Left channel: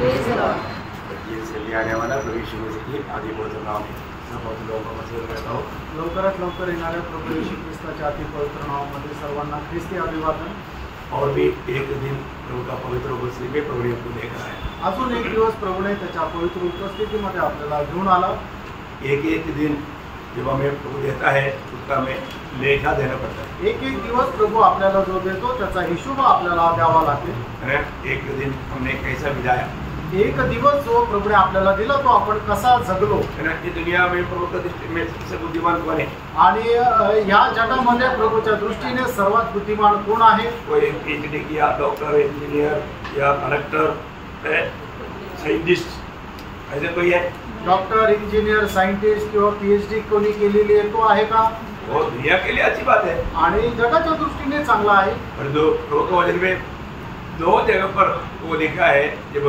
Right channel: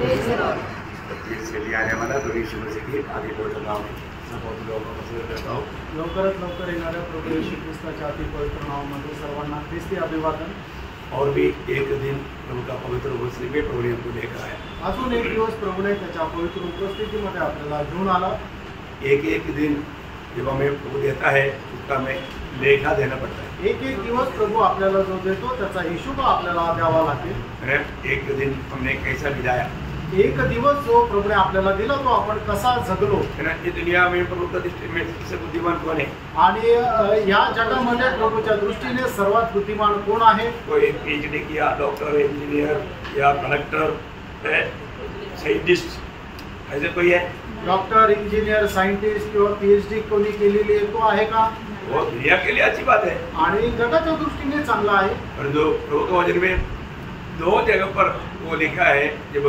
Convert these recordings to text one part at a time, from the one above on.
से लिए आने वाला प्रभु यीशु मसीह की आदि पवित्र नाम है। मैं बहुत लोगों को कहता हूँ लवकरात लवकर येणाऱ्या प्रभू येशू ख्रिस्ताच्या अति पवित्र नावामध्ये सर्वांना ख्रिस्ती अभिवादन। और भी एक दिन प्रभु का पवित्र उपस्थिति में प्रभु ने हमको लेकर आया। अजून एक दिवस प्रभूने त्याच्या पवित्र उपस्थितीमध्ये आपल्याला घेऊन आला। एक एक दिन जब हमें प्रभु देता है उसका हमें लेखा देना पड़ता है। एक एक दिवस प्रभू आपल्याला जो देतो त्याचा हिशोब आपल्याला द्यावा लागेल। एक दिन हमने कैसा बिताया, एक दिवस जो प्रभूने आपल्याला दिला तो आपण कसा जगलो। ये दुनिया में प्रभु का दृष्टि में सबसे बुद्धिमान कौन है? आणि या जगामध्ये प्रभूच्या दृष्टीने सर्वात बुद्धिमान कोण आहे? कोई पीएचडी किया, डॉक्टर, इंजीनियर या कलेक्टर, साइंटिस्ट, ऐसे कोई है? डॉक्टर, इंजिनियर, सायंटिस्ट किंवा पीएचडी कोणी केलेली आहे तो आहे का? वो दुनिया के लिए अच्छी बात है आणि जगाच्या दृष्टीने चांगला आहे। और जो प्रभु के वचन में दो जगह पर वो लिखा है, जब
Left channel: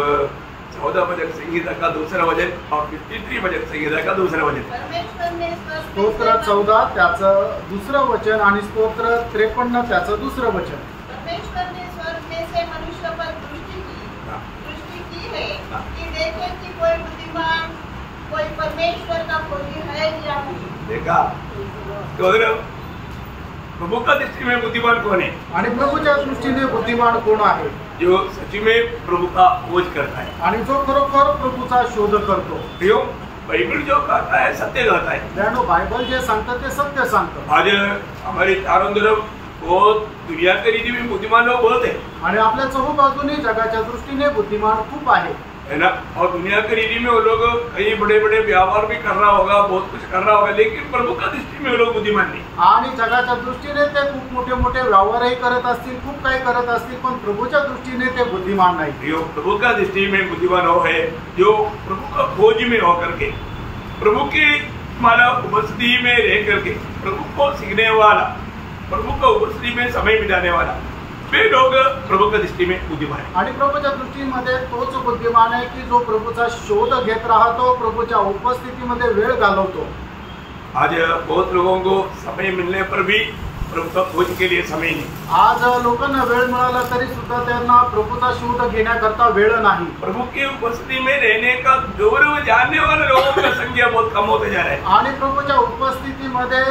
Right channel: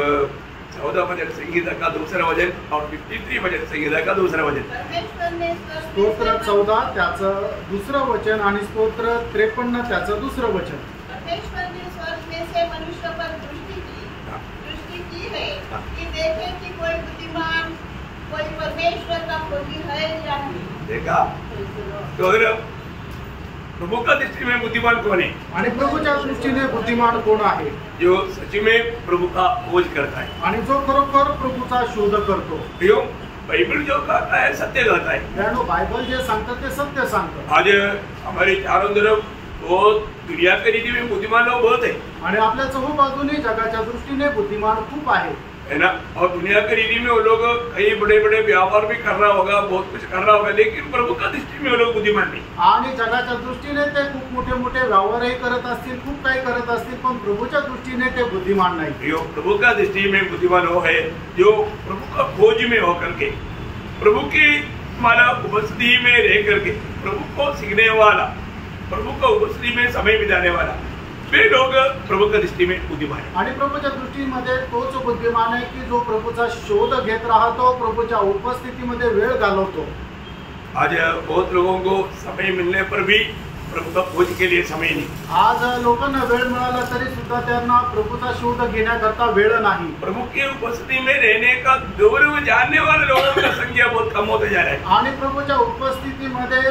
14 वचन संहिता का दूसरा वचन और 53 वचन संहिता का दूसरा वचन। स्तोत्र 14 त्याचं दुसरं वचन आणि स्तोत्र 53 त्याचं दुसरं वचन। परमेश्वर ने स्वर्ग में से मनुष्य पर दृष्टि की है कि देखे कि कोई बुद्धिमान, कोई परमेश्वर का खोजी है या नहीं। देखा तो अगर प्रभु का दृष्टि में बुद्धिमान कौन है? आणि प्रभूच्या दृष्टीने बुद्धिमान कोण आहे? जो सच्ची में प्रभु का खोज करता है आणि जो खरोखर प्रभूचा शोध करतो। क्यों? बाइबल जो कहता है सत्य कहता है। त्यानो बाइबल जे सांगतं ते सत्य सांगतं। आज हमारे चारों तरफ बहुत दुनिया के रीति में बुद्धिमान लोग बहुत है आणि आपल्या चहूबाजूने जगाच्या दृष्टीने बुद्धिमान खूप आहे, है ना। और दुनिया के रीति में वो लोग कई बड़े बड़े व्यापार भी कर रहा होगा, बहुत कुछ कर रहा होगा, लेकिन प्रभु का दृष्टि में वो लोग बुद्धिमान नहीं। आणि जगाच्या दृष्टीने ते खूप मोठे मोठे व्यवहारही करत असतील, खूप काही करत असतील, पण प्रभूच्या दृष्टीने ते बुद्धिमान नाही। जो प्रभु का दृष्टि में बुद्धिमान हो है जो प्रभु का खोज में होकर के, प्रभु की माला उपस्थिति में रह करके प्रभु को सीखने वाला, प्रभु का उपस्थिति में समय बिताने वाला, वे लोग प्रभु का दृष्टि में बुद्धिमान है। आणि प्रभूच्या दृष्टीमध्ये तोच बुद्धिमान आहे की जो प्रभूचा शोध घेत राहतो, प्रभूच्या उपस्थितीमध्ये वेळ घालवतो। आज बहुत लोगों को समय मिलने पर भी प्रभु का खोज के लिए समय नहीं। आज लोकांना वेळ मिळाला तरी सुद्धा त्यांना प्रभूचा शोध घेण्याकरता वेळ नाही। प्रभु की उपस्थिति में रहने का गौरव जानने वाले लोगों का संख्या बहुत कम होते जा रहा है। आणि प्रभूच्या उपस्थितीमध्ये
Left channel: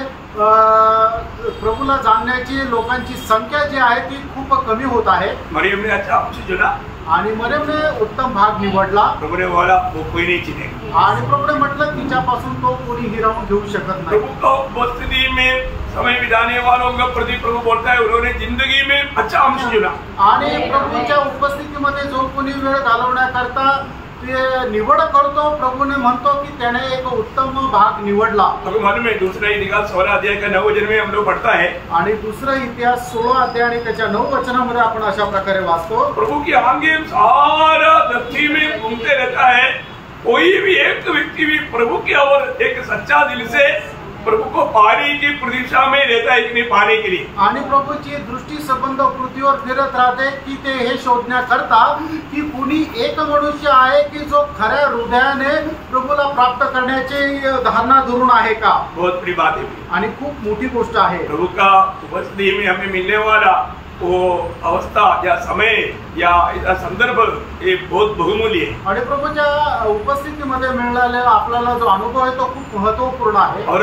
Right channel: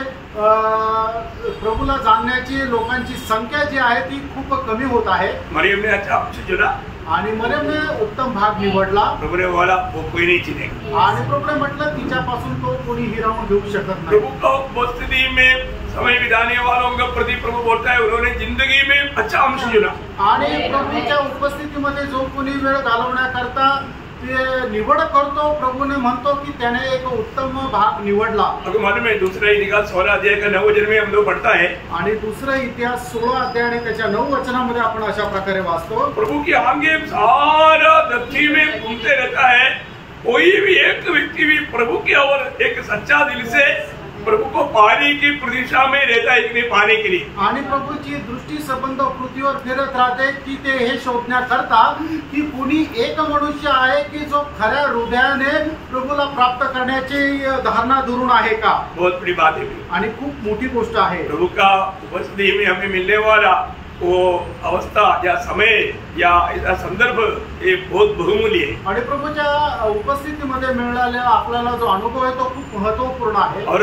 प्रभूला जाणण्याची लोकांची संख्या जी आहे ती खूप कमी होत आहे। मरियम ने अच्छा अंश चुना आणि मरियमने उत्तम भाग निवडला। प्रभु ने बोला वो कोई नहीं चिनेगा। आणि प्रभूने म्हटलं तिच्यापासून तो कोणी हिरावून घेऊ शकत नाही। प्रभु का उपस्थिति में समय बिताने वालों का प्रति प्रभु बोलता है उन्होंने जिंदगी में अच्छा अंश चुना। आणि प्रभूच्या उपस्थितीमध्ये जो कोणी वेळ घालवण्याकरता ते निवड करतो, प्रभूने म्हणतो की त्याने एक उत्तम भाग निवडला। आपको मालूम है दूसरा इतिहास 16 अध्याय का 9 वचन में हम लोग पढ़ता है, आणि दुसरा इतिहास 16 अध्याय आणि त्याच्या 9 वचनामध्ये आपण अशा प्रकारे वाचतो, प्रभु की आंखें सारा धरती में घूमते रहता है, कोई भी एक व्यक्ति भी प्रभु की ओर एक सच्चा दिल से प्रभु को पाने की प्रतीक्षा में रहता है कि नहीं पाने के लिए। आणि प्रभूची दृष्टी संबंध पृथ्वीवर फिरत राहते की ते हे शोधण्याकरता की कुणी एक मनुष्य आहे की जो खऱ्या हृदयाने प्रभूला प्राप्त करण्याची धारणा धरून आहे का। बहुत बड़ी बात है आणि खूप मोठी गोष्ट आहे। प्रभु का उपस्थिति में हमें मिलने वाला वो अवस्था या समय या ऐसा संदर्भ ये बहुत बहुमूल्य है। आणि प्रभूच्या उपस्थितीमध्ये मिळालेला आपल्याला जो अनुभव आहे तो खूप महत्वपूर्ण आहे। और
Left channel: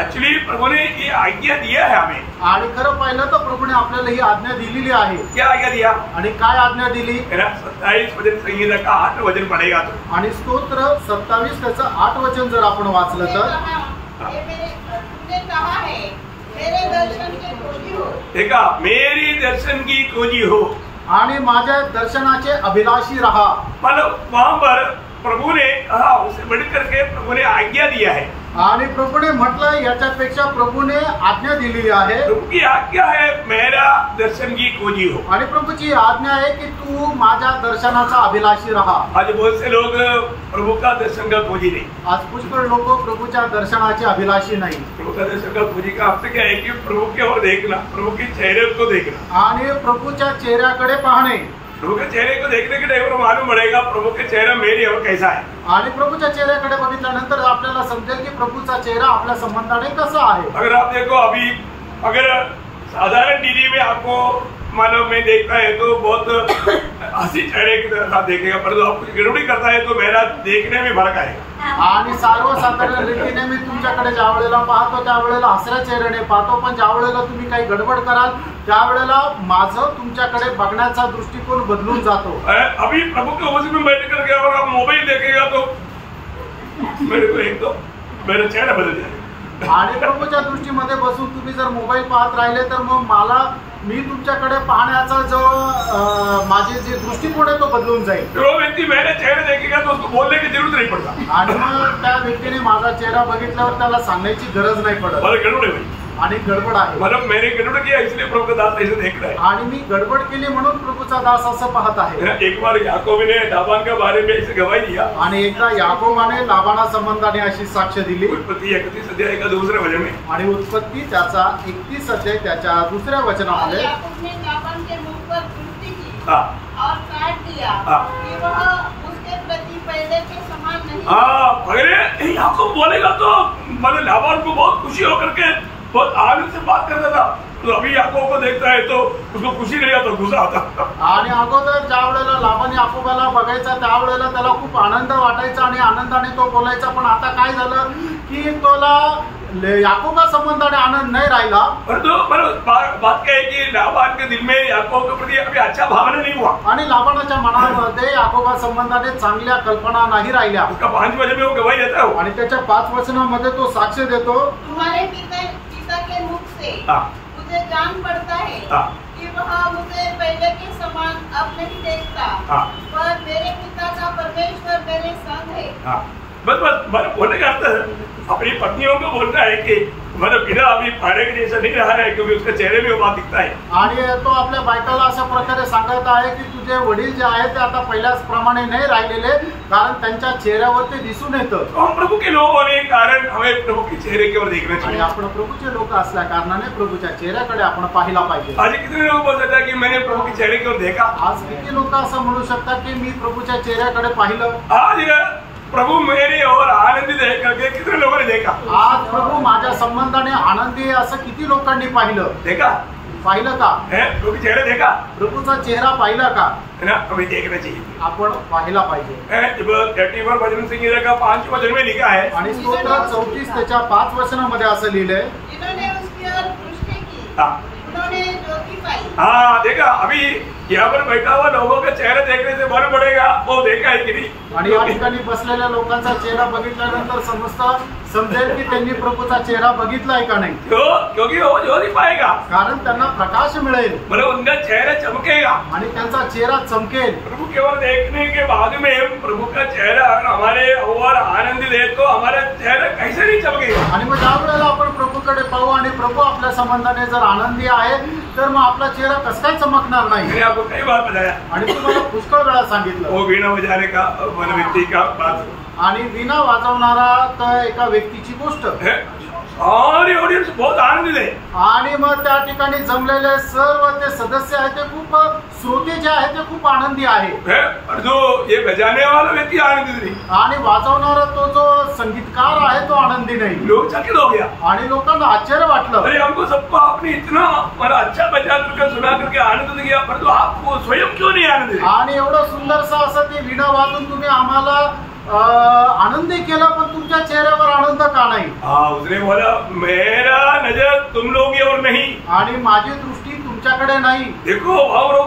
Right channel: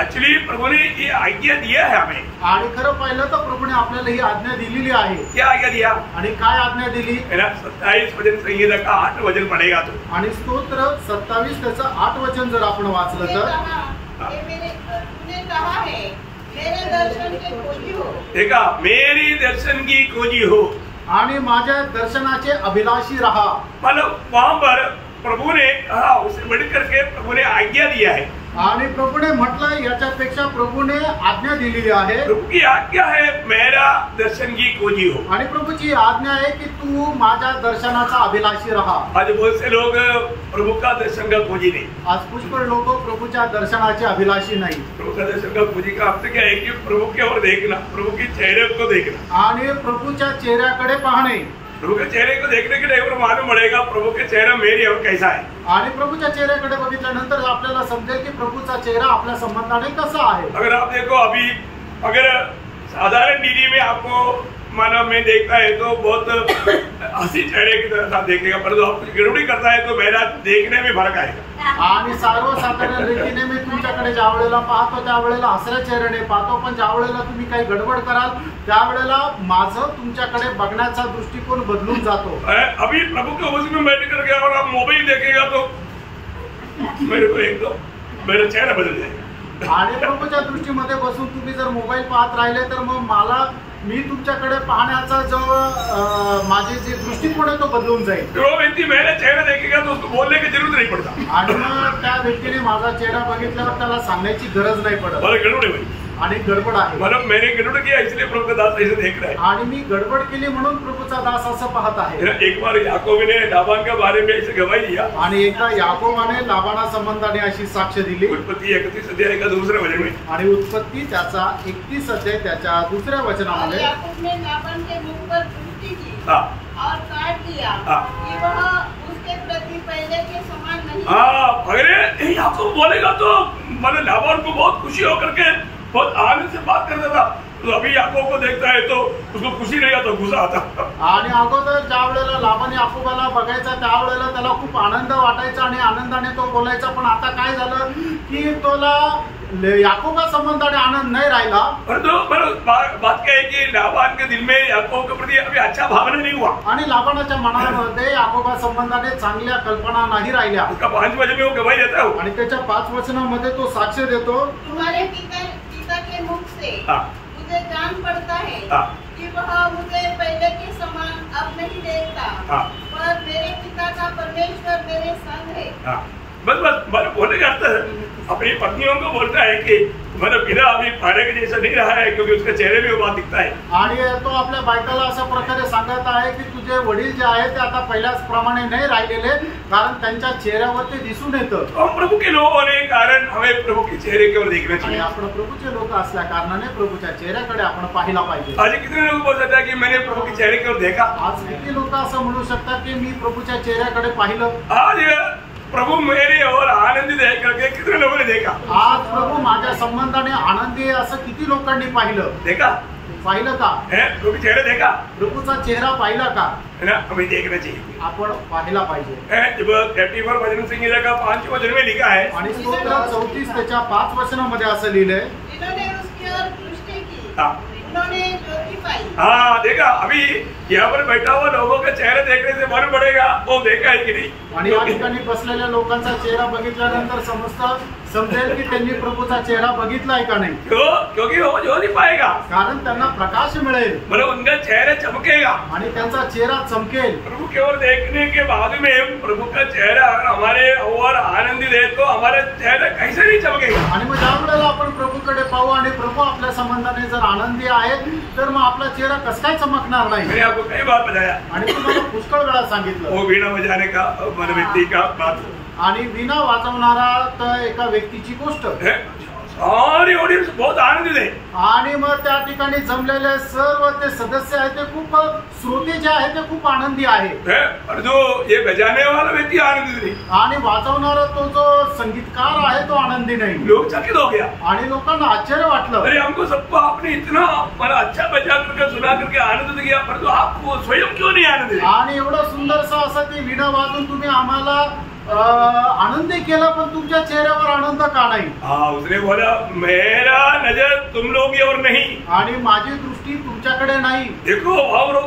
एक्चुअली प्रभु ने ये आज्ञा दिया है हमें। आणि खरं पाहिलं तर प्रभूने आपल्याला ही आज्ञा दिलेली आहे। क्या आज्ञा दिया? आणि काय आज्ञा दिली? 27 वचन संहिता का 8 वचन पढ़ेगा तो। आणि स्तोत्र 27 त्याचं 8 वचन जर आपण वाचलं तर मेरे दर्शन की खोजी हो। देखा, मेरी दर्शन की खोजी हो आणि माझ्या दर्शनाचे अभिलाषी रहा। मतलब वहां पर प्रभु ने कहा, उसे बढ़कर के प्रभु ने आज्ञा दिया है। आणि प्रभूने म्हटलं याच्यापेक्षा प्रभूने आज्ञा दिलेली आहे। प्रभु की आज्ञा है मेरा दर्शन की खोजी हो। आणि प्रभूची आज्ञा आहे की तू माझ्या दर्शनाचा अभिलाषी रहा। आज बहुत से लोग प्रभु का दर्शन का खोजी नहीं। आज पुष्कळ लोक प्रभूच्या दर्शनाचे अभिलाषी नाही। प्रभु का दर्शन का खोजी का अर्थ क्या है कि प्रभु की ओर देखना, प्रभु के चेहरे को देखना आणि प्रभूच्या चेहऱ्याकडे पाहणे। प्रभु के चेहरे को देखने के टाइम मालूम पड़ेगा प्रभु के चेहरा मेरी और कैसा है। आणि प्रभूच्या चेहऱ्याकडे बघितल्यानंतर आपल्याला समजेल की प्रभूचा चेहरा आपल्या संबंधाने कसा आहे। अगर आप देखो अभी अगर साधारण दीदी में आपको मानो मैं देखता है तो बहुत हंसी चेहरे की तरह देखेगा, परंतु आप कुछ गडबडी करता है तो मेरा देखने में फरक आएगा. आणि सर्वसाधारण रीतीने मी तुमच्याकडे ज्या वेळेला पाहतो त्यावेळेला हसऱ्या चेहऱ्याने पाहतो, पण ज्या वेळेला तुम्ही काही गडबड कराल त्यावेळेला माझं तुमच्याकडे बघण्याचा दृष्टिकोन बदलून जातो. अभी प्रभु के उपस्थिति में बैठ करके और आप मोबाइल देखेगा तो मेरे को एक तो मेरा चेहरा बदल जाएगा. आणि प्रभूच्या दृष्टीमध्ये बसून तुम्ही जर मोबाईल पाहत राहिले तर मग मी तुमच्याकडे पाहण्याचा जो माझे जे दृष्टिकोन आहे तो बदलून जाईल. तो व्यक्ती मेरा चेहरा देखेगा तो उसको बोलने की जरूरत नहीं पड़ता. आणि मग त्या व्यक्तीने माझा चेहरा बघितल्यावर त्याला सांगण्याची गरज नाही पडत. मला गडबड आहे आणि गडबड आहे. मतलब मैंने गडबड किया इसलिए प्रभु का दास ऐसे देख रहा है. आणि मी गडबड केली म्हणून प्रभूचा दास असं पाहत आहे. एक बार याकूब ने लाबान के बारे में ऐसे गवाही दिया. आणि एकदा याकोबाने लाबाना संबंधाने अशी साक्ष दिली. उत्पत्ती 31 अध्याय का दूसरे वचन में. आणि उत्पत्ती त्याचा 31 अध्याय त्याच्या दुसऱ्या वचनामध्ये याकूब ने लाबान के मुख पर दृष्टि की और काट दिया कि वह उसके प्रति पहले के समान नहीं. पहले याकूब बोलेगा तो मतलब लाबान को बहुत खुशी होकर के बहुत आनंद से बात करता था, तो अभी याकूब को देखता है तो उसको खुशी नहीं आता, गुस्सा आता. आणि अगोदर ज्या वेळेला लाबान याकोबाला बघायचा त्यावेळेला त्याला खूप आनंद वाटायचा आणि आनंदाने तो बोलायचा. पण आता काय झालं की तोला याकूबा संबंधाने आनंद नहीं राहिला. बात क्या है कि लाबान के दिल में याकूब के प्रति अभी अच्छा भावना नहीं हुआ. आणि लाबानाच्या मनामध्ये याकोबा संबंधाने चांगल्या कल्पना नाही राहिल्या. उसका 5 वचन में वो गवाही देता है. आणि त्याच्या 5 वचनामध्ये तो साक्ष देतो. तुम्हारे पिता के मुख से मुझे जान पड़ता है कि वह मुझे पहले के समान अब नहीं देखता, पर मेरे पिता का परमेश्वर मेरे संग है. बस मतलब बोलने का अर्थ अपनी पत्नियों को बोलता है कि मतलब बिना अभी पहले के जैसा नहीं रहा है, क्योंकि उसके चेहरे में वो बात दिखता है. आणि तो आपल्या बायकाला अशा प्रकारे सांगत आहे की तुझे वडील जे आहेत ते आता पहिल्याच प्रमाणे नाही राहिलेले, कारण त्यांच्या चेहऱ्यावर ते दिसून येतं. हम प्रभु के लोग होने के कारण हमें प्रभु के चेहरे की ओर देखना चाहिए. आपण प्रभूचे लोक असल्या कारणाने प्रभूच्या चेहऱ्याकडे आपण पाहिला पाहिजे. आज कितने लोग बोल सकते हैं कि मैंने प्रभु के चेहरे की ओर देखा. आज किती लोक असं म्हणू शकतात की मी प्रभूच्या चेहऱ्याकडे पाहिलं. आज प्रभु मेरे और आनंदित है करके कितने लोगों ने देखा. आज प्रभू माझ्या संबंधाने आनंदी आहे असं किती लोकांनी पाहिलं. पाहिलं का. प्रभु चेहरा देखा. प्रभूचा चेहरा पाहिला का. है ना, हमें देखना चाहिए. आपण पाहिला पाहिजे. जब 31 भजन संगीता का 5 वचन में लिखा है आणि स्तोत्र 34 त्याच्या 5 वचनामध्ये असं लिहिलंय. इन्होंने उसकी ओर दृष्टि की, उन्होंने ज्योति पाई. देखा. अभी यहाँ पर बैठा हुआ लोगों का चेहरा देखने से मालूम पड़ेगा वो देखा है की नाही. आणि या ठिकाणी बसलेल्या लोकांचा चेहरा बघितल्यानंतर समजेल की त्यांनी प्रभूचा चेहरा बघितलाय का नाही. क्योंकि वो ज्योति पाएगा, कारण त्यांना प्रकाश मिळेल. मतलब उनका चेहरा चमकेगा आणि त्यांचा चेहरा चमकेल. प्रभु की ओर देखने के बाद में प्रभु का चेहरा हमारे और आनंदित है तो हमारा चेहरा कैसे नहीं चमकेगा. आणि मग ज्या वेळेला आपण प्रभूकडे पाहू आणि प्रभू आपल्या संबंधाने जर आनंदी आहे तर मग आपला चेहरा कसं काय चमकणार नाही. मैंने आपको कई बार बताया आणि तुम्हाला पुष्कळ वेळा सांगितलं वो वीणा बजाने का मन व्यक्ति का बात. आणि वीणा वाजवणारा तर एका व्यक्तीची गोष्ट. सारी ऑडियन्स बहुत आनंदित है. आणि मग त्या ठिकाणी जमलेले सर्व ते सदस्य आहेत ते खूप श्रोते जे आहेत ते खूप आनंदी आहे. और जो ये बजाने वाला व्यक्ति आनंदित नहीं. आणि वाजवणारा तो जो संगीतकार आहे तो आनंदी नाही. लोग चकित हो गया. आणि लोकांना आश्चर्य वाटलं. अरे हमको सबको आपने इतना मला अच्छा बजा करके सुना करके आनंद दिया, परंतु आप स्वयं क्यों नहीं आनंदित. आणि एवढं सुंदरसा असं ती वीणा वाजून तुम्ही आम्हाला आनंदी केला, पण तुमच्या चेहऱ्यावर आनंद का नाही. उसने बोला मेरा नजर तुम लोग की ओर नहीं. आणि माझी दृष्टी तुमच्याकडे नाही. देखो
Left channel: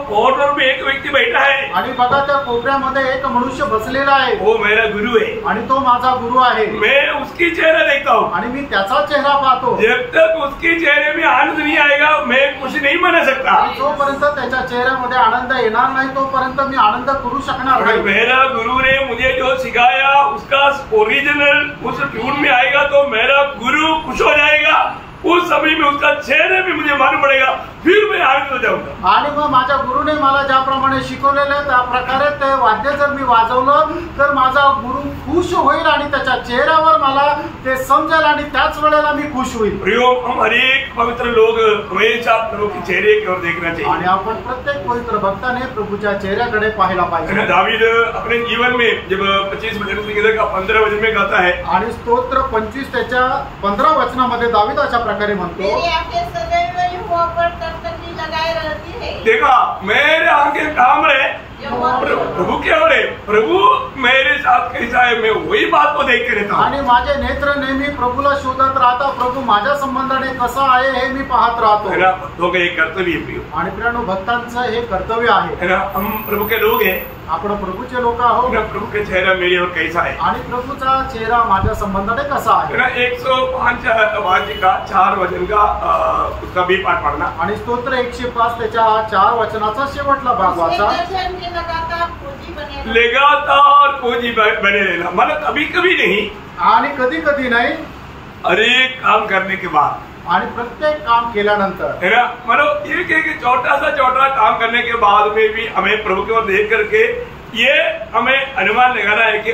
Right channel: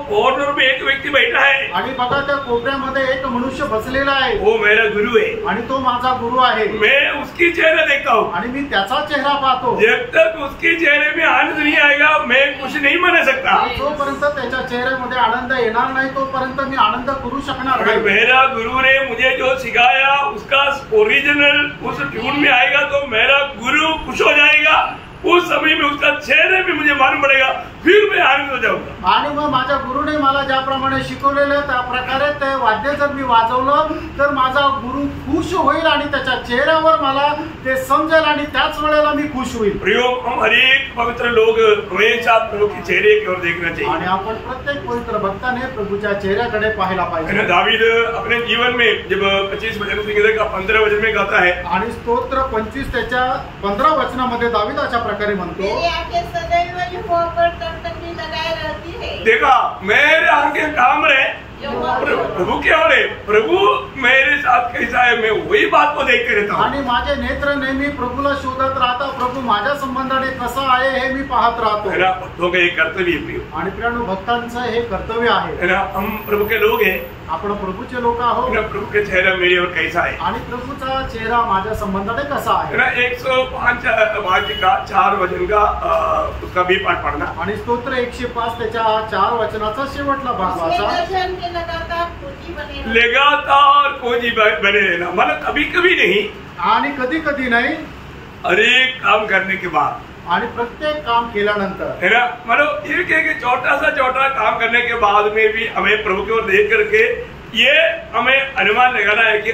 कॉर्नर में एक व्यक्ति बैठा है. आणि बघा त्या कोपऱ्यामध्ये एक मनुष्य बसलेला आहे. वो मेरा गुरु है. आणि तो माझा गुरु आहे. मैं उसकी चेहरा देखता हूँ. आणि मी त्याचा चेहरा पाहतो. जब तक उसके चेहरे में आनंद नहीं आएगा मैं कुछ नहीं मना सकता. जोपर्यंत त्याच्या चेहऱ्यामध्ये आनंद येणार नाही तोपर्यंत मी आनंद करू शकणार नाही. मेरा गुरु ने मुझे जो सिखाया उसका ओरिजिनल उस ट्यून में आएगा तो मेरा गुरु खुश हो जाएगा. उस समय में उसका चेहरे भी मुझे मालूम पड़ेगा, फिर मैं आनंद हो जाऊंगा. आणि मग माझ्या गुरुने मला ज्याप्रमाणे शिकवलेलं त्या प्रकारे ते वाद्य जर मी वाजवलं तर माझा गुरु खुश होईल आणि त्याच्या चेहऱ्यावर मला ते समजेल आणि त्याच वेळेला मी खुश होईल. प्रियो, हम हर एक पवित्र लोग हमेशा प्रभु के चेहरे की ओर देखना चाहिए. आणि आपण प्रत्येक पवित्र भक्ताने प्रभूच्या चेहऱ्याकडे पाहायला पाहिजे. दावीद अपने जीवन में जब 25 वचन संगीता का 15 वचन में गाता है आणि स्तोत्र 25 त्याच्या 15 वचनामध्ये दावीद अशा प्रकारे म्हणतो. लगाए रहती है। देखा मेरे आंखें काम रहे प्रभु क्या हो रहे, प्रभु मेरे साथ कैसा है, मैं वही बात को देखते रहता हूँ आणि माझे नेत्र नेहमी प्रभूला शोधत राहता, प्रभू माझ्या संबंधाने कसा आहे हे मी पाहत राहतो। है ना, भक्तों का एक कर्तव्य है आणि प्रियानो, भक्तांचं हे कर्तव्य आहे। है ना, हम प्रभु के लोग हैं, आपण प्रभूचे लोक आहोत। प्रभु के चेहरा मेरे और कैसा है, आणि प्रभूचा चेहरा माझ्या संबंधाने कसा आहे। है ना, 105 वाचिका 4 वचन का उसका भी पाठ पढ़ना आणि स्तोत्र 105 त्याच्या 4 वचनाचा शेवटला भाग वाचा। लगातार खोजी बने रहना, मतलब कभी कभी नहीं आणि कधी कधी नाही, हर एक काम करने के बाद, आणि प्रत्येक काम केल्यानंतर, है ना, मतलब एक छोटा सा छोटा काम करने के बाद में भी हमें प्रभु की ओर देख करके ये हमें अनुमान लगाना है कि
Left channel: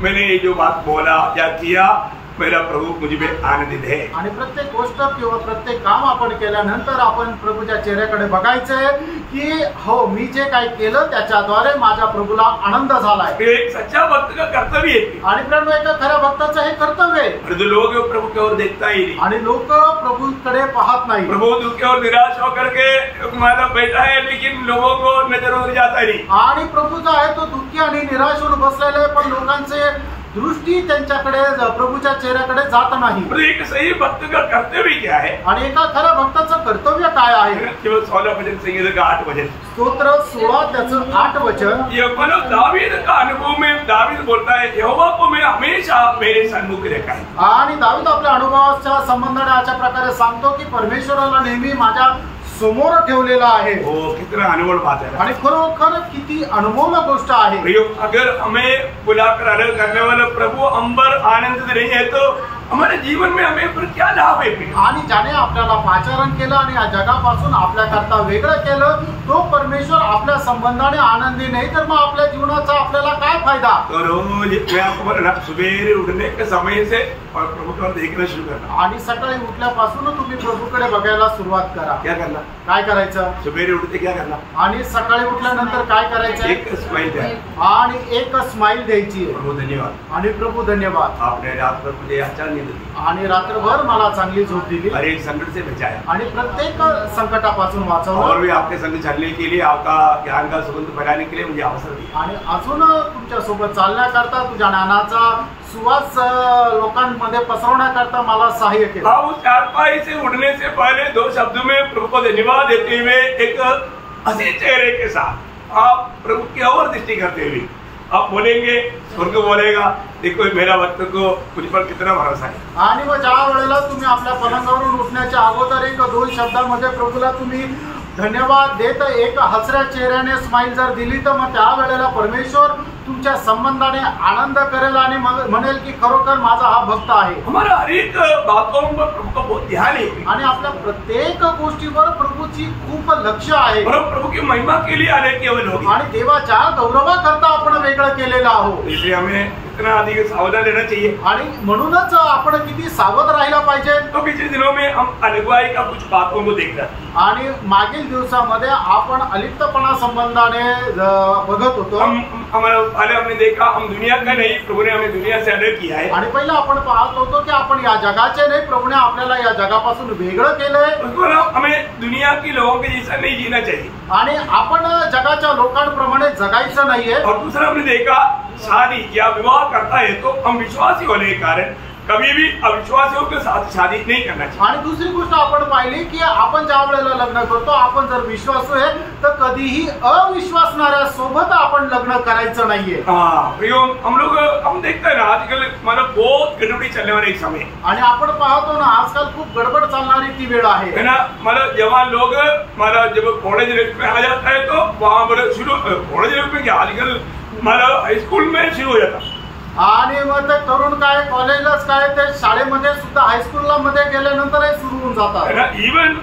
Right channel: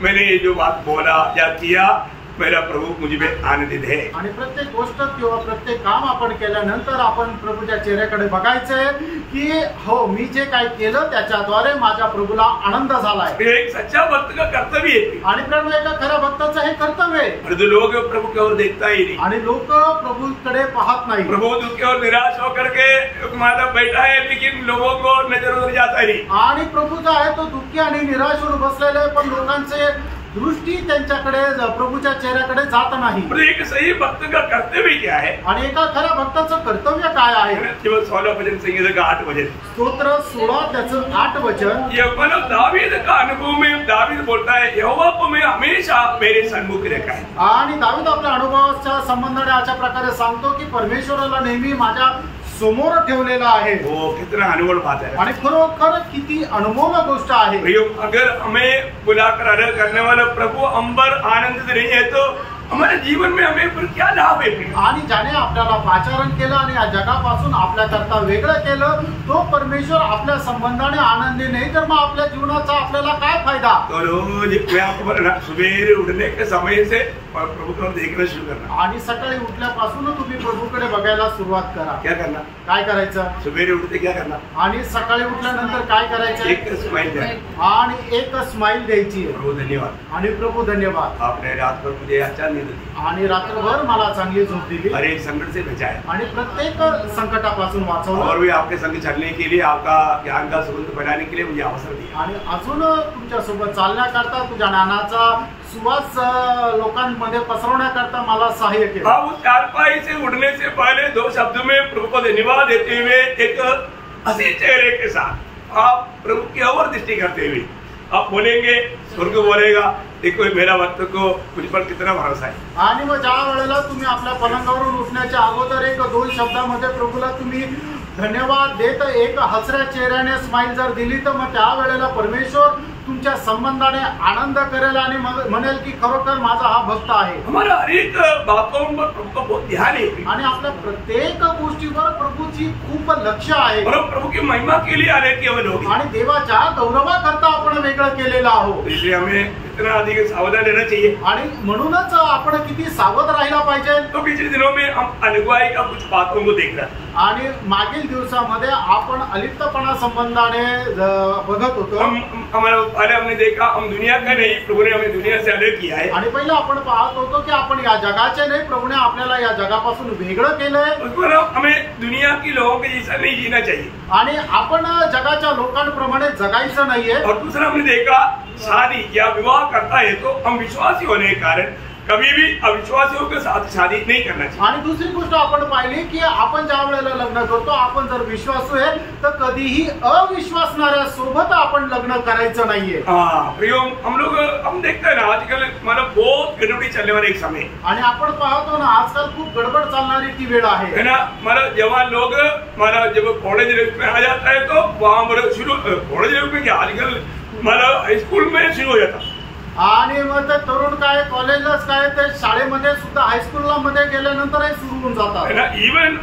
मैंने ये जो बात बोला या किया, मेरा प्रभु मुझे में आनंदित है। आणि प्रत्येक गोष्ट किंवा प्रत्येक काम आपण केल्यानंतर आपण प्रभूच्या चेहऱ्याकडे बघायचंय की हो, मी जे काही केलं त्याच्याद्वारे माझ्या प्रभूला आनंद झालाय। एक सच्चा भक्त का कर्तव्य है, आणि प्रेरणा एका खऱ्या भक्ताचं हे कर्तव्य आहे। और जो लोग प्रभु की ओर देखता ही नहीं, आणि लोक प्रभूकडे पाहत नाही, प्रभु दुखी और निराश होकर के मतलब बैठा है, लेकिन लोगों को नजर उतर जाता ही नहीं। आणि प्रभूचा आहे तो दुःखी आणि निराश होऊन बसलेला आहे, पण लोकांचे दृष्टी त्यांच्याकडे प्रभूच्या चेहऱ्याकडे जात नाही। एक सही भक्त का कर्तव्य क्या है, आणि एका खऱ्या भक्ताचं कर्तव्य काय आहे? केवळ 16 भजन संगीत का 8 भजन, स्तोत्र 16 त्याचं 8 वचन। ये मतलब दावीद का अनुभव में दावीद बोलता है, यहोवा को मैं हमेशा मेरे सन्मुख देखा है। आणि दावीद आपल्या अनुभवाच्या संबंधाने अशा प्रकारे सांगतो की परमेश्वराला नेहमी माझ्या समोर ठेवलेला आहे। वो कितना अनुभव बात है, आणि खरोखर किती अनुभवनीय गोष्ट आहे। अगर हमें बुलाकर अलग करने वाला प्रभु अंबर आनंदित नहीं है तो हमारे जीवन में हमें फिर क्या लाभ है? आणि ज्याने आपल्याला पाचारण केलं आणि या जगापासून आपल्याकरता वेगळं केलं, तो परमेश्वर आपल्या संबंधाने आनंदी नाही, तर मग आपल्या जीवनाचा आपल्याला काय फायदा? तो रोज मैं आपको बोलना, सुबह उठने के समय से और प्रभु को देखना शुरू करना। आणि सकाळी उठल्यापासून तुम्ही प्रभूकडे बघायला सुरुवात करा। क्या करना? काय करायचं? सुबह उठते क्या करना? आणि सकाळी उठल्यानंतर काय करायचं? एक स्माइल द्या आणि एक स्माइल द्यायची। प्रभु धन्यवाद, आणि प्रभू धन्यवाद, आपने रात भर मुझे अच्छा नींद दी आणि रात्रभर मला चांगली झोप दिली, और एक संकट से बचाया, आणि प्रत्येक संकटापासून वाचवलं, और भी आपके संग चलने के लिए, आपका ज्ञान का सुगंध फैलाने के लिए मुझे अवसर दिया, आणि अजून तुमच्या सोबत चालण्याकरता, तुझ्या ज्ञानाचा सुवास लोकांमध्ये पसरवण्याकरता मला सहाय्य केलं। आप चारपाई से उठने से पहले 2 शब्दों में प्रभु को धन्यवाद देते हुए एक हंसी चेहरे के साथ आप प्रभु की और दृष्टि करते हुए आप बोलेंगे, स्वर्ग बोलेगा, देखो मेरा भक्त को मुझ पर कितना भरोसा है। आणि मग ज्या वेळेला तुम्ही आपल्या पलंगावरून उठण्याच्या अगोदर 1-2 शब्दांमध्ये प्रभूला तुम्ही धन्यवाद देत एक हसऱ्या चेहऱ्याने स्माइल जर दिली, तर मग त्या वेळेला परमेश्वर तुमच्या संबंधाने आनंद करेल आणि म्हणेल की खरोखर माझा हा भक्त आहे। हमारा हर एक बातों पर प्रभु का बहुत ध्यान है, आणि आपल्या प्रत्येक गोष्टीवर प्रभूची खूप लक्ष आहे, और प्रभु की महिमा के लिए आने के हमें लोग, आणि देवाच्या गौरवाकरता आपण वेगळं केलेलं आहोत। इसलिए हमें इतना अधिक सावधान रहना चाहिए, आणि म्हणूनच आपण किती सावध राहायला पाहिजे। तो पिछले दिनों में हम अगुवाई का कुछ बातों को देख रहे, आणि मागील दिवसामध्ये आपण अलिप्तपणा संबंधाने बघत होतो। पहले हमने देखा हम दुनिया का नहीं, प्रभु ने हमें दुनिया से अलग किया है, आणि पहिला आपण पाहत होतो की आपण या जगाचे नाही, प्रभूने आपल्याला या जगापासून वेगळं केलंय, हमें दुनिया के लोगों के जैसा नहीं जीना चाहिए, आणि आपण जगाच्या लोकांप्रमाणे जगायचं नाहीये। और दूसरा हमने देखा शादी या विवाह करता है तो हम विश्वासी होने के कारण कभी भी अविश्वासियों के साथ शादी नहीं करना चाहिए। आणि दुसरी गोष्ट आपण पाहिली की आपण ज्या वेळेला लग्न करतो, आपण जर विश्वासू आहे तर कधीही अविश्वासणाऱ्या सोबत आपण लग्न करायचं नाहीये। हम देखते हैं ना आजकल मतलब बहुत गड़बड़ी चलने वाला एक समय, आणि आपण पाहतो ना आजकाल खूप गडबड चालणारी ती वेळ आहे ना। मतलब जवान लोग मतलब जब कॉलेज लाइफ में आ जाता है तो वहाँ पर शुरू कॉलेज लाइफ में क्या आजकल मतलब हाई स्कूल में शुरू हो जाता, आणि मग ते तरुण काय कॉलेजलाच काय ते शाळेमध्ये सुद्धा हायस्कूलला मध्ये गेल्यानंतरही सुरू होऊन जातात। इवन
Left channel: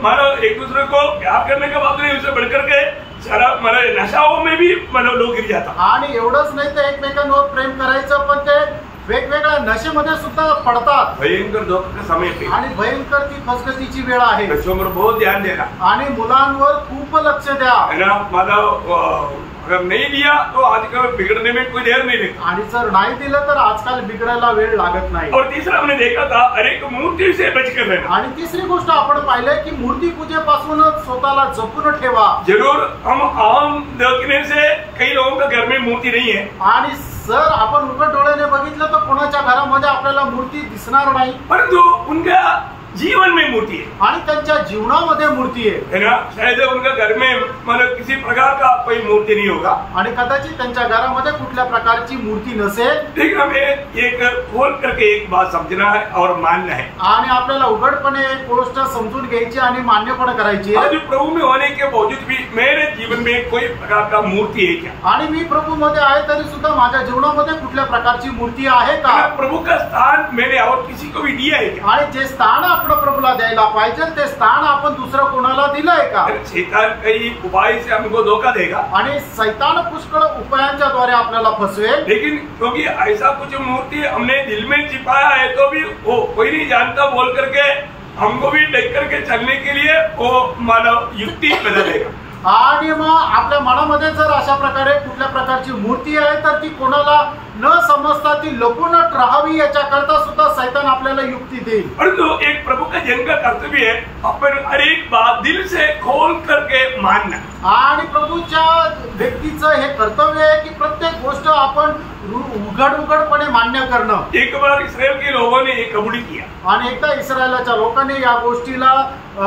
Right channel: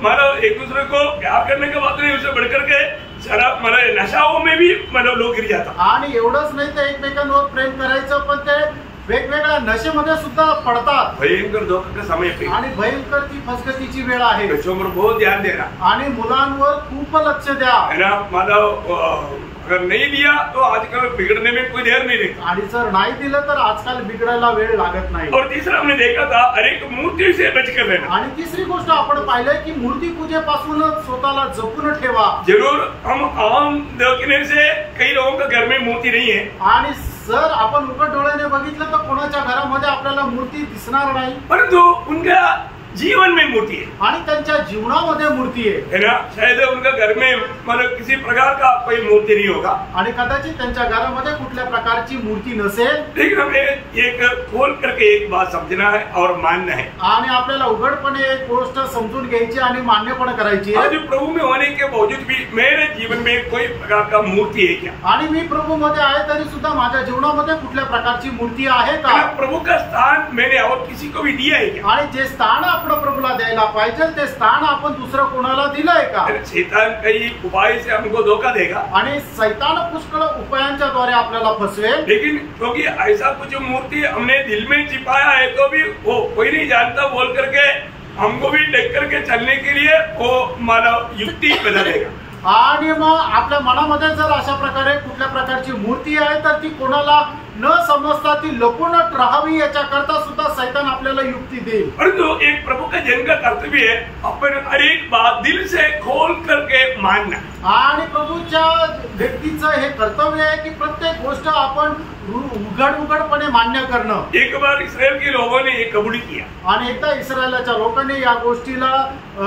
मतलब एक दूसरे को प्यार करने के बाद नहीं, उसे बढ़कर के शराब मतलब नशाओं में भी मतलब लोग गिर जाता, आणि एवढंच नाही तर एकमेकांवर प्रेम करायचं पण ते वेगवेगळ्या नशेमध्ये सुद्धा पडतात। भयंकर धोका का समय पे, आणि भयंकर ती फसगतीची वेळ आहे। बच्चों पर बहुत ध्यान देना, आणि मुलांवर खूप लक्ष द्या। है ना। मतलब अगर नहीं दिया तो आजकल बिगड़ने में कोई देर नहीं लगता। आणि जर नाही दिलं तर आजकाल बिघडायला वेळ लागत नाही। और तीसरा हमने देखा था हर एक मूर्ति से बचकर रहना। आणि तिसरी गोष्ट आपण पाहिलंय की मूर्ती पूजेपासून स्वतःला जपून ठेवा। जरूर हम आम देखने से कई लोगों के घर में मूर्ति नहीं है, आणि जर आपण उघड डोळ्याने बघितलं तर कोणाच्या घरामध्ये आपल्याला मूर्ती दिसणार नाही, परंतु उनका जीवन में मूर्ति है, आणि त्यांच्या जीवनामध्ये मूर्ती आहे ना। शायद उनका घर में मतलब किसी प्रकार का कोई मूर्ति नहीं होगा, आणि कदाचित त्यांच्या घरामध्ये कुठल्या प्रकारची मूर्ती नसेल। लेकिन हमें एक खोल करके एक बात समझना है और मानना है, आणि आपल्याला उघडपणे एक गोष्ट समजून घ्यायची आणि मान्य पण करायची आज प्रभु में होने के बावजूद भी मेरे जीवन में कोई प्रकार का मूर्ति है क्या? आणि मी प्रभू मध्ये आहे तरी सुद्धा माझ्या जीवनामध्ये कुठल्या प्रकारची मूर्ती आहे का? प्रभु का स्थान मैंने और किसी को भी दिया है क्या? आणि जे स्थान आपण प्रभूला द्यायला पाहिजे ते स्थान आपण दुसरं कोणाला दिलंय का? शैतान कई उपाय से हमको धोखा देगा, आणि शैतान पुष्कळ उपायांच्या द्वारे आपल्याला फसवेल। लेकिन क्योंकि ऐसा कुछ मूर्ति हमने दिल में छिपाया है तो भी वो कोई नहीं जानता बोल करके हमको भी देख करके चलने के लिए वो मानव युक्ति पैदा देगा। आणि मग आपल्या मनामध्ये जर अशा प्रकारे कुठल्या प्रकारची मूर्ती आहे तर ती कोणाला न समजता ती लपूनच राहावी याच्याकरता सुद्धा शैतान आपल्याला युक्ती देईल। परंतु एक प्रभु का जन का कर्तव्य है अपन हर एक बात दिल से खोल करके मानना, आणि प्रभूच्या व्यक्तीचं हे कर्तव्य आहे की प्रत्येक गोष्ट आपण उघडपणे मान्य करणं। एक बार इसराइल के लोगों ने एक कबूली किया, आणि एकदा इस्रायलाच्या लोकांनी या गोष्टीला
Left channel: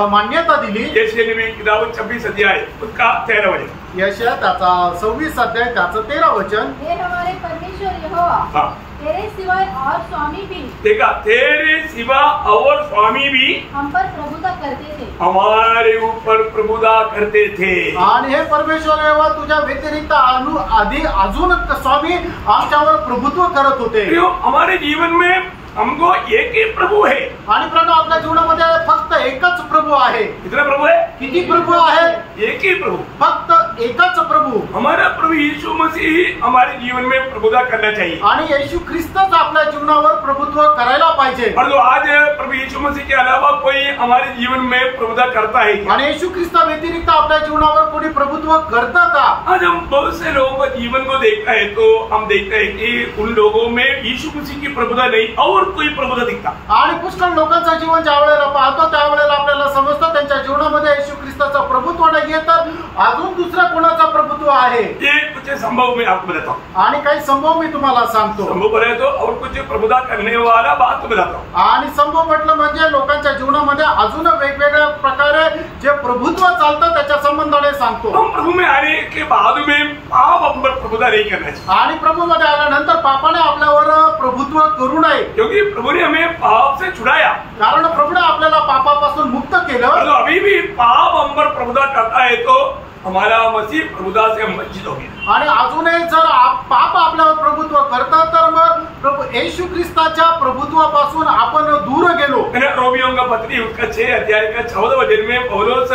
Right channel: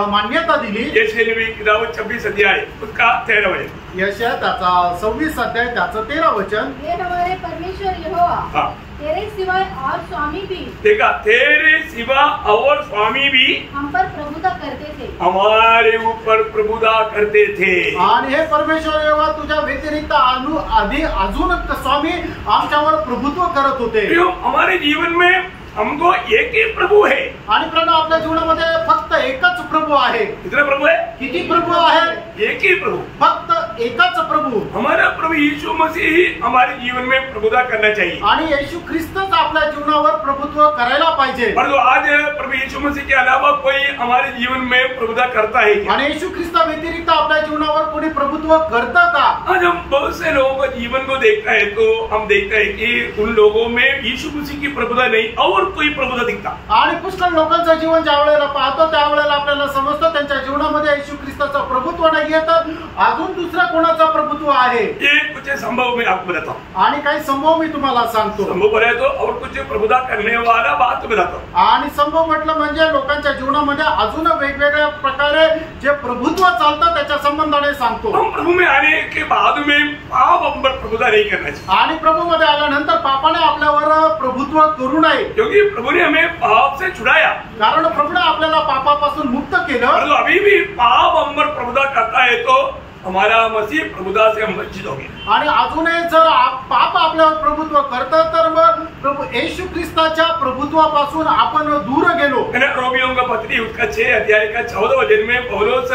मान्यता दिली। यशायाह नबी किताब 26 अध्याय उसका 13 वचन, यशायाह त्याचा 26 अध्याय त्याचं 13 वचन, हे हमारे परमेश्वर यहोवा, तेरे सिवाय और स्वामी भी, देखा, तेरे सिवा और स्वामी भी हम पर प्रभुता करते थे, हमारे ऊपर प्रभुता करते थे। आणि हे परमेश्वर यहोवा तुझ्या व्यतिरिक्त आधी अजून स्वामी आमच्यावर प्रभुत्व करत होते। हमारे जीवन में हमको एक ही प्रभु है, आणि प्रभू आपल्या जीवनामध्ये फक्त एकच प्रभू आहे। कितना प्रभु है? किती प्रभू आहे? एक ही प्रभु, फक्त एकच प्रभू। हमारा प्रभु यीशु मसीह ही हमारे जीवन में प्रभुता करना चाहिए, आणि येशू ख्रिस्तच आपल्या जीवनावर प्रभुत्व करायला पाहिजे। परंतु आज प्रभु यीशु मसीह के अलावा कोई हमारे जीवन में प्रभुता करता है क्या? आणि येशू ख्रिस्ता व्यतिरिक्त आपल्या जीवनावर कोणी प्रभुत्व करतं का? आज हम बहुत से लोगों का जीवन को देखता है तो हम देखते हैं कि उन लोगों में यीशु मसीह की प्रभुता नहीं और कोई प्रभुता दिखता। आणि पुष्कळ लोकांचं जीवन ज्या वेळेला पाहतो त्यावेळेला आपल्याला समजतं त्यांच्या जीवनामध्ये येशू ख्रिस्ताचं प्रभुत्व नाहीये तर अजून दुसरा कोणाचा प्रभुत्व आहे। ये कुछ संभव मैं आपको बताता हूँ, आणि काही संभव मी तुम्हाला सांगतो। संभव बोले तो और कुछ प्रभुता करने वाला बात बताता हूँ। आणि संभव म्हटलं म्हणजे लोकांच्या जीवनामध्ये अजून वेगवेगळ्या प्रकारे जे प्रभुत्व चालतं त्याच्या संबंधाने सांगतो। हम प्रभु में आने के बाद में पाप हम पर प्रभुता नहीं करना चाहिए, आणि प्रभूमध्ये आल्यानंतर पापाने आपल्यावर प्रभुत्व करू नये, क्योंकि प्रभु ने हमें पाप से छुड़ाया, कारण प्रभूने आपल्याला पापापासून मुक्त केलं। परंतु अभी भी पाप हम पर प्रभुता करता है तो हमारा मसीह प्रभुता से वंचित हो गया। आणि अजूनही जर पाप आपल्यावर प्रभुत्व करतं तर मग प्रभू येशू ख्रिस्ताच्या प्रभुत्वापासून आपण दूर गेलो। रोमियों का पत्री उसका 6 अध्याय का 14 वचन में पौलुस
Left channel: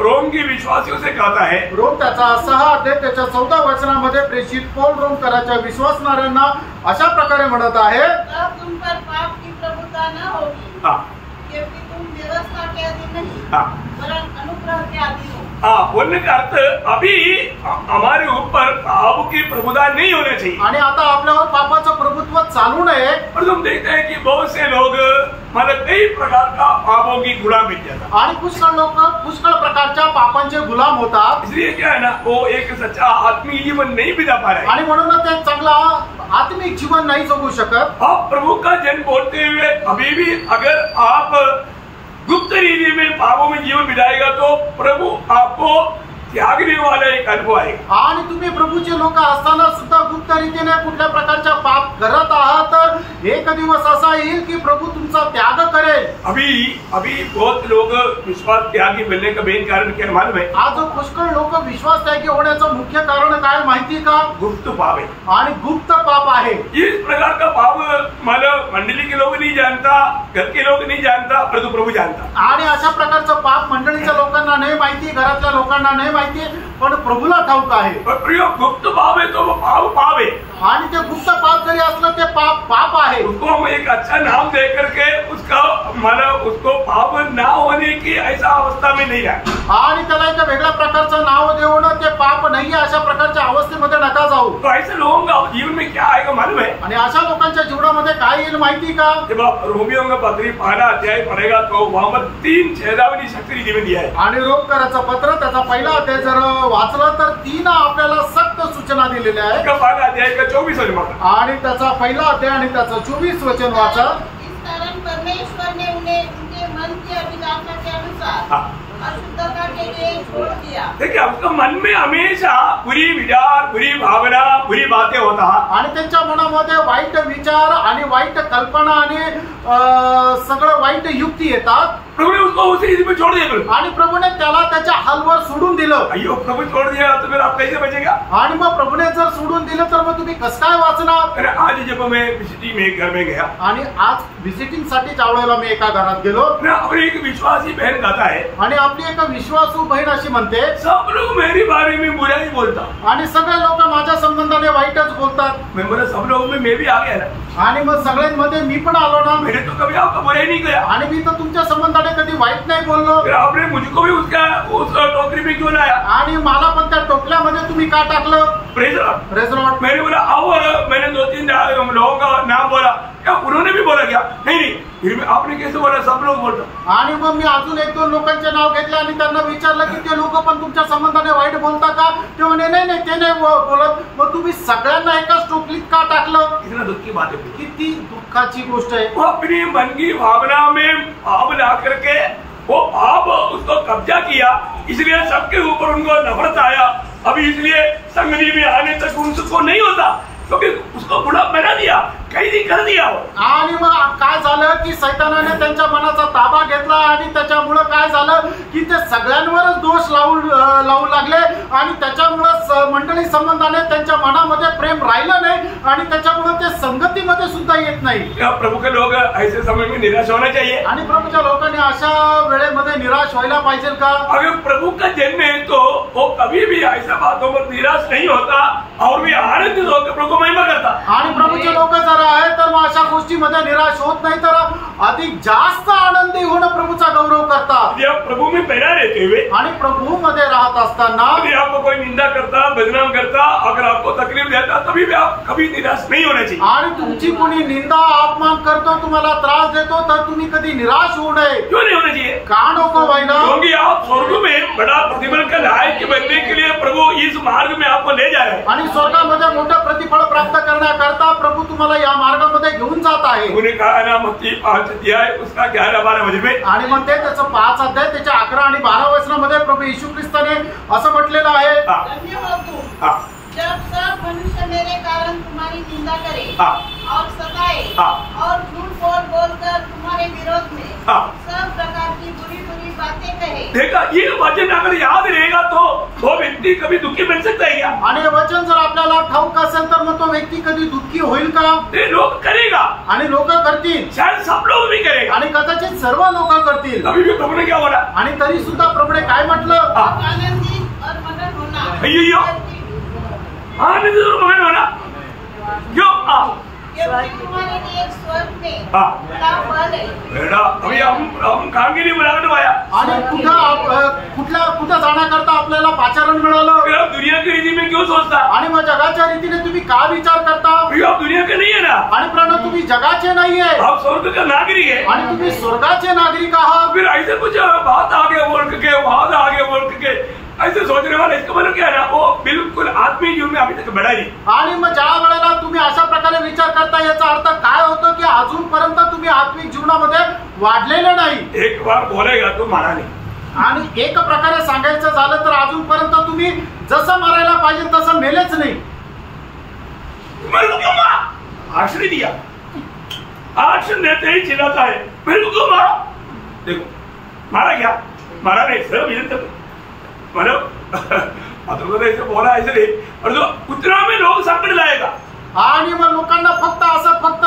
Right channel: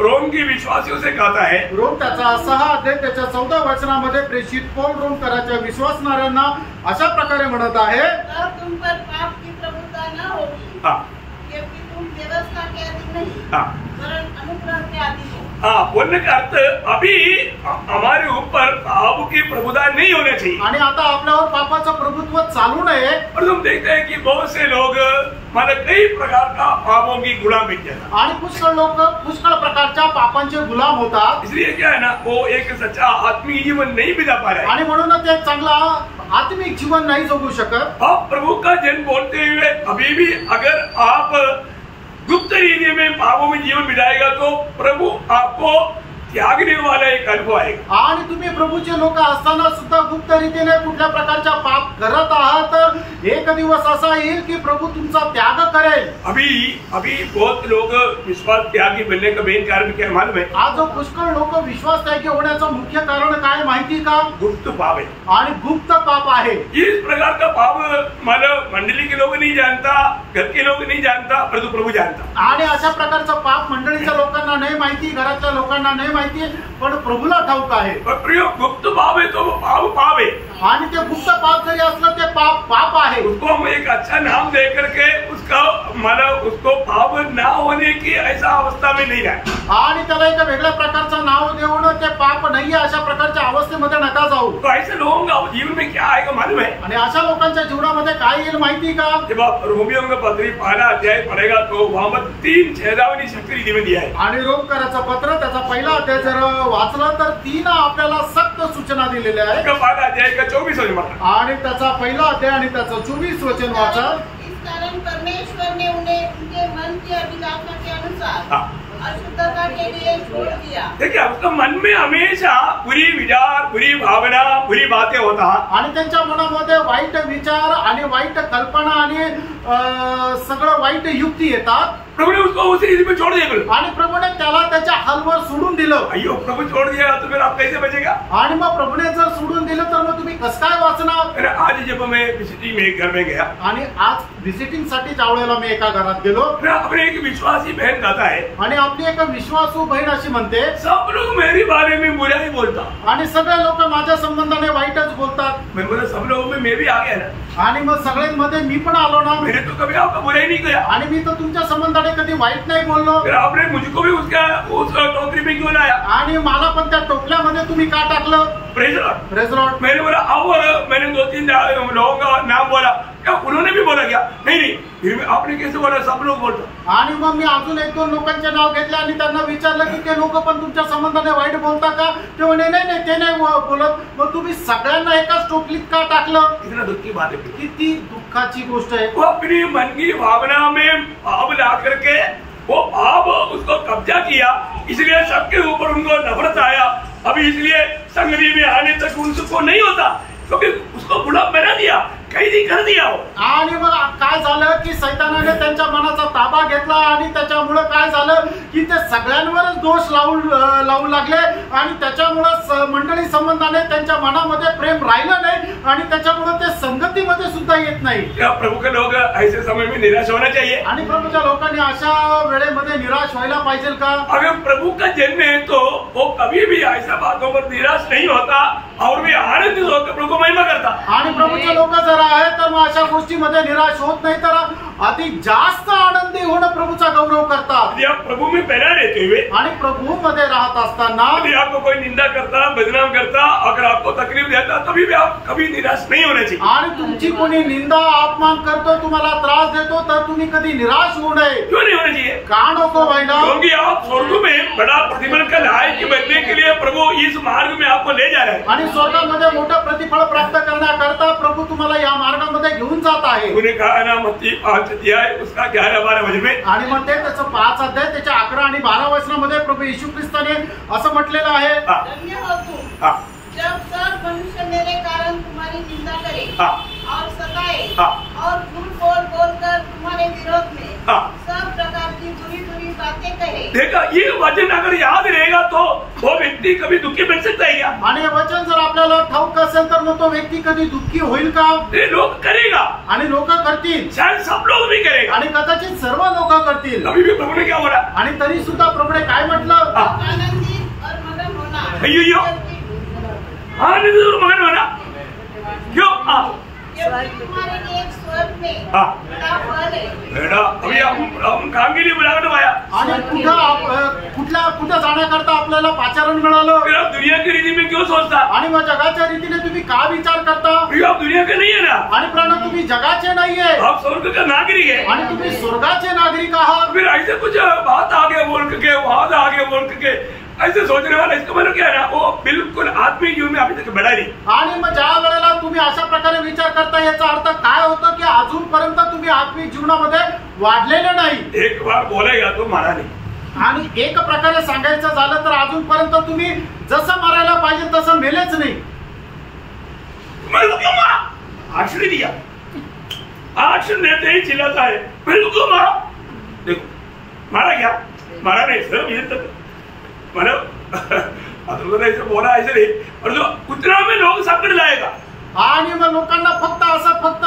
रोम के विश्वासियों से कहता है, रोम त्याचा 6 अध्याय त्याच्या 14 वचनामध्ये प्रेषित पौल रोमकराच्या विश्वासणाऱ्यांना अशा प्रकारे म्हणत आहे, तुम पर पाप की प्रभुता न होगी, क्योंकि तुम व्यवस्था के अधीन नहीं वरन अनुग्रह के अधीन हो। बोलने का अर्थ अभी हमारे ऊपर पाप की प्रभुता नहीं होना चाहिए, आणि आता आपल्यावर पापाचं प्रभुत्व चालू नये। पर तुम देखते हैं कि बहुत से लोग मतलब कई प्रकार का पापों की गुलाम बन जाता, आणि पुष्कळ लोक पुष्कळ प्रकारच्या पापांचे गुलाम होतात। इसलिए क्या है ना, वो एक सच्चा आत्मिक जीवन नहीं बिता पा रहे, आणि म्हणूनच ते चांगला आत्मिक जीवन नाही जगू शकत। आप प्रभु का जन बोलते हुए अभी भी अगर आप गुप्त रीति में पापों में जीवन बिताएगा तो प्रभु आपको त्यागने वाला एक अनुभव आएगा। आणि तुम्ही प्रभूचे लोक असताना सुद्धा गुप्त रीतीने कुठल्या प्रकारच्या पाप करत आहात तर एक दिवस असा येईल की प्रभू तुमचा त्याग करेल। अभी बहुत लोग विश्वास त्यागी बनने का मेन कारण क्या मालूम है? आज पुष्कळ लोक विश्वास त्यागी होण्याचं मुख्य कारण काय माहिती का? गुप्त पाप है, आणि गुप्त पाप आहे। इस प्रकार का पाप मतलब मंडली के लोग नहीं जानता, घर के लोग नहीं जानता, परंतु प्रभु जानता। आणि अशा प्रकारचं पाप मंडळीच्या लोकांना नाही माहिती, घरातल्या लोकांना नाही माहिती, पण प्रभूला ठाऊक आहे। गुप्त पाप है तो वो पाप है, आणि ते गुप्त पाप जरी असलं ते पाप आहे। उसको हम एक अच्छा नाम दे करके उसका मला उसको पाप ना होने की ऐसा अवस्था में नहीं आहे आणि त्याला एका वेगळ्या प्रकारचं नाव देऊन ते पाप नाहीये अशा प्रकारच्या अवस्थेमध्ये नका जाऊ. तो ऐसे लोगों का जीवन में क्या आएगा मालूम है? आणि अशा लोकांच्या जीवनामध्ये काय येईल माहिती का? जब आप रोमियों का पत्री पहला अध्याय पढ़ेगा तो वहां पर 3 छेदावनी शक्ति जीवन दिया है. आणि रोमकराचं पत्र त्याचा पहिला अध्याय जर वाचलं तर 3 आपल्याला सक्त सूचना दिलेल्या आहेत. का पहला अध्याय का 24 वचन आणि त्याचा पहिला अध्याय आणि त्याचं 24 वचन वाचा. इस कारण परमेश्वर ने उन्हें उनके मन की अभिलाषा के अनुसार अशुद्धता के लिए छोड़ दिया. देखिए आपका मन में हमेशा बुरी विचार, बुरी भावना, बुरी बातें होता. आणि त्यांच्या मनामध्ये वाईट विचार आणि वाईट कल्पना आणि सगळं वाईट युक्ती येतात. प्रभु ने उसको उसी रीति में छोड़ दिया. आणि प्रभूने त्याला त्याच्या हालवर सोडून दिलं. अयो प्रभु छोड़ दिया तो फिर आप कैसे बचेगा? आणि मग प्रभूने जर सोडून दिलं तर मग तुम्ही कसं काय वाचणार? अरे आज जब मैं विजिटिंग में एक घर में गया आणि आज व्हिजिटिंग साठी त्यावेळेला मी एका घरात गेलो. अपनी एक विश्वासी बहन कहता है आणि आपली एक विश्वासू बहीण अशी म्हणते सब लोग मेरे बारे में बुरा ही बोलता आणि सगळे लोक माझ्या संबंधाने वाईटच बोलतात. मैं बोला सब लोगों में मैं भी आ गया ना. आणि मग सगळ्यांमध्ये मी पण आलो ना. मैंने तो कभी आपका बुरा ही नहीं किया. आणि मी तर तुमच्या संबंधाने कधी वाईट नाही बोललो. फिर आपने मुझको भी उस टोकरी में क्यों लाया? आणि मला पण त्या टोपल्यामध्ये तुम्ही का टाकलं? Praise lord. Praise lord. मैंने बोला और मैंने 2-3 लोगों का नाम बोला. क्या उन्होंने भी बोला क्या? नहीं. फिर आपने कैसे बोला सब लोग बोलता? आणि मग मी अजून 1-2 लोकांचे नाव घेतले आणि त्यांना विचारलं की ते लोक पण तुमच्या संबंधाने वाईट बोलता का? ते म्हणे नाही ते नाही बोलत. मग तुम्ही सगळ्यांना एकाच टोपलीत का टाकलं? इतना दुख की बात है. किती दुःखाची गोष्ट आहे. वो अपनी मन की भावना में पाप ला करके वो पाप उसको कब्जा किया, इसलिए सबके ऊपर उनको नफरत आया. अभी इसलिए संगति में आने तक उनको नहीं होता क्योंकि उसको बुरा बना दिया, कैदी कर दिया. आणि मग काय झालं की सैतानाने त्यांच्या मनाचा ताबा घेतला आणि त्याच्यामुळं काय झालं की ते सगळ्यांवरच दोष लावू लागले आणि त्याच्यामुळं मंडळी संबंधाने त्यांच्या मनामध्ये प्रेम राहिलं नाही आणि त्याच्यामुळे ते संगतीमध्ये सुद्धा येत नाही. प्रभु के लोग ऐसे समय में निराश होना चाहिए. आणि प्रभूच्या लोकांनी अशा वेळेमध्ये निराश व्हायला पाहिजे का? अगर प्रभु का जन्म है तो वो कभी भी ऐसा बातों पर निराश नहीं होता और भी आनंदित होकर प्रभु को महिमा करता. आणि प्रभूचे लोक जर आहे तर मग अशा गोष्टीमध्ये निराश होत नाही तर अधिक जास्त आनंदी होऊन प्रभूचा गौरव करतात. प्रभु में पहला रहते हुए आणि प्रभू मध्ये राहत असताना यदि आपको कोई निंदा करता, बदनाम करता, अगर आपको तकलीफ देता तभी भी आप कभी निराश नहीं होना चाहिए. आणि तुमची कोणी निंदा अपमान करतो, तुम्हाला त्रास देतो तर तुम्ही कधी निराश होऊ नये. क्यों नहीं होना चाहिए? का नको व्हायला? क्योंकि आप स्वर्ग में बड़ा प्रतिफल का लायक बनने के लिए प्रभु इस मार्ग में आपको ले जा रहा है. आणि स्वर्गामध्ये मोठं प्रतिफळ प्राप्त करण्याकरता प्रभू तुम्हाला या मार्गामध्ये घेऊन जात आहे. उन्हें कहा ना मत्ती 5 अध्याय उसका 11-12 वचन में. आणि मग ते त्याचं 5 अध्याय त्याच्या 11 आणि 12 वचनामध्ये प्रभू येशू ख्रिस्ताने असं म्हटलेलं आहे. धन्य हो तुम जब सब मनुष्य मेरे कारण तुम्हारी निंदा करे और सताए और झूठ बोलकर तुम्हारे विरोध में सब प्रकार की बुरी बातें कहे. देखा ये वचन अगर याद रहेगा तो वो व्यक्ति कभी दुखी बन सकता है क्या? आणि वचन जर आपल्याला ठाऊक असेल तर मग तो व्यक्ती कधी दुःखी होईल का? ते लोग करेगा आणि लोक करतील. शायद सब लोग भी करेगा आणि कदाचित सर्व लोक करतील. अभी भी प्रभु ने क्या बोला? आणि तरी सुद्धा प्रभूने काय म्हटलं? आनंदित और मगन होना. अय्यो आनंदित और मगन होना क्यों? तुम्हारे लिए स्वर्ग में बड़ा फल है. बेटा अभी हम काम के लिए बुलाकर पाया. आणि कुठं जाण्याकरता आपल्याला पाचारण मिळालं. फिर आप दुनिया की रीति में क्यों सोचता? आणि मग जगाच्या रीतीने तुम्ही का विचार करता? फिर आप दुनिया के नहीं है ना. आणि प्राण तुम्ही जगाचे नाहीये. आप स्वर्ग का नागरिक है. आणि तुम्ही स्वर्गाचे नागरिक आहात. फिर ऐसे कुछ बात आगे बोल के वहां आगे बोल के ऐसे सोचने वाला इसका मतलब क्या है ना, वो बिल्कुल आत्मीय जीवन में अभी तक बढ़ा नहीं. आणि मग ज्या वेळेला तुम्ही अशा प्रकारे विचार करता याचा अर्थ काय होतं की अजूनपर्यंत तुम्ही आत्मिक जीवनामध्ये वाढलेले नाही. एक बार बोलेगा तो मारा नाही. आणि एक प्रकारे सांगायचं झालं तर अजूनपर्यंत तुम्ही जसं मारायला पाहिजे तसं मेलेच नाही. मेरे को क्यों मारा? आश्रय दिया, आश्रय देते ही चिल्लाता है मेरे को क्यों मारा? देखो मारा क्या? मारा नहीं सर, इधर तक मतलब ऐसे बोला ऐसे नहीं, और जो उतना में लोग संकट लाएगा. आणि मग लोकांना फक्त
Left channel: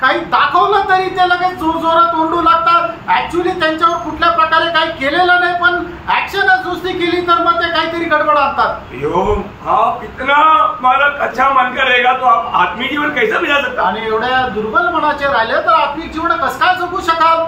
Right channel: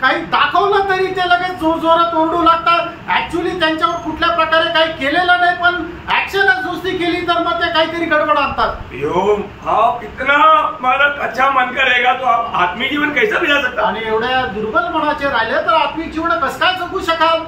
काही दाखवलं तरी ते लगेच जोर जोरात ओरडू लागतात. ऍक्च्युली त्यांच्यावर कुठल्या प्रकारे काही केलेलं नाही, पण ऍक्शनच नुसती केली तर मग ते काहीतरी गडबड आणतात। यो आप इतना मालक अच्छा मन करेगा तो आप आत्मिक जीवन कैसा बिता सकता? आणि एवढ्या दुर्बल मनाचे राहिले तर आत्मिक जीवन कसं काय जगू शकाल?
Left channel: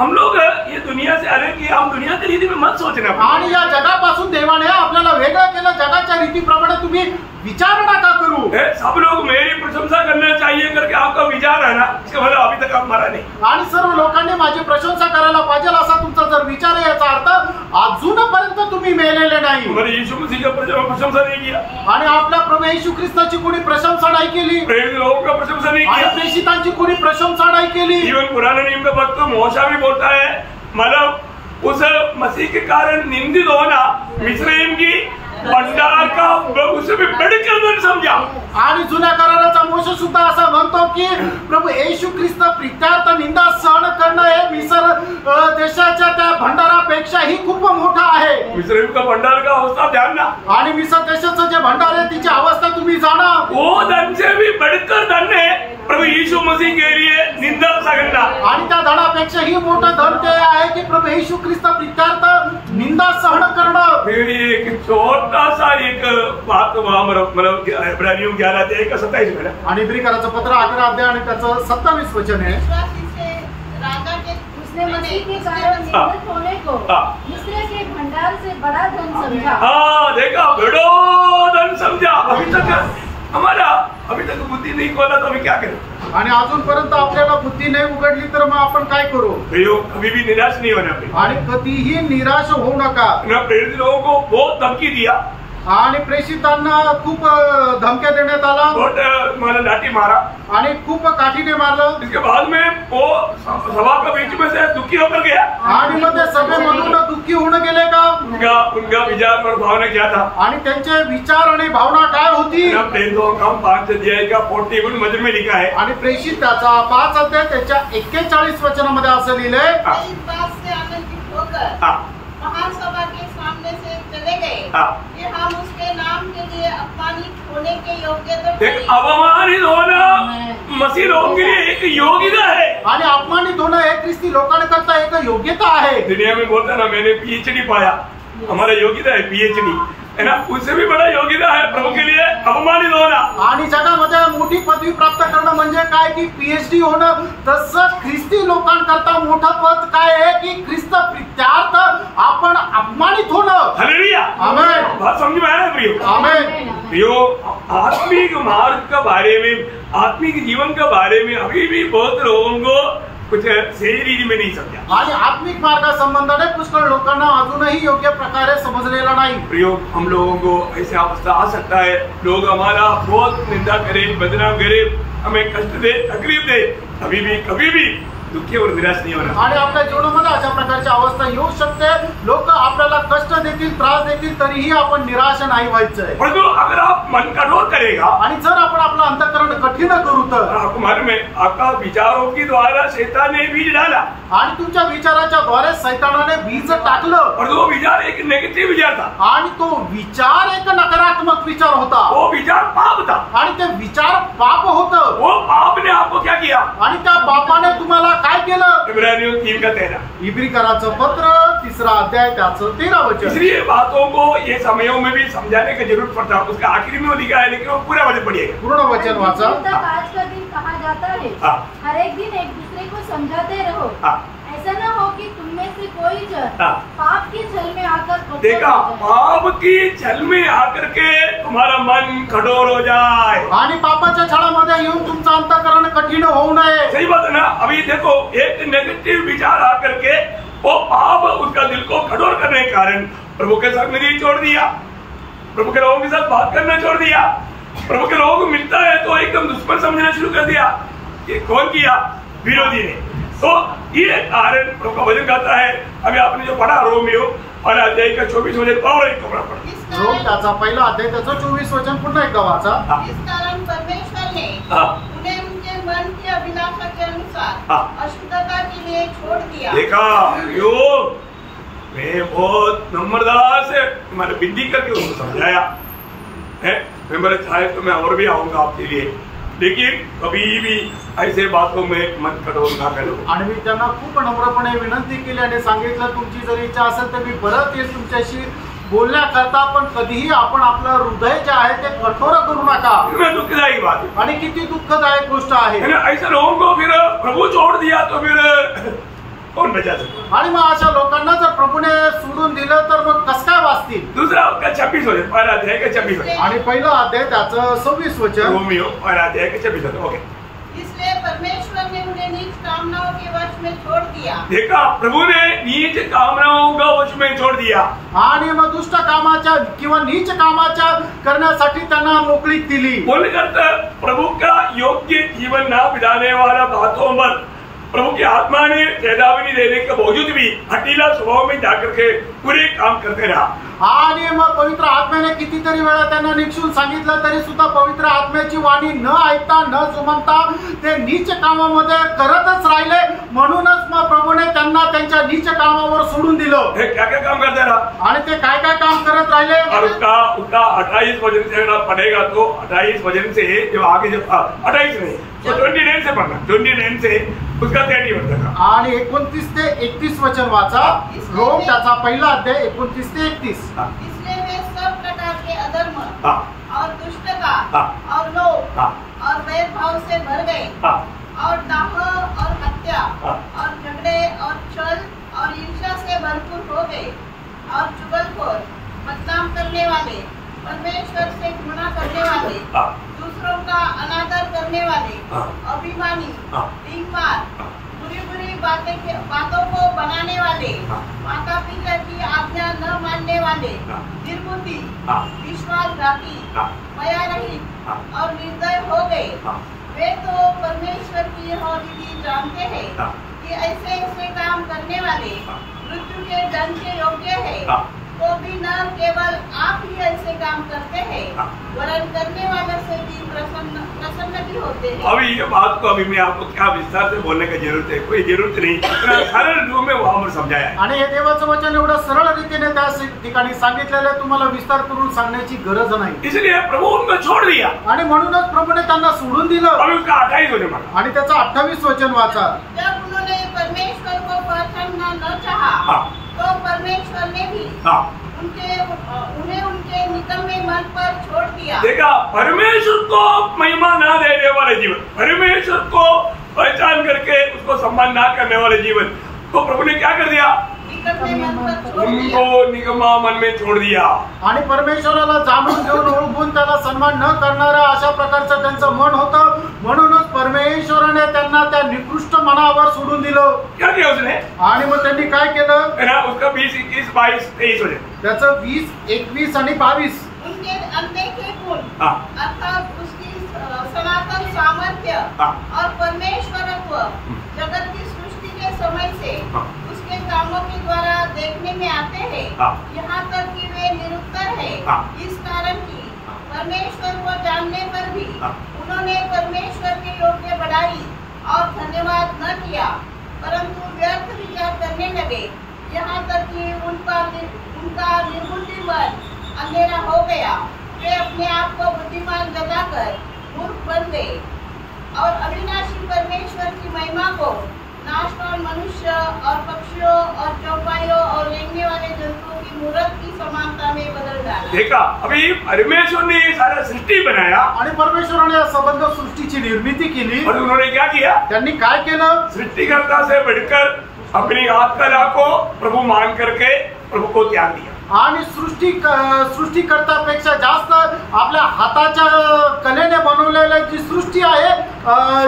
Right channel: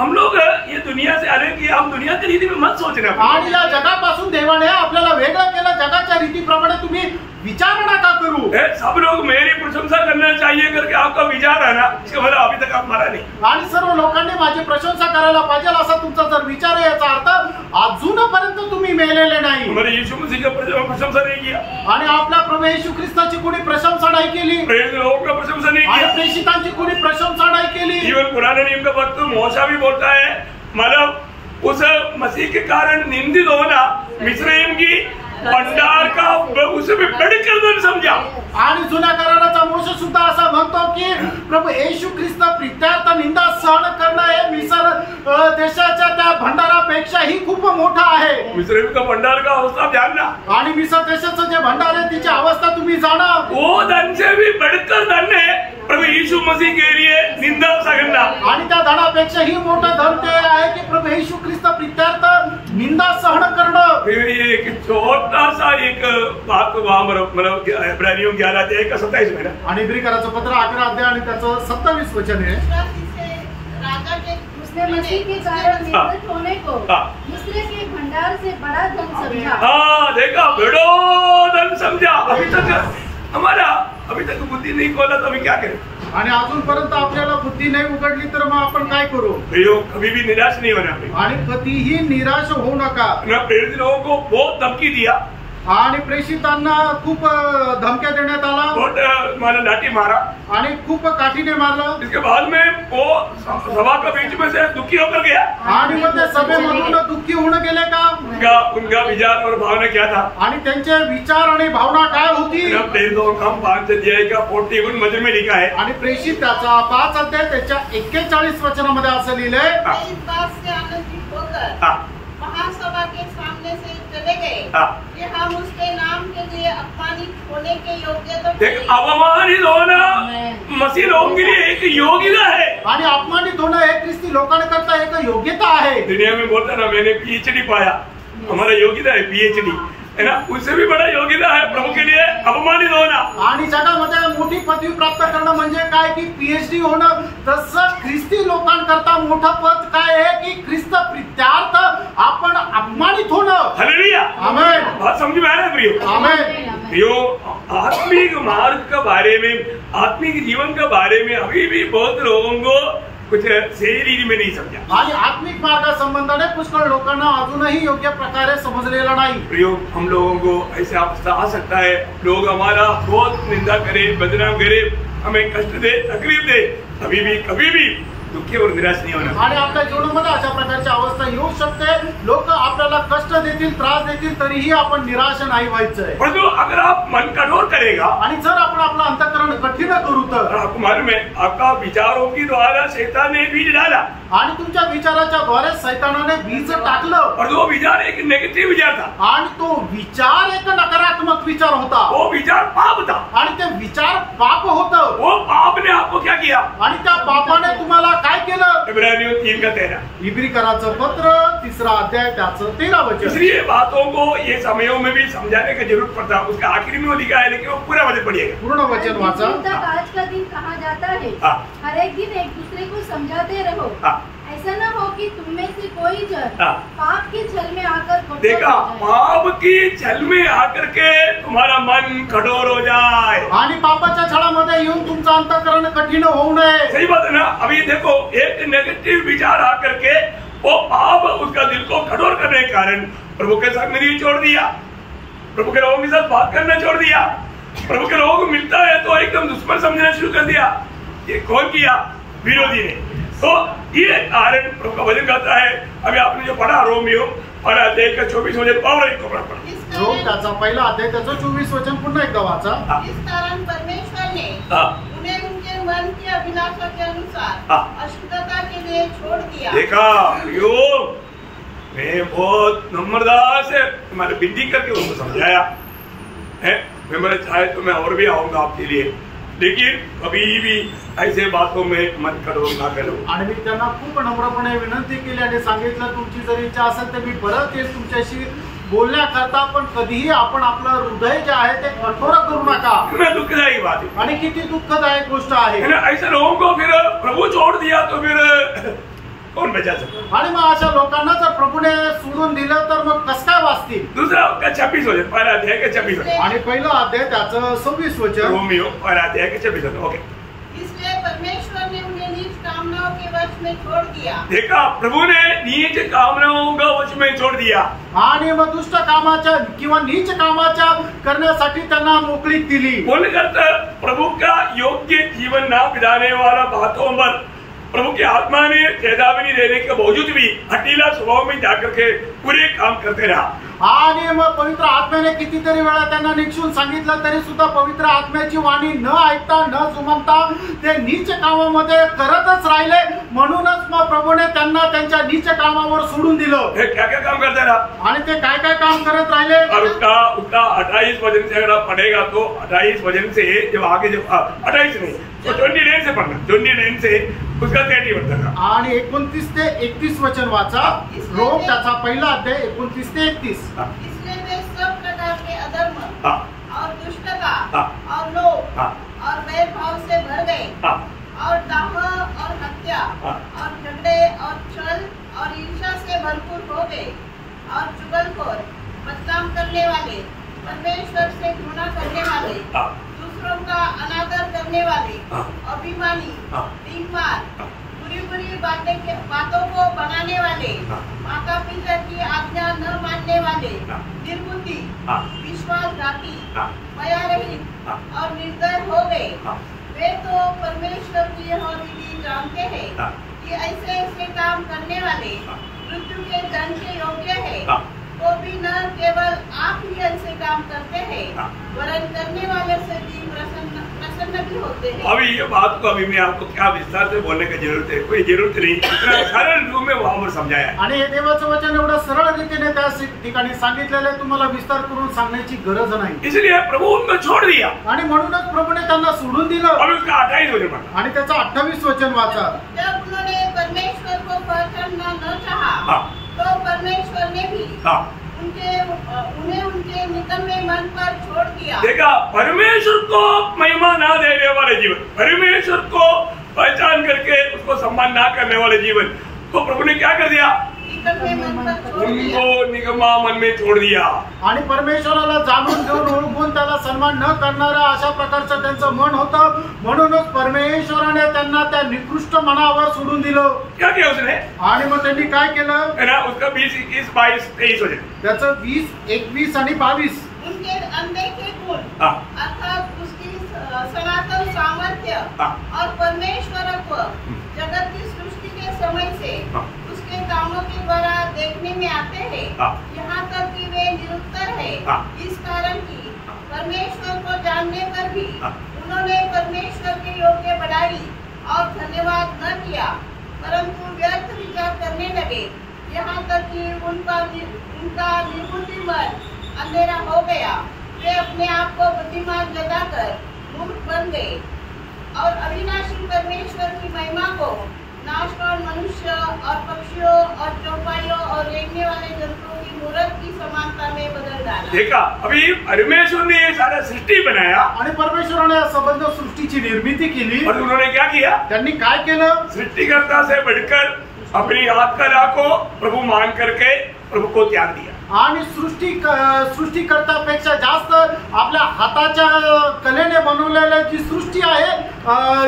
हम लोग ये दुनिया से अरे कि हम दुनिया की रीति में मत सोचना। आणि या जगापासून देवाने आपल्याला वेगळं केलं, जगाच्या रीतीप्रमाणे तुम्ही विचार नका करू। सब लोग मेरी प्रशंसा करना चाहिए करके आपका विचार है ना, इसका मतलब अभी तक आप मरा नहीं। आणि सर्व लोकांनी माझी प्रशंसा करायला पाहिजे असा तुमचा जर विचार आहे, याचा अर्थ अजूनपर्यंत तुम्ही मेलेले नाही। हमारे यीशु मसीह का प्रशंसा नहीं किया आणि आपल्या प्रभू येशू ख्रिस्ताची कोणी प्रशंसा नाही केली, प्रेरित लोगों का प्रशंसा नहीं आणि किया। प्रेषितांची कोणी प्रशंसा नाही केली। इवन पुराने नियम का भक्त मोशा भी बोलता है, मतलब उस मसीह के कारण निंदित होना मिस्रईम की भंडार का उसे भी बढ़कर धन समझा। आणि जुन्या कराराचा मोशे सुद्धा असा म्हणतो की प्रभू येशू ख्रिस्त प्रित्यार्थ निंदा सहन करणं हे मिस्र देशाच्या त्या भंडारापेक्षाही खूप मोठं आहे। मिस्रईम का भंडार का अवस्था ध्यान ना, आणि मिस्र देशाचं जे भंडार आहे तिची अवस्था तुम्ही जाणा, वो धन से भी बढ़कर धन है प्रभु यीशु मसीह के लिए निंदा सहना। आणि त्या धनापेक्षाही मोठं धन ते आहे की प्रभू येशू ख्रिस्त प्रित्यार्थ निंदा सहन करणं। फिर एक छोटा सा एक बात वहां मतलब इब्रानियों 11:27 में ना, आणि इब्री कराचं पत्र 11 अध्याय आणि त्याचं 27 वचन आहे। उसने मसीह के कारण निंदित होने को मिस्र के भंडार से बड़ा धन समझा। हाँ देखा, बड़ो धन समझा। अभी तक बुद्धि नहीं खोला तो अभी क्या करें? आणि अजूनपर्यंत आपल्याला बुद्धी नाही उघडली तर मग आपण काय करू? कभी भी निराश नहीं होना। आणि कधीही निराश होऊ नका। प्रेरित लोगों को बहुत धमकी दिया, आणि प्रेषितांना खूप धमक्या देण्यात आला, बहुत मैंने लाठी मारा, आणि खूप काठीने मारलं। इसके बाद में वो सभा के बीच में से दुखी होकर गया, आणि मग ते सभेमधून दुःखी होऊन गेले का? उनका विचार और भावना क्या था? आणि त्यांचे विचार आणि भावना काय होती? प्रेरितों का 5 अध्याय का 41 वचन में लिखा है, आणि प्रेषित त्याचा 5 अध्याय त्याच्या 41 वचनामध्ये असं लिहिलंय, इस बात से आनंदित होकर महासभा के सामने से चले गए कि हम उसके नाम के लिए अपमानित होने के योग्य तो नहीं। अपमानित होना मसीह लोगों के लिए एक योग्यता है, आणि अपमानित होणं हे ख्रिस्ती लोकांकरता एक योग्यता आहे। दुनिया में बोलता ना मैंने PhD पाया, हमारा योग्यता है PhD है ना, उससे भी बड़ा योग्यता है प्रभु के लिए अपमानित होना। आणि जगामध्ये मोठी पदवी प्राप्त करणं म्हणजे काय की PhD होणं, तसं ख्रिस्ती लोकांकरता मोठं पद काय आहे की ख्रिस्त प्रित्यार्थ आपण अपमानित होणं। हालेलुया, आमेन। बात समझ में आ रहा है प्रियो? आमेन। प्रियो, आत्मिक मार्ग के बारे में, आत्मिक जीवन के बारे में अभी भी बहुत लोगों को कुछ सही रीति में नहीं समझा, आणि आत्मिक मार्गासंबंधाने पुष्कळ लोकांना अजूनही योग्य प्रकारे समजलेला नाही। प्रयोग हम लोगों को ऐसे अवस्था आ सकता है, लोग हमारा बहुत निंदा करे, बदनाम करे, हमें कष्ट दे, तकलीफ दे, कभी भी दुखी और निराश नहीं होना। आणि आपल्या जीवनामध्ये अशा प्रकारची अवस्था येऊ शकते, लोक आपल्याला कष्ट देतील, त्रास देतील, तरीही आपण निराश नाही व्हायचंय। परंतु अगर आप मन कठोर करेगा, आणि जर आपण आपलं अंतःकरण कठीण करू तर आपको मालूम है आपका विचारों की द्वारा शैतान ने बीज डाला, आणि तुमच्या विचाराच्या द्वारे सैतानाने बीज टाकलं, और वो विचार एक नेगेटिव विचार था, आणि तो विचार एक नकारात्मक विचार होता, वो विचार पाप था, आणि ते विचार पाप होतं। वो पाप ने आपको क्या किया? आणि त्या पापाने तुम्हाला काय केलं? इब्रानियों 3:13, इब्री कराचं पत्र 3 अध्याय त्याचं 13 वचन। इसलिए बातों को ये समयों में भी समझाने की जरूरत पड़ता है। उसका आखिरी में वो लिखा है, लेकिन वो पूरा वचन पढ़िएगा, पूर्ण वचन वाचा। आज का दिन कहा जाता है, हर एक दिन एक दूसरे को समझाते रहो, ऐसा न हो कि तुम में से कोई जन पाप की छल में आकर देखा, पाप की छल में आकर के तुम्हारा मन कठोर हो जाए, आणि पापाच्या छळामध्ये येऊन तुमचं अंतःकरण कठीण होऊ नये। सही बात है ना? अभी देखो, एक नेगेटिव विचार आकर के वो पाप उसका दिल को कठोर करने के कारण प्रभु के साथ नहीं छोड़ दिया, प्रभु के लोगों के साथ बात करना छोड़ दिया, प्रभु के लोगों को मिलता है तो एकदम दुश्मन समझना शुरू कर दिया। ये कौन किया? विरोधी ने। तो ये कारण प्रभु का वचन कहता है, अभी आपने जो पढ़ा रोमियो 1 का 24 वचन और एक कपड़ा पढ़ा, रोम त्याचा 1 अध्याय त्याचं 24 वचन पुन्हा एकदा वाचा। इस कारण परमेश्वर ने उन्हें उनके मन की अभिलाषा के अनुसार अशुद्धता के लिए छोड़ दिया। देखा यो, मैं बहुत नम्रता से तुम्हारे विनती करके उनको समझाया है। मैं बोले चाहे तो मैं और भी आऊंगा आपके लिए, लेकिन कभी भी ऐसे बातों में मत करो, ना करो. आणि मी त्यांना खूप नम्रपणे विनंती केली आणि सांगितलं तुमची जर इच्छा असेल तर मी परत येईल तुमच्याशी बोलण्याकरता, पण कधीही आपण आपलं हृदय जे आहे ते कठोर करू नका. दुखदायी बात है. आणि किती दुःखदायक गोष्ट आहे. ऐसे लोगों को फिर प्रभु छोड़ दिया तो फिर कौन बचा सकता. आणि मग अशा लोकांना जर प्रभूने सोडून दिलं तर मग कसं काय वाचतील. दूसरा का 26 होते, पहिला अध्याय का 26 होते. आणि पहिला अध्याय त्याचं 26 वचन. रोमियो पहिला अध्याय का 26 होते. ओके. इसलिए परमेश्वर ने उन्हें नीच कामनाओं के वश में छोड़ दिया. देखा, प्रभु ने नीच कामनाओं का वश में छोड़ दिया. आणि मग दुष्ट कामाच्या किंवा नीच कामाच्या करण्यासाठी त्यांना मोकळीक दिली. बोलकर प्रभु का योग्य जीवन ना बिताने वाला बातों पर प्रभु की आत्मा ने चेतावनी देने के बावजूद भी हठीला स्वभाव में जाकर के पूरे काम करते रहा. आणि मग पवित्र आत्म्याने कितीतरी वेळा त्यांना निक्षून सांगितलं तरी सुद्धा पवित्र आत्म्याची वाणी न ऐकता न जुमानता ते नीच कामामध्ये करतच राहिले. म्हणूनच मग प्रभूने त्यांना त्यांच्या नीच कामावर सोडून दिलं. क्या क्या काम करते रहा आणि ते काय काय काम करत राहिले. और उसका 28 वजन से अगर पढ़ेगा तो 28 वजन से जब आगे जब 28 नहीं तो 29 से पढ़ना, 29 से उसका 30 बनता था. आणि 29 ते 31 वचन वाचा. रोम त्याचा पहिला अध्याय 29 ते 31. इसलिए वे सब प्रकार के अधर्म हाँ. और दुष्टता हाँ. और लोभ हाँ. और वैरभाव से भर गए. हाँ. और दाह और हत्या हाँ. और झगड़े और छल और ईर्ष्या से भरपूर हो गए. और चुगलखोर, बदनाम करने वाले, परमेश्वर से घृणा करने वाले, हाँ. दूसरों का अनादर करने वाले, हाँ. अभिमानी, हाँ. डींगमार, बुरी बुरी बातों को बनाने वाले, हाँ. माता पिता की आज्ञा न मानने वाले, हाँ. निर्बुद्धि, हाँ. विश्वासघाती, हाँ. मयारहित हाँ. और निर्दय हो गए. हाँ. वे तो परमेश्वर की यह विधि जानते हैं हाँ. कि ऐसे ऐसे काम करने वाले हाँ. मृत्यु के दंड के योग्य है. हाँ. तो भी न केवल आप ही ऐसे काम करते हैं, हाँ. वरन करने वाले से भी प्रसन्न भी होते हैं. अभी ये बात को अभी मैं आपको क्या विस्तार से बोलने की जरूरत है, कोई जरूरत नहीं. इतना सरल रूप में वहां पर समझाया है. आणि हे देवाचं वचन एवढं सरळ रीतीने त्या ठिकाणी सांगितलेलं आहे. तुम्हाला विस्तार करून सांगण्याची गरज नाही. इसलिए प्रभु उनको छोड़ दिया. आणि म्हणूनच प्रभूने त्यांना सोडून दिलं. अभी उसका 28 वजन पढ़ा. आणि त्याचं 28 वचन वाचा. जब उन्होंने परमेश्वर को पहचानना न चाहा, हाँ. तो परमेश्वर ने भी हाँ. उन्हें उनके निकम्मे मन पर छोड़ दिया. देखा, परमेश्वर को महिमा ना देने वाले जीवन, परमेश्वर को पहचान करके उसको सम्मान ना करने वाले जीवन तो प्रभु ने क्या कर दिया, निकम्मे मन पर छोड़ दिया. उनको निकम्मा मन में छोड़ दिया. आणि परमेश्वराला जाणून घेऊन ओळखून त्याला सन्मान न करणारा अशा प्रकारचं त्यांचं मन होतं. म्हणूनच परमेश्वराने त्यांना त्या निकृष्ट मनावर सोडून दिलं. क्या किया उसने, आणि मग त्यांनी काय केलं, है ना, उसका 20, 21, 22, 23 हो जाए. त्याचं 20, 21 आणि 22. उनके अनदेखे गुण, हाँ. अर्थात उसकी सनातन सामर्थ्य हाँ. और परमेश्वरत्व जगत की सृष्टि के समय से हाँ. उसके कामों के द्वारा देखने में आते हैं. हाँ. यहाँ तक कि वे निरुत्तर है. हाँ. इस कारण की परमेश्वर को जानने पर भी हाँ. उन्होंने परमेश्वर के योग्य बढ़ाई और धन्यवाद न किया, परंतु व्यर्थ विचार करने लगे. यहाँ तक कि उनका निर्बुद्धि मन अंधेरा हो गया. वे अपने आप को बुद्धिमान जताकर मूर्ख बन गए और अविनाशी परमेश्वर की महिमा को नाशवान मनुष्य और पक्षियों और चौपाइयों और रेंगने वाले जंतुओं की मूर्त की समानता में बदल डाला. देखा, अभी परमेश्वर ने ये सारा सृष्टि बनाया आणि परमेश्वराने या संबंध सृष्टीची निर्मिती केली. और उन्होंने क्या किया, त्यांनी काय केलं, सृष्टिकर्ता से बढ़कर अपनी आत्मा को प्रभु मान करके प्रभु को त्याग दिया. आणि सृष्टिकर्तापेक्षा जास्त आपल्या हाताच्या कलेने बनवलेली जी सृष्टी आहे,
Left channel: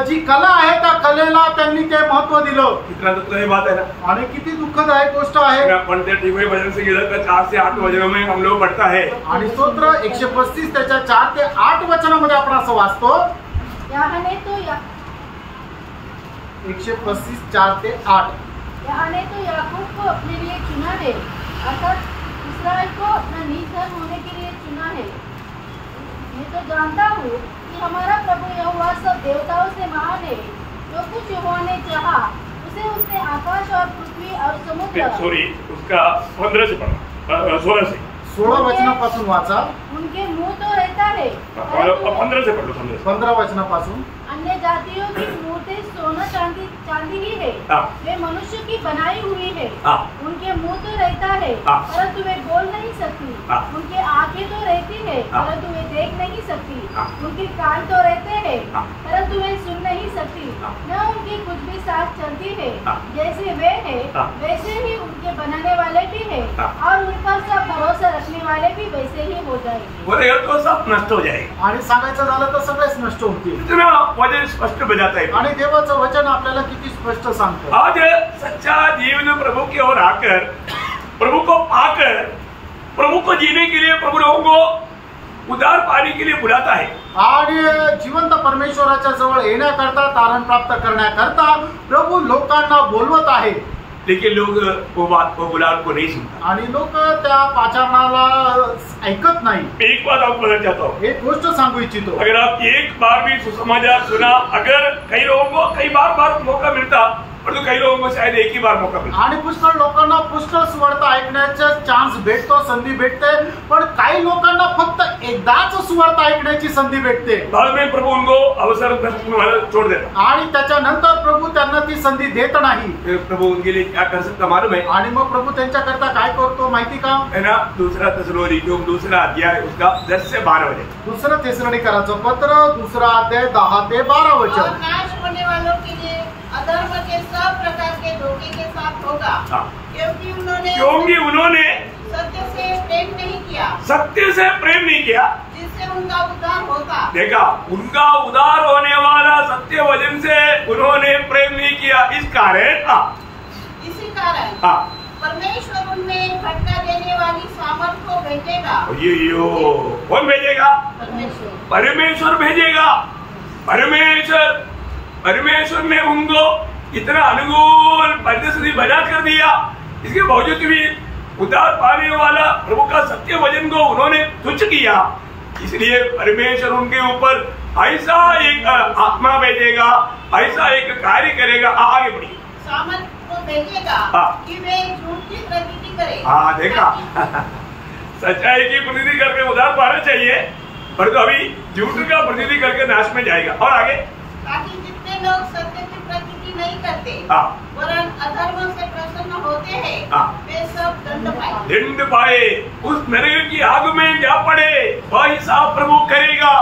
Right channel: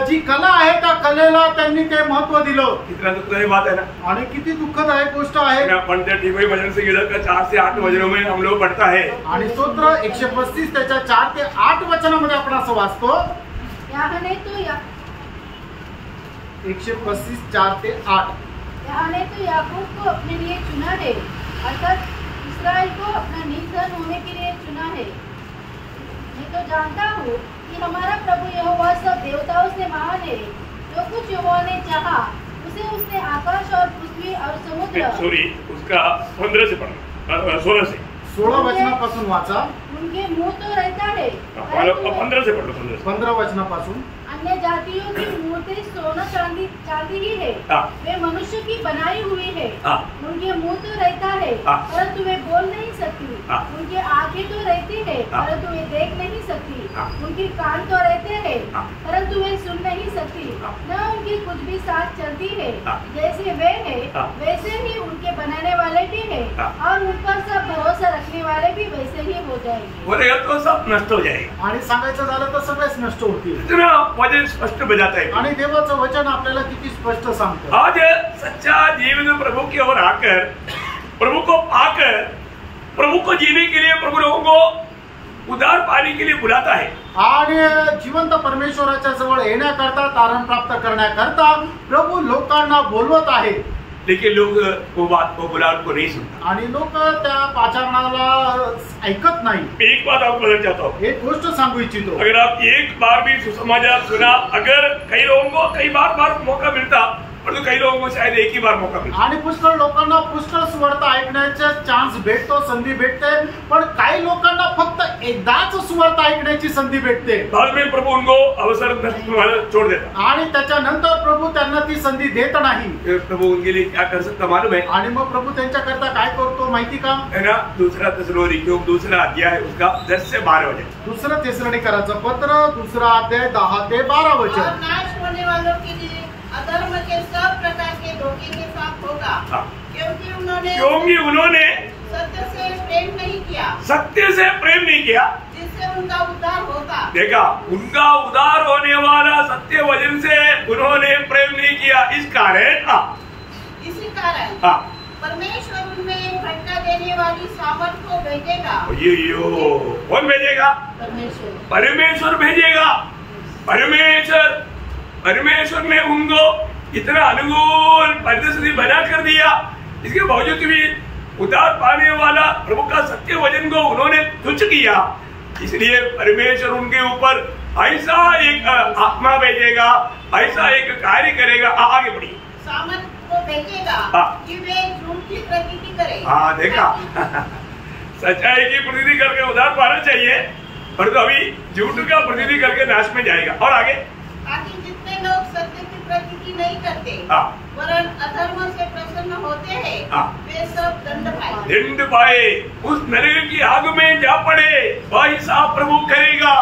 जी कला आहे, त्या कलेला त्यांनी ते महत्व दिलं. इतना दुखदायी बात है ना. आणि किती दुःखदायक गोष्ट आहे. पण त्या टीवी वजन से इधर का 4 से 8 वजनों में हम लोग पढ़ता है. आणि स्तोत्र 135 त्याच्या 4 ते 8 वचनामध्ये आपण असं वाचतो. 135 4 ते 8. याने तो याकूब को अपने लिए चुना है, अर्थात इस्राएल को अपना नीच होने के लिए चुना है. मैं तो जानता हूँ कि हमारा प्रभु यहोवा सब देवताओं से महान है. जो कुछ यहोवा ने चाहा उसे उसने आकाश और पृथ्वी और समुद्र, सॉरी, उसका 15 से पढ़ा, 16 से. 16 वचनापासून वाचा. उनके मुंह तो रहता है 15 से पढ़ लो, 15 वचनापासून। अन्य जातियों की मूर्ति सोना चांदी ही है, वे मनुष्य की बनाई हुई है। उनके मुंह तो रहता है परंतु वे बोल नहीं सकती, उनकी आंखें तो रहती है परंतु वे देख नहीं सकती, उनके कान तो रहते हैं परंतु वे सुन नहीं सकती, न उनकी कुछ भी साथ चलती है। जैसे वे है वैसे ही उनके बनाने वाले भी है, और उन पर सब भरोसा रखने वाले भी वैसे ही हो जाएंगे। बोलेगा तो सब नष्ट हो जाएगा। आणि सांगायचं झालं तर सगळेच नष्ट होतील। इतना वचन स्पष्ट बजाता है आणि देवाचं वचन आपल्याला किती स्पष्ट सांगतं। आज सच्चा जीवन प्रभु की ओर आकर, प्रभु को पाकर, प्रभु को जीने के लिए प्रभु लोगों को उद्धार पाने के लिए बुलाता है। आणि जिवंत परमेश्वराच्या जवळ येण्याकरता, तारण प्राप्त करण्याकरता प्रभु लोकांना बोलवत आहे। लेकिन लोग वो बात को बुलाव को नहीं सुनता, आणि लोक त्या पाचारणाला ऐकत नाही। एक बात आपको बताना चाहता हूँ, एक गोष्ट सांगू इच्छितो। अगर आप एक बार भी सुसमाचार सुना, अगर कई लोगों को कई बार मौका मिलता, परंतु कई लोगों को शायद एक ही बार मौका मिलता। आणि पुष्कळ लोकांना पुष्कळ सुवार्ता ऐकण्याचा चान्स भेटतो, संधी भेटते, पण काही लोकांना फक्त एकदाच सुवार्ता ऐकण्याची संधी भेटते। बाद में प्रभु उनको अवसर छोड़ देता, आणि त्याच्यानंतर प्रभु त्यांना ती संधी देत नाही। प्रभु उनके लिए क्या कर सकता मालूम है? आणि मग प्रभु त्यांच्याकरता काय करतो माहिती का? है ना, दूसरा थिस्सलुनीकियों दूसरा अध्याय उसका 10 से 12 वचन। दुसरं थिस्सलुनीकराचं पत्र, दुसरा अध्याय 10 ते 12 वचन। नाश होने वालों के लिए अधर्म के सब प्रकार के धोखे के साथ होगा, क्योंकि उन्होंने सत्य से प्रेम नहीं किया, सत्य से प्रेम नहीं किया जिससे उनका उद्धार होगा। देखा, उनका उद्धार होने वाला सत्य वचन से उन्होंने प्रेम नहीं किया। इसी कारण परमेश्वर उनमें भटका देने वाली सामर्थ को भेजेगा। कौन भेजेगा? परमेश्वर भेजेगा। परमेश्वर ने उनको इतना अनुकूल परिस्थिति बना कर दिया, इसके बावजूद भी उद्धार पाने वाला प्रभु का सत्य वचन को उन्होंने तुच्छ किया। इसलिए परमेश्वर उनके ऊपर ऐसा एक आत्मा भेजेगा, ऐसा एक कार्य करेगा। आगे बढ़िए। सामर्थ को भेजेगा कि वे झूठ की प्रतीति करें। हाँ, देखा सच्चाई की प्रतीति करके उद्धार पाना चाहिए, परंतु अभी झूठ का प्रतीति करके नाश में जाएगा। और आगे, ताकि जितने लोग सत्य की प्रतीति नहीं करते वरन अधर्म से प्रसन्न होते हैं, वे सब दंड पाए, उस नरक की आग में जा पड़े, वह हिसाब प्रभु करेगा।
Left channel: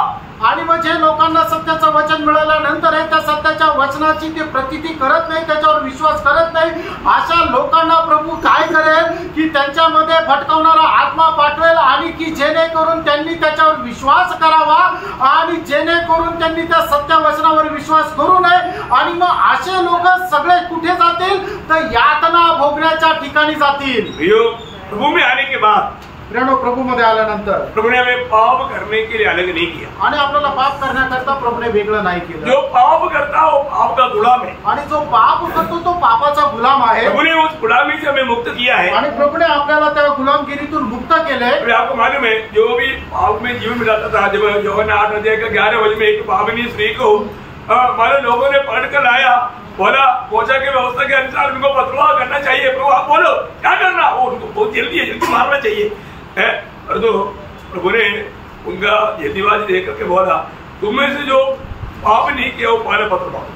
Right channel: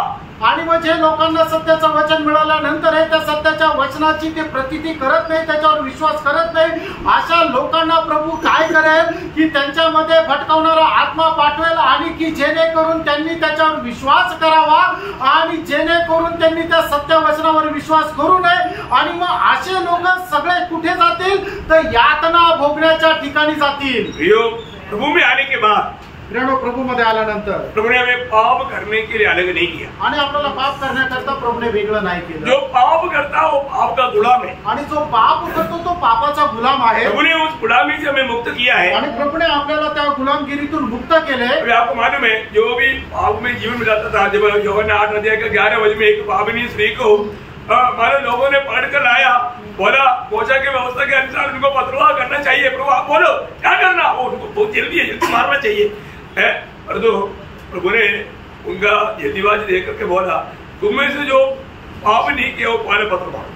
आणि मग जे लोकांना सत्याचं वचन मिळाल्यानंतर त्या सत्याच्या वचनाची ते प्रतीती करत नाही, त्याच्यावर विश्वास करत नाही, अशा लोकांना प्रभू काय करेल की त्यांच्यामध्ये भटकवणारा आत्मा पाठवेल, आणि की जेणेकरून त्यांनी त्याच्यावर विश्वास करावा आणि जेणेकरून त्यांनी त्या सत्य वचनावर विश्वास करू नये। आणि मग असे लोक सगळे कुठे जातील? तर यातना भोगण्याच्या ठिकाणी जातील। प्रभु में आने के बाद, प्रभु मध्ये आल्यानंतर प्रभु ने हमें पाप करने के लिए अलग नहीं किया, आणि आपल्याला पाप करण्याकरता प्रभुने वेगळं नाही केलं। जो पाप करता वो पाप का गुलाम है, आणि जो पाप करतो तो पापाचा गुलाम आहे। प्रभु ने उस गुलामी से हमें मुक्त किया है, आणि प्रभुने आपल्याला त्या गुलामगिरीतून मुक्त केले। अभी आपको मालूम है, जो भी पाप में जीवन बिताता था, जब यूहन्ना 8 अध्याय का 11 वचन में एक पापिनी स्त्री को हमारे लोगों ने पकड़ कर लाया, बोला पोषा के व्यवस्था के अनुसार उनको पथरवाह करना चाहिए। प्रभु आप बोलो क्या करना? वो उनको बहुत जल्दी मारना चाहिए है। और तो प्रभु ने उनका जल्दीबाजी देख करके बोला, तुम में से जो पाप नहीं किया वो पहले पथरवाह।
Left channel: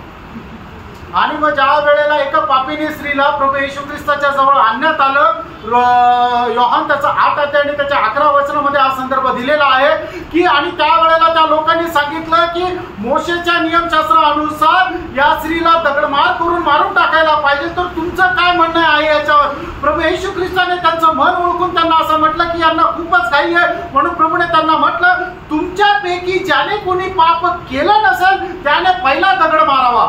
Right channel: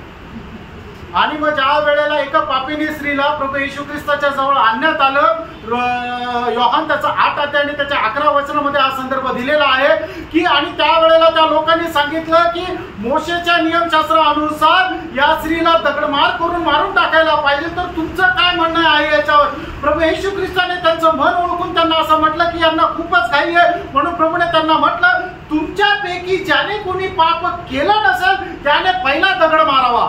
आणि मग ज्या वेळेला एका पापिनी स्त्रीला प्रभू येशू ख्रिस्ताच्या जवळ आणण्यात आलं, योहान त्याचा 8 अध्याय आणि त्याच्या 11 वचनामध्ये हा संदर्भ दिलेला आहे की, आणि त्यावेळेला त्या लोकांनी सांगितलं की मोशेच्या नियमशास्त्रानुसार या स्त्रीला दगडमार करून मारून टाकायला पाहिजे, तर तुमचं काय म्हणणं आहे याच्यावर? प्रभू येशू ख्रिस्ताने त्यांचं मन ओळखून त्यांना असं म्हटलं की यांना खूपच घाई आहे, म्हणून प्रभूने त्यांना म्हटलं, तुमच्यापैकी ज्याने कोणी पाप केलं नसेल त्याने पहिला दगड मारावा।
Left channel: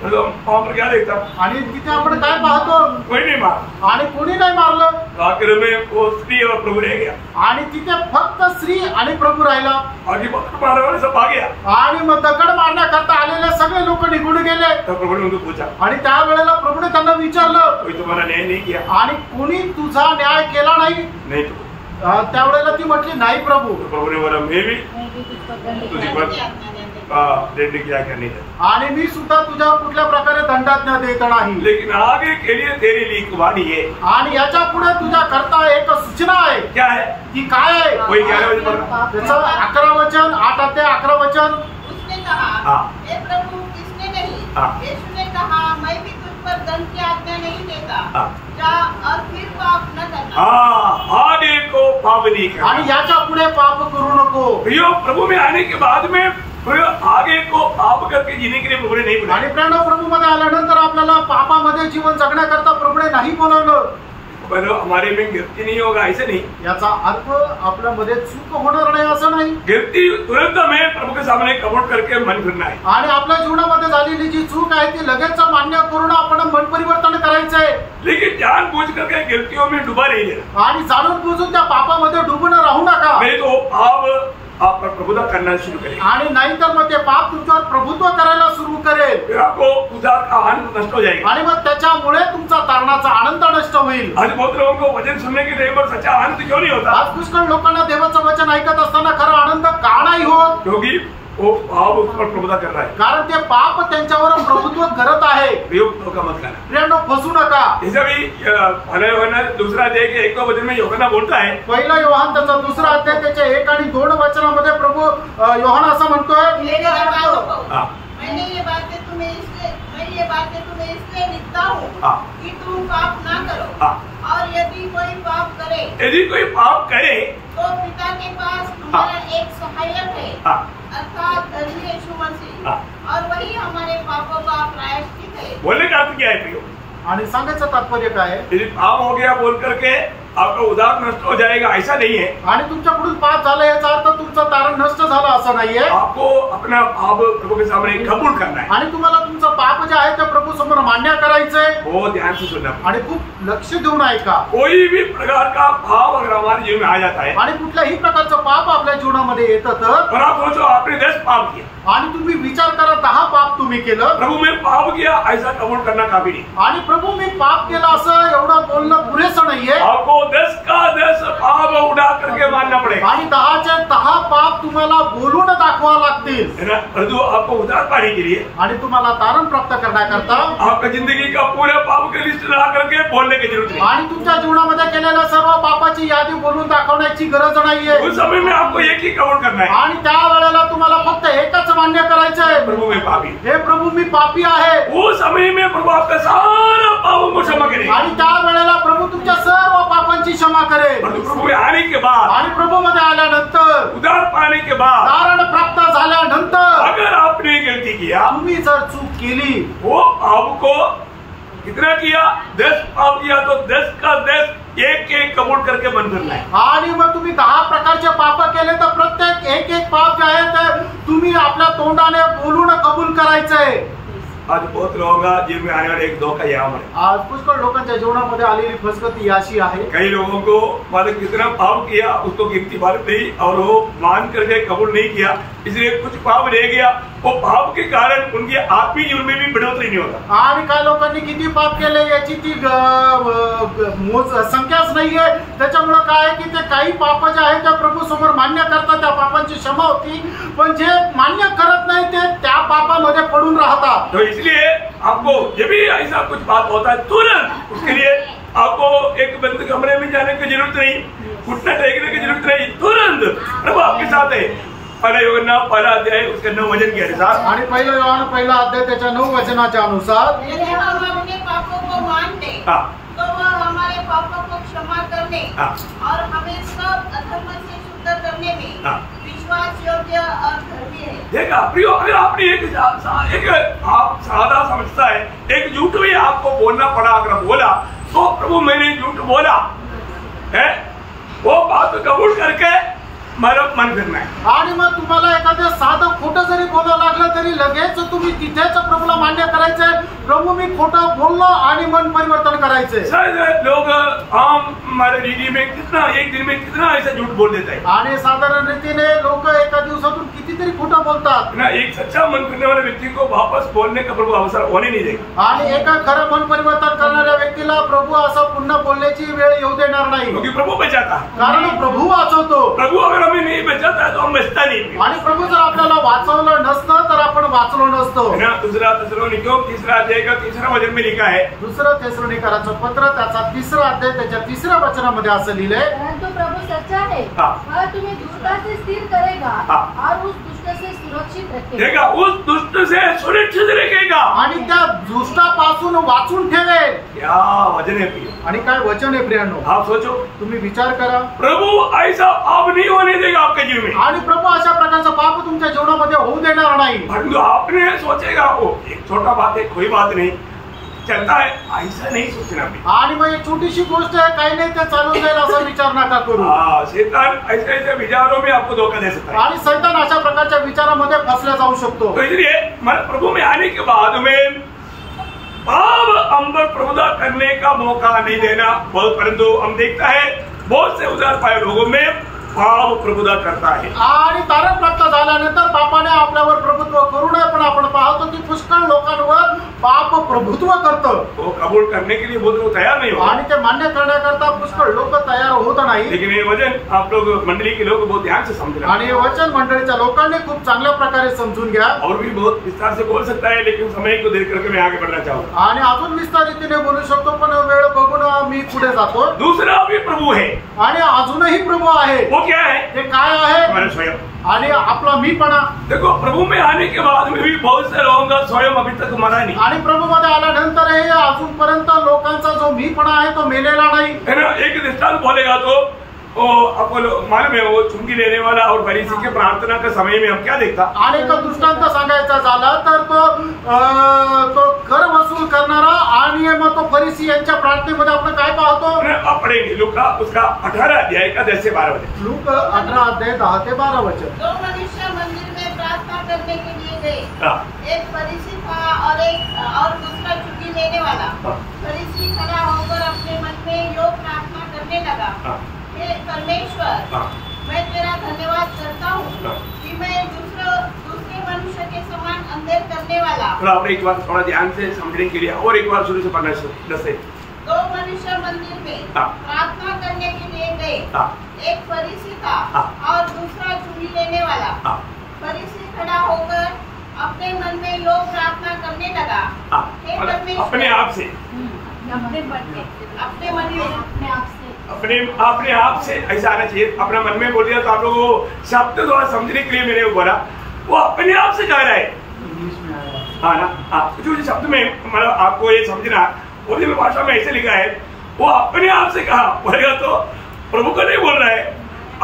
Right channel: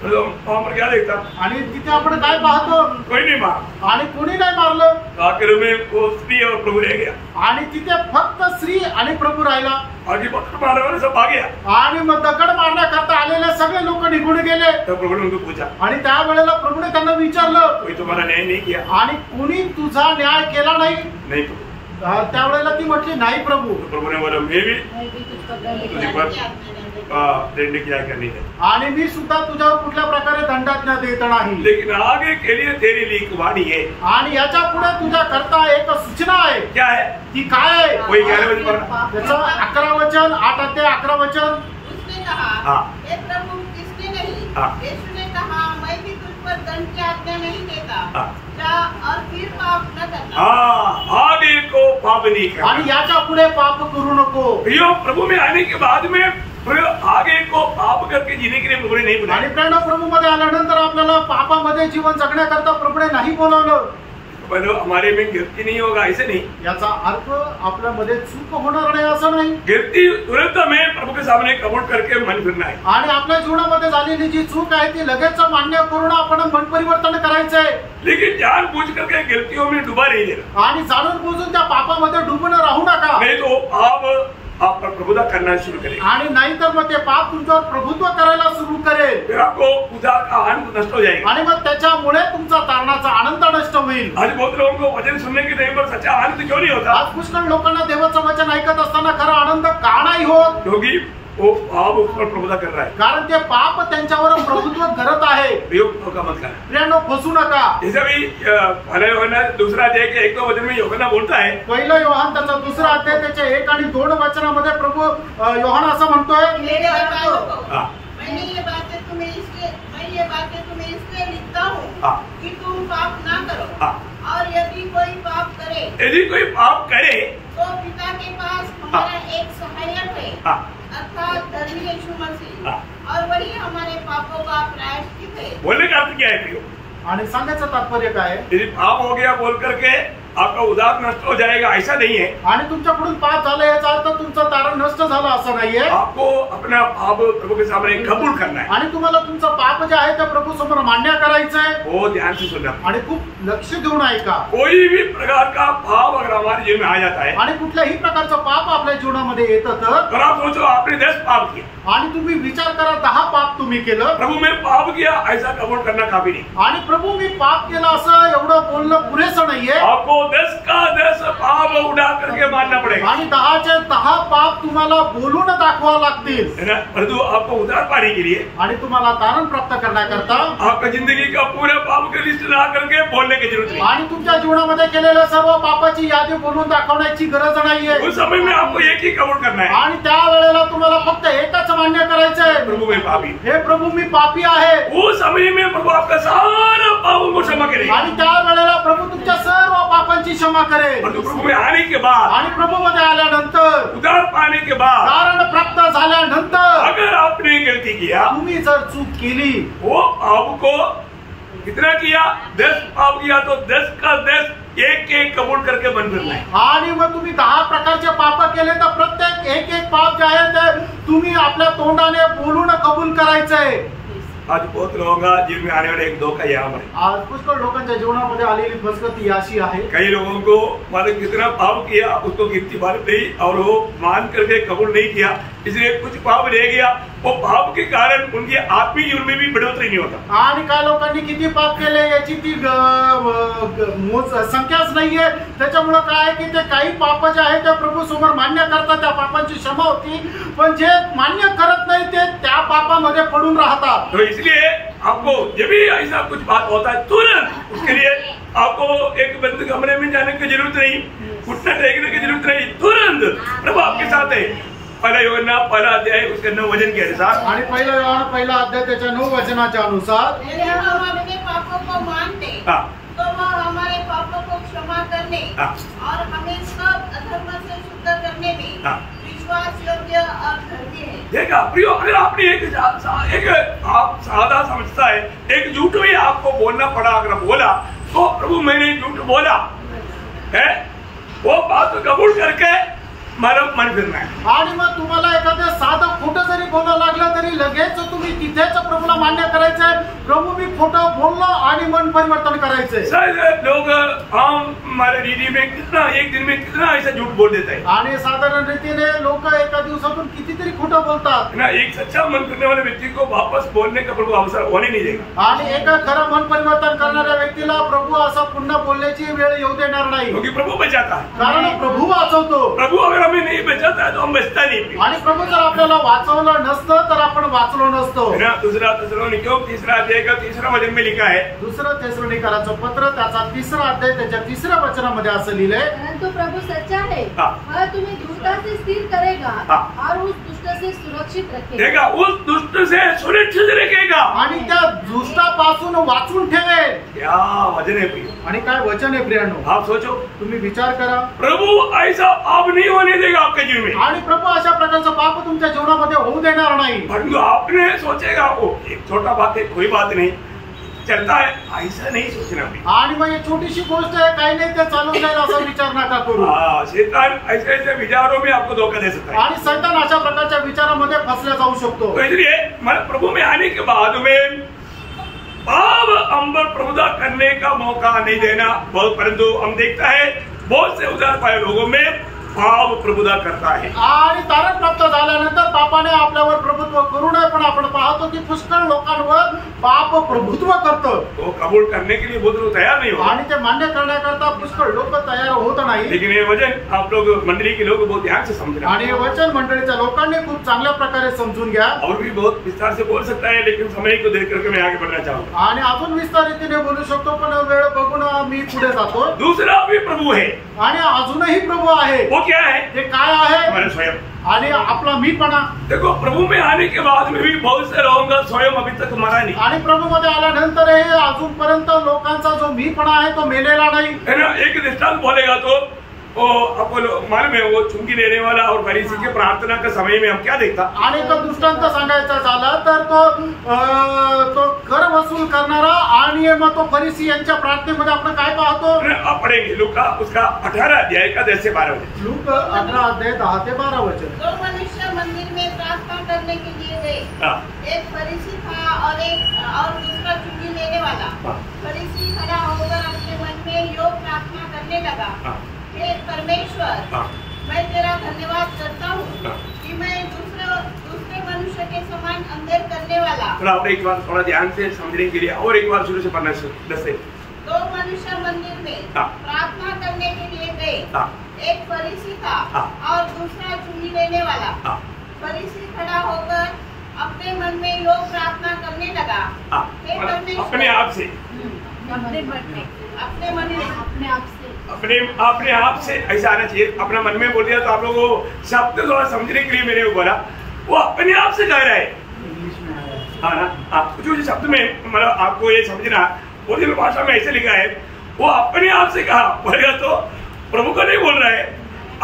क्या देखता? आणि तिथे आपण काय पाहतो? कोणी नाही मार, आणि कोणी नाही मारलं। आखिर में वो स्त्री और प्रभु रह गया, आणि तिथे फक्त स्त्री आणि प्रभू राहिला। आगे पकड़ मारने वाले सब भाग गया, आणि मग दगड मारण्याकरता आलेले सगळे लोक निघून गेले। तर प्रभु ने उनको पूछा, आणि त्यावेळेला प्रभूने त्यांना विचारलं, कोई तुम्हारा न्याय नहीं किया? आणि कोणी तुझा न्याय केला नाही? नहीं तो त्यावेळेला ती म्हटली, नाही प्रभू। प्रभु ने बोला, मैं भी तुझी पर दंड किया क्या नहीं है, आणि मी सुद्धा तुझ्यावर कुठल्या प्रकारे दंडाज्ञा देत नाही. लेकिन आगे के लिए तेरी लिखवानी है. आणि याच्या पुढे तुझ्या करता एक सूचना आहे. क्या है? ती काय आहे? कोई 11 बजे पढ़ना. त्याचं 11 वचन 8 अध्याय 11 वचन. उसने कहा, हाँ. हे प्रभु किसने नहीं? हाँ. यीशु ने कहा, मैं भी तुझ पर दंड की आज्ञा नहीं देता. हाँ. जा और फिर पाप न करना. हाँ, आगे को पाप नहीं करना. आणि याच्या पुढे पाप करू नको. प्रियो, प्रभु में आने के बाद में प्रियो आगे को पाप करके जीने के लिए प्रभु ने नहीं बुलाया. आणि प्रेरणा प्रभू मध्ये आल्यानंतर आपल्याला पापामध्ये जीवन जगण्याकरता प्रभूने नाही बोलवलं. बोलो हमारे में गिरती नहीं होगा, ऐसे नहीं. याचा अर्थ आपल्यामध्ये चूक होणार नाही असं नाही. गिरती तुरंत हमें प्रभु के सामने कबूल करके मन फिरना है. आणि आपल्या जीवनामध्ये झालेली जी चूक आहे ती लगेच मान्य करून आपण मन परिवर्तन करायचंय. लेकिन जानबूझ करके गिरतियों में डुबा नहीं देना. आणि जाणून बुजून त्या पापामध्ये डुबून राहू नका. नहीं तो पाप आप पर प्रभुता करना शुरू करें. आणि नाहीतर मग ते पाप तुमच्यावर प्रभुत्व करायला सुरू करेल. फिर आपको उद्धार का आनंद नष्ट हो जाएगा. आणि मग त्याच्यामुळे तुमचा तारणाचा आनंद नष्ट होईल. आज बहुत लोगों को वचन सुनने के टाइम पर सच्चा आनंद क्यों नहीं होता? आज पुष्कळ लोकांना देवाचं वचन ऐकत असताना खरा आनंद का नाही होत? क्योंकि वो पाप उस पर प्रभुता कर रहा है. कारण ते पाप त्यांच्यावर प्रभुत्व करत आहे. प्रयोग धोखा मत करना. प्रियांनो, फसू नका. जैसे भी पहला यूहन्ना दूसरा अध्याय के 1 वचन में यूहन्ना बोलता है, पहिला योहान त्याचा दुसरा अध्याय त्याच्या 1 आणि 2 वचनामध्ये प्रभू योहान असं म्हणतोय, मेरे बालकों, हाँ. मैं ये बातें तुम्हें इसलिए लिखता हूँ हाँ. कि तुम पाप ना करो. हाँ. और यदि कोई पाप करे यदि कोई पाप करे तो पिता के पास हमारा एक सहायक है, हाँ. अर्थात धर्मी यीशु मसीह, हाँ. और वही हमारे पापों का प्रायश्चित है. बोलने का अर्थ क्या है प्रियो? आणि सांगायचं तात्पर्य काय आहे? यदि पाप हो गया बोल करके आपका उद्धार नष्ट हो जाएगा, ऐसा नहीं है. आणि तुमच्याकडून पाप झालं याचा अर्थ तुमचं तारण नष्ट झालं असं नाहीये. आपको अपना पाप प्रभु के सामने कबूल करना है. आणि तुम्हाला तुमचं पाप जे आहे ते प्रभू समोर मान्य करायचंय. वो ध्यान से सुनना. आणि खूप लक्ष देऊन ऐका. कोई भी प्रकार का पाप अगर हमारे जीवन में आ जाता है आणि कुठल्याही प्रकारचं पाप आपल्या जीवनामध्ये येतं तर, और आप सोचो आपने 10 पाप किया, आणि तुम्ही विचार करा 10 पाप तुम्ही केलं, प्रभु में पाप किया, ऐसा कबूल करना काफी नहीं. आणि प्रभू मी पाप केलं असं एवढं बोलणं पुरेसं नाहीये. आपको 10 का 10 पाप उड़ा करके मानना पड़ेगा. आणि 10चे 10 पाप तुम्हाला बोलून दाखवावं लागतील. है ना? परंतु आपको उद्धार पाने के लिए आणि तुम्हाला तारण प्राप्त करण्याकरता आपका जिंदगी का पूरा पाप का लिस्ट ला करके बोलने की जरूरत नहीं. आणि तुमच्या जीवनामध्ये केलेल्या सर्व पापाची यादी बोलून दाखवण्याची गरज नाहीये. उस समय में आपको एक ही कबूल करना है, आणि त्या वेळेला तुम्हाला फक्त एकच मान्य करायचंय, प्रभु में पापी. हे प्रभू मी पापी आहे. उस समय में प्रभु आपका सारा पापों को क्षमा करेगा. आणि त्या वेळेला प्रभू तुमच्या सर्व पापांची क्षमा करेल. परंतु प्रभु में आने के बाद, आणि प्रभू मध्ये आल्यानंतर, उद्धार पाने के बाद, तारण प्राप्त झाल्यानंतर अगर आपने गलती किया, तुम्ही जर चूक केली, वो पाप को कितना किया? 10 पाप किया तो 10 का 10 एक कबूल करके बंद करना है. आणि मग तुम्ही 10 प्रकारचे पाप केले तर प्रत्येक एक पाप जे आहे ते तुम्ही आपल्या तोंडाने बोलून कबूल करायचंय. आज बहुत लोगों का जीवन में आने वाला एक धोखा यहाँ पर है. आज पुष्कळ लोकांच्या जीवनामध्ये आलेली फसगती अशी आहे. कई लोगों को मतलब कितना पाप किया उसको गिनती मालूम नहीं और वो मान करके कबूल नहीं किया, इसलिए कुछ पाप रह गया. वो पाप के कारण उनके आत्मिक जीवन में भी बढ़ोतरी नहीं होता. आणि काय लोकांनी किती पाप केले याची ती संख्याच नाहीये. त्याच्यामुळे काय आहे की ते काही पाप जे आहे ते प्रभू समोर मान्य करतात, त्या पापांची क्षमा होती, पण जे मान्य करत नाही ते त्या पापामध्ये पडून राहतात. तो इसलिए आपको जब भी ऐसा कुछ बात होता है तुरंत उसके लिए आपको एक बंद कमरे में जाने की जरूरत नहीं, उठना टेकने की जरूरत नहीं, तुरंत प्रभु आपके साथ है. पहला यूहन्ना पहला अध्याय उसके 9 वचन के अनुसार, आणि पहिला योहान पहिला अध्याय त्याच्या 9 वचनाच्या अनुसार, यदि हम अपने पापों को मानते हाँ. तो वह हमारे पापों को क्षमा करने हाँ. और हमें सब अधर्म से शुद्ध करने में हाँ. विश्वास योग्य और धर्मी है. देखा प्रियो, अगर आपने एक आप सादा समझता है एक झूठ भी आपको बोलना पड़ा, अगर बोला तो प्रभू मैंने झूठ बोला है, वो बात कबूल करके मन फिरना है. आणि मग तुम्हाला एखादं साधं खोटं जरी बोलावं लागलं तरी लगेच तुम्ही तिथेच प्रभूला मान्य करायचंय, प्रभू मी खोटं बोललो, आणि मन परिवर्तन करायचंय. शायद लोग हमारे दीदी में कितना एक दिन में कितना ऐसा झूठ बोल देता है आणि साधारण रीतीने लोक एका दिवसातून कितीतरी खोटं बोलतात. ना. एक सच्चा मन करने वाले व्यक्ति को वापस बोलने का प्रभु अवसर होने नहीं देगा. आणि एका खरं मन परिवर्तन करणाऱ्या व्यक्तीला प्रभू असं पुन्हा बोलण्याची वेळ येऊ देणार नाही. क्योंकि प्रभु बचाता है. कारण प्रभू वाचवतो. प्रभु अगर हमें नहीं बचाता है तो हम बचता नहीं। आणि प्रभू जर आपल्याला वाचवलं नसतं तर आपण वाचलो नसतो। है ना। दूसरा थिस्सलुनीकियों 3 अध्याय का 3 वचन में लिखा है, दुसरं थिस्सलुनीकरांचं पत्र त्याचा 3 अध्याय त्याच्या 3 वचनामध्ये असं लिहिलंय, परंतु प्रभु सच्चा है, वह तुम्हें धूर्तता से स्थिर करेगा और उस दुष्ट से सुरक्षित रखेगा। उस दुष्ट से सुरक्षित रखेगा आणि त्या दुष्टापासून वाचून ठेवेल। क्या वचन है प्रिय, आणि काय वचन आहे प्रियांनो, आप सोचो, तुम्ही विचार करा, प्रभु ऐसा पाप नहीं होने देगा आपके जीवन में। आणि प्रभू अशा प्रकारचा पाप तुमच्या जीवनामध्ये होऊ देणार नाही। परंतु आपने सोचेगा वो एक छोटा बात है, कोई बात नहीं, चलता है, ऐसा नहीं सोचना भी। आणि मग ही छोटीशी गोष्ट आहे, काही नाही ते चालून जाईल असा विचार नका करू। शैतान ऐसे ऐसे विचारों में आपको धोखा दे सकता है आणि शैतान अशा प्रकारच्या विचारामध्ये फसल्या जाऊ शकतो। तो इसलिए प्रभु में आने के बाद में पाप हम पर प्रभुता करने का मौका नहीं देना। परंतु हम देखता है बहुत से उदार पाए लोगों में पाप प्रभुता करता है। आणि तारण प्राप्त झाल्यानंतर पापाने आपल्यावर प्रभुत्व करू नये, पण आपण पाहतो की पुष्कळ लोकांवर पाप प्रभुत्व करतं। वो कबूल करने के लिए बहुत लोग तैयार नहीं हो, आणि ते मान्य करण्याकरता पुष्कळ लोक तयार होत नाही। लेकिन ये वचन आप लोग मंडली के लोग बहुत ध्यान से समझना, आणि वचन मंडळीच्या लोकांनी खूप चांगल्या प्रकारे समजून घ्या। और भी बहुत विस्तार से बोल सकता है, लेकिन समय को देख करके मैं आगे बढ़ना चाहूंगा। आणि अजून विस्तार रीतीने बोलू शकतो, पण वेळ बघून मी पुढे जातो। दूसरा भी प्रभु है, आणि अजूनही प्रभू आहे। वो क्या है? ते काय आहे? हमारे स्वयं। आणि आपला मीपणा। देखो प्रभु में आने के बाद में भी बहुत से लोगों का स्वयं अभी तक मरा नहीं। आणि प्रभु मध्ये आल्यानंतरही अजूनपर्यंत लोकांचा जो मीपणा आहे तो मेलेला नाही। है ना। एक दृष्टांत बोलेगा तो आपको मालूम है, वो चुंगी लेने वाला और फरीसी के प्रार्थना के समय में हम क्या देखता? आणि तो दृष्टांत सांगायचा झाला तर तो कर वसूल करणारा आणि मग तो फरीसी यांच्या प्रार्थनेमध्ये आपण काय पाहतो? आप पढ़ेंगे लूका उसका 18 अध्याय का 10 से 12 वचन। लूक 18 अध्याय 10 से 12 वचन। 2 मनुष्य मंदिर में प्रार्थना करने के लिए गए, एक फरीसी था और दूसरा चुंगी लेने वाला। फरीसी खड़ा होकर अपने मन में यो प्रार्थना करने लगा, हे परमेश्वर, मैं तेरा धन्यवाद करता हूँ कि मैं दूसरे मनुष्य के समान अंधेर करने वाला। थोड़ा आपने एक बार थोड़ा ध्यान से समझने के लिए और एक बार शुरू से पढ़ना 10 से। 2 मनुष्य मंदिर में प्रार्थना करने के लिए गए, एक फरीसी था और दूसरा चुंगी लेने वाला। फरीसी खड़ा होकर अपने मन में लोग प्रार्थना करने लगा, हे परमेश्वर, अपने आप से, अपने मन में अपने आप से ऐसा आना चाहिए। अपने मन में बोल दिया तो आप लोगों को शब्द थोड़ा समझने के लिए मैंने वो बोला, वो अपने आप से कह रहा है इंग्लिश में आया। हाँ ना। जो शब्द में मतलब आपको ये समझना, उर्दू भाषा में ऐसे लिखा है, वो अपने आप से कहा बोलेगा तो प्रभु को नहीं बोल रहा है,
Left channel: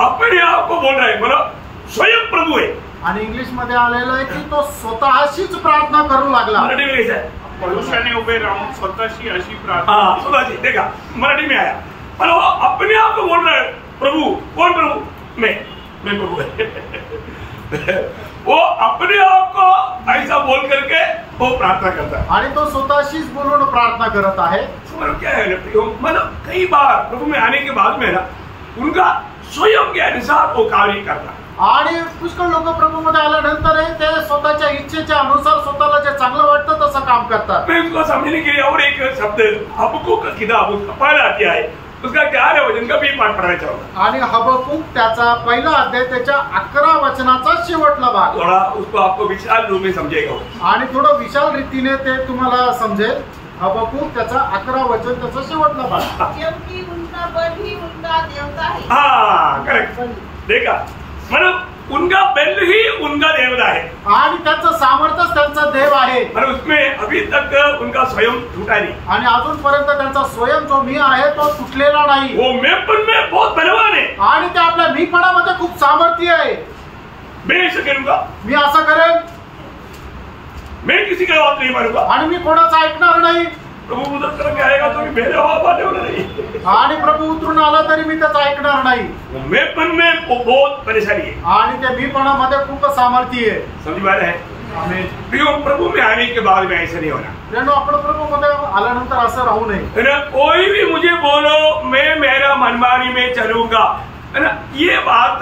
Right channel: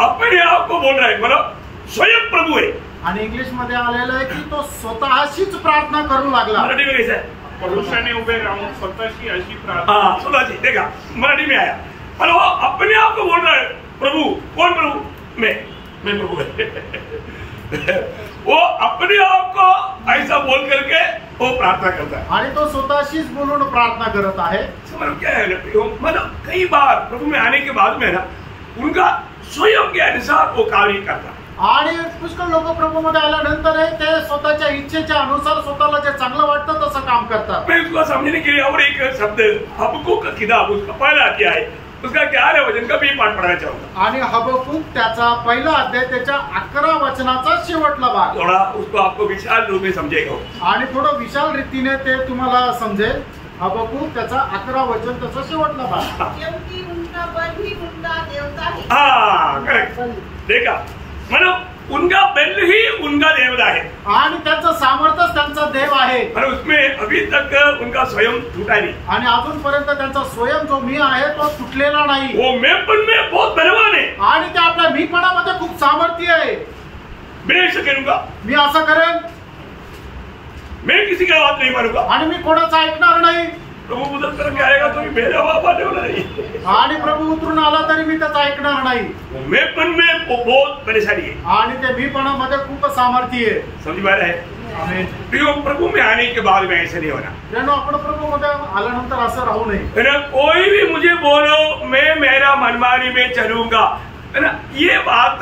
अपने आप को बोल रहा है, मतलब स्वयं प्रभु है। आणि इंग्लिश मध्ये आलेलं आहे की तो स्वतःशीच प्रार्थना करू लागला। मराठी में कैसा है? परुषाने उभे राहून स्वतःशी अशी प्रार्थना। हाँ स्वतःशी, देखा मराठी में आया, पर वो अपने आप को बोल रहा है प्रभु। कौन प्रभु? मैं प्रभु है। वो अपने आप को ऐसा बोल करके वो प्रार्थना करता है आणि तो स्वतःशीच बोलून प्रार्थना करत आहे। मतलब क्या है ना, मतलब कई बार प्रभु में आने के बाद में ना उनका स्वयं के अनुसार वो कार्य करता है। आणि पुष्कळ लोक प्रभूमध्ये आल्यानंतरही ते स्वतःच्या इच्छेच्या अनुसार स्वतःला जे चांगलं वाटतं तसं काम करतात। मैं उसको समझने के लिए और एक शब्द हबक्कूक का किताब उसका पहला अध्याय है, उसका 11 वचन का भी पाठ पढ़ना चाहूंगा। आणि हबक्कूक त्याचा पहिला अध्याय त्याच्या 11 वचनाचा शेवटला भाग। थोड़ा उसको आपको विशाल रूप में समझेगा आणि थोडं विशाल रीतीने ते तुम्हाला समजेल। हबक्कूक त्याचा 11 वचन त्याचा शेवटला भाग। क्योंकि उनका बल ही उनका देवता है। हाँ करेक्ट, देखा मतलब उनका बल ही उनका देवता है आणि त्यांचं सामर्थ्यच त्यांचा देव आहे। और उसमें अभी तक उनका स्वयं टूटा नहीं आणि अजूनपर्यंत त्यांचा स्वयं जो मी आहे तो तुटलेला नाही। वो मेपन में बहुत बलवान है आणि ते आपल्या मीपणामध्ये खूप सामर्थ्य आहे। मैं ऐसा करूंगा, मी असं करेन, मैं किसी का बात नहीं मानूंगा आणि मी कोणाचं ऐकणार नाही। प्रभु उधर करके आएगा तो मेरा बाप आने वाला नहीं। आणि प्रभू उतरून आला तरी मी त्याचं ऐकणार नाही। मेपन में बहुत परेशानी है आणि त्या मीपणामध्ये खूप सामर्थ्य आहे। समझ में आ रहा है? आमेन। प्रभु में आने के बाद में ऐसा नहीं होना। आपण प्रभू मध्ये आल्यानंतर असं राहू नये। है ना, कोई भी मुझे बोलो मैं मेरा मनमानी में चलूंगा, है ना, ये बात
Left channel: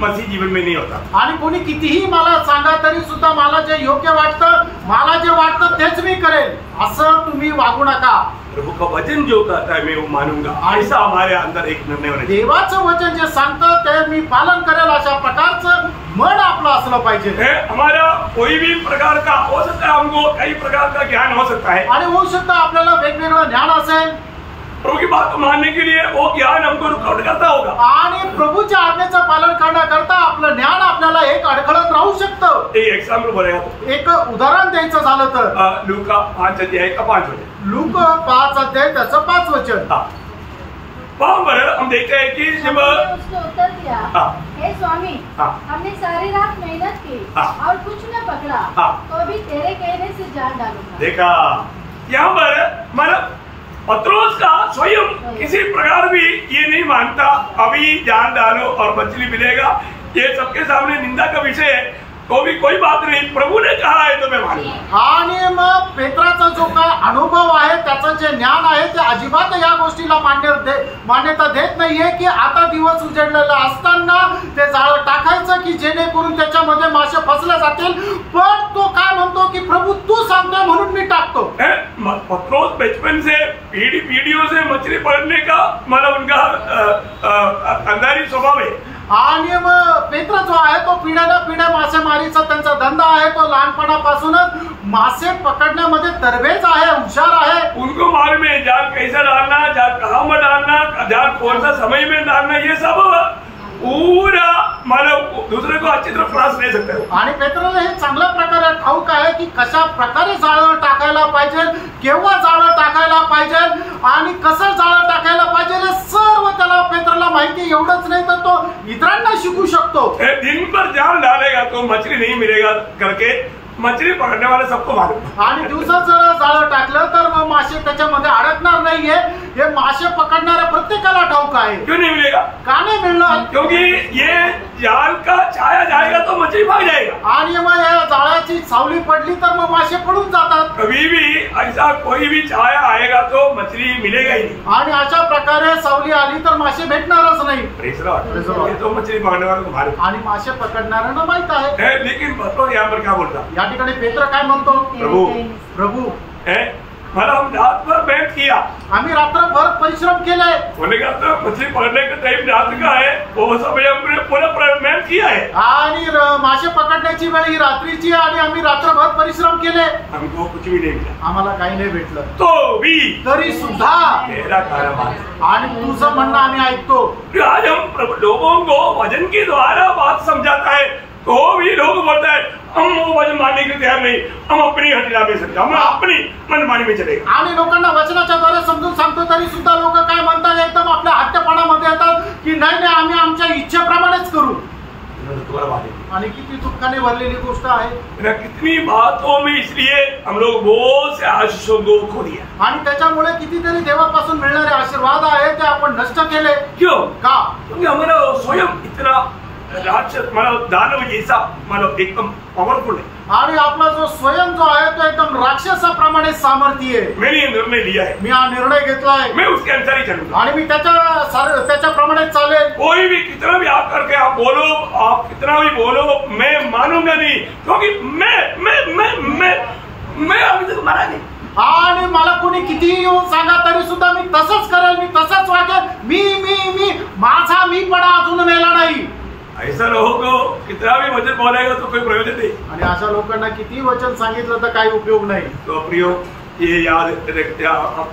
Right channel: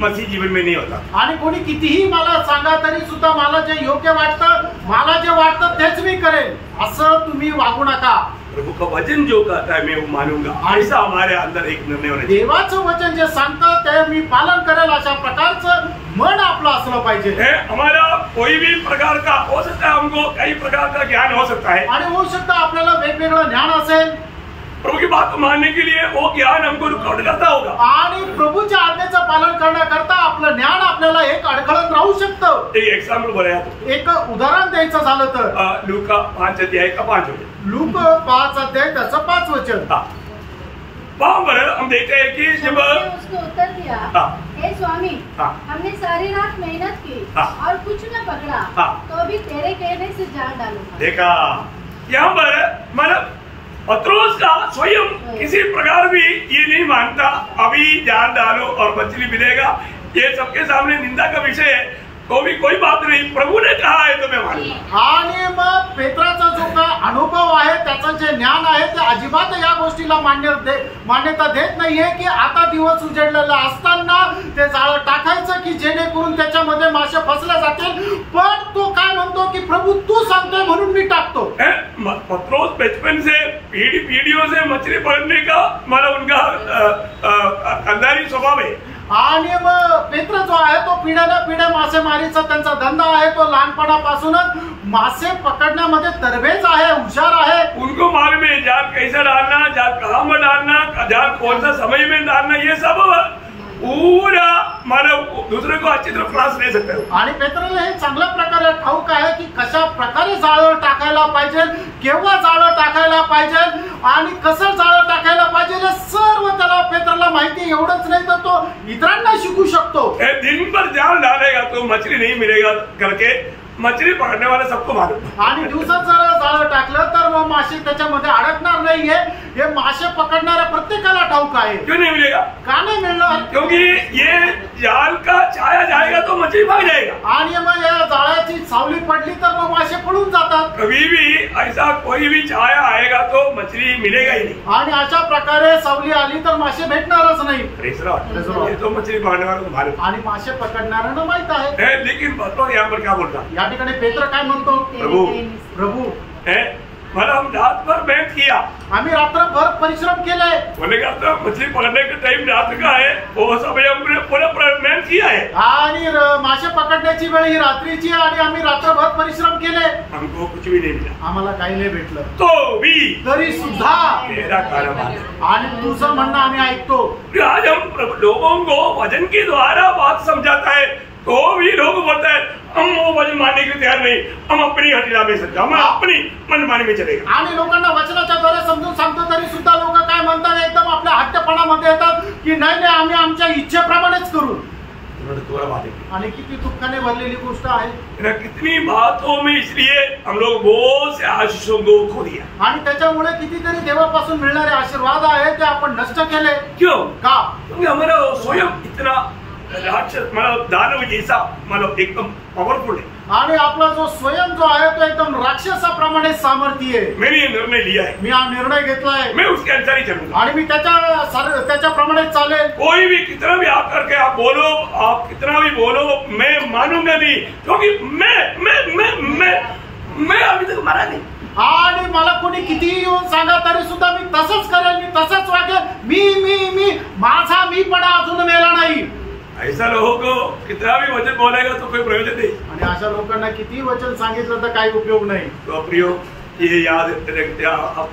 मसीह जीवन में नहीं होता। आणि कोणी कितीही मला सांगा तरी सुद्धा मला जे योग्य वाटतं, मला जे वाटतं तेच मी करेन असं तुम्ही वागू नका। प्रभु का वचन जो कहता है मैं वो मानूंगा, ऐसा हमारे अंदर एक निर्णय होना चाहिए। देवाचं वचन जे सांगतं ते मी पालन करेल अशा प्रकारचं मन आपलं असलं पाहिजे। हमारा कोई भी प्रकार का हो सकता है, हमको कई प्रकार का ज्ञान हो सकता है आणि होऊ शकतं आपल्याला वेगवेगळं ज्ञान असेल, प्रभु की बात को मानने के लिए वो ज्ञान हमको रुकावट करता होगा, आणि प्रभूच्या आज्ञेचं पालन करण्याकरता आपलं ज्ञान आपल्याला एक अडखळत राहू शकतं। एक एग्जाम्पल बोलेगा तो एक उदाहरण द्यायचं झालं तर लूका 5 अध्याय का 5 वचन, लूक 5 अध्याय त्याचं 5 वचन। वहाँ पर हम देखते हैं कि जब उसको उत्तर दिया, हे स्वामी, हमने सारी रात मेहनत की और कुछ न पकड़ा, तो अभी तेरे कहने से जान डालूंगा। देखा यहाँ पर मतलब पत्रोस का स्वयं किसी प्रकार भी ये नहीं मानता अभी जान डालो और मछली मिलेगा, ये सबके सामने निंदा का विषय है, तो भी कोई बात नहीं, प्रभु ने कहा है तो मैं मानूंगा। आणि मग पेत्राचा जो काय अनुभव आहे, त्याचं जे ज्ञान आहे ते अजिबात या गोष्टीला मान्यता देत नाहीये की आता दिवस उजेडलेला असताना ते जाळं टाकायचं की जेणेकरून त्याच्यामध्ये मासे फसले जातील, पण तो काय म्हणतो की प्रभु तू सांगतोय म्हणून मी टाकतो। पत्रोस बचपन से पीढ़ियों से मछली पकड़ने का मतलब उनका अंधारी स्वभाव है, आणि मग पेत्र जो आहे तो पिढ्या मासेमारीचा त्यांचा धंदा आहे, तो लहानपणापासूनच मासे पकडण्यामध्ये तरबेज आहे, हुशार आहे। उनको मालूम है जाल कैसा डालना, जाल कहाँ में डालना, जाल कौन सा समय में डालना, ये सब पूरा मतलब दूसरे को अच्छी तरह क्लास ले सकते हो। आणि पेत्राला हे चांगल्या प्रकारे ठाऊक आहे की कशा प्रकारे जाळं टाकायला पाहिजे, केव्हा जाळं टाकायला पाहिजे आणि कसं जाळं टाकायला पाहिजे, सर्व त्याला पेत्राला माहिती। एवढंच नाही तर तो इतरांना शिकू शकतो। दिन भर जाल डालेगा तो मछली नहीं मिलेगा करके मछली पकडणे वाले सबको मालूम। आणि दिवसात जर जाळं टाकलं तर मग मासे त्याच्यामध्ये अडकणार नाहीये, हे मासे पकडणाऱ्या प्रत्येकाला ठाऊक आहे। क्यों नहीं मिलेगा? का नाही मिळणार? क्योंकि ये जाल का छाया जाएगा तो मछली भाग जाएगा, आणि मग या जाळ्याची सावली पडली तर मग मासे पडून जातात। कभी भी ऐसा कोई भी छाया आएगा तो मछली मिलेगा ही नहीं, आणि अशा प्रकारे सावली आली तर मासे भेटणारच नाही। ये तो मछली पकड़ने वालों को मालूम, आणि मासे पकडणाऱ्यांना माहित आहे। लेकिन पत्रोस यहाँ पर क्या बोलता, या ठिकाणी पेत्र काय म्हणतो, प्रभु मतलब हम रात भर मेहनत किया, आम्ही रात्रभर परिश्रम केलाय। होने का तो मछली पकड़ने का टाइम रात का है, वो समय हमने पूरा मेहनत किया है, आणि मासे पकडण्याची वेळ ही रात्रीची आणि आम्ही रात्रभर परिश्रम केले, हमको कुछ भी नहीं मिला, आम्हाला काही नाही भेटलं, तो भी तरी सुद्धा मेरा कारोबार है। आणि तुझं म्हणणं आम्ही ऐकतो। आज हम लोगों को वचन के द्वारा बात समझाता है तो भी लोग बोलता है हम वो वचन मानने के तैयार नहीं, हम अपनी हटिला में सकते, हम अपनी मनमानी में चलेगा। आणि लोकांना वचनाच्या द्वारे समजून सांगतो तरी सुद्धा लोक काय म्हणतात, एकदम आपल्या हट्टपणामध्ये येतात की नाही नाही आम्ही आमच्या इच्छेप्रमाणेच करू। आणि किती दुःखाने भरलेली गोष्ट आहे। कितनी बातों में इसलिए हम लोग बहुत से आशीषों को खो दिया, आणि त्याच्यामुळे कितीतरी देवापासून मिळणारे आशीर्वाद आहे ते आपण नष्ट केले। क्यों? का? क्योंकि हमारा स्वयं इतना राक्षस मतलब दानव जैसा मतलब एकदम पावरफुल है, आणि आपला जो स्वयं जो आहे तो एकदम राक्षसाप्रमाणे सामर्थ्य आहे। मैंने ये निर्णय लिया है, मी हा निर्णय घेतलाय, मैं उसके अनुसार ही चलूंगा, आणि मी त्याच्याप्रमाणे चालेल। कोई भी कितना भी आप करके आप बोलो, आप कितना भी बोलो, मैं मानूंगा नहीं, क्योंकि मैं अभी तक मारा नहीं। आणि मला कोणी कितीही येऊन सांगा तरी सुद्धा मी तसंच करेल, मी तसंच वागेल, मी माझा मीपणा अजून मेला नाही। ऐसा लोगों को कितना भी वचन बोलेगा तो कोई प्रयोजन नहीं, आणि अशा लोकांना किती वचन सांगितलं तर काही उपयोग नाही। तो प्रियो ये याद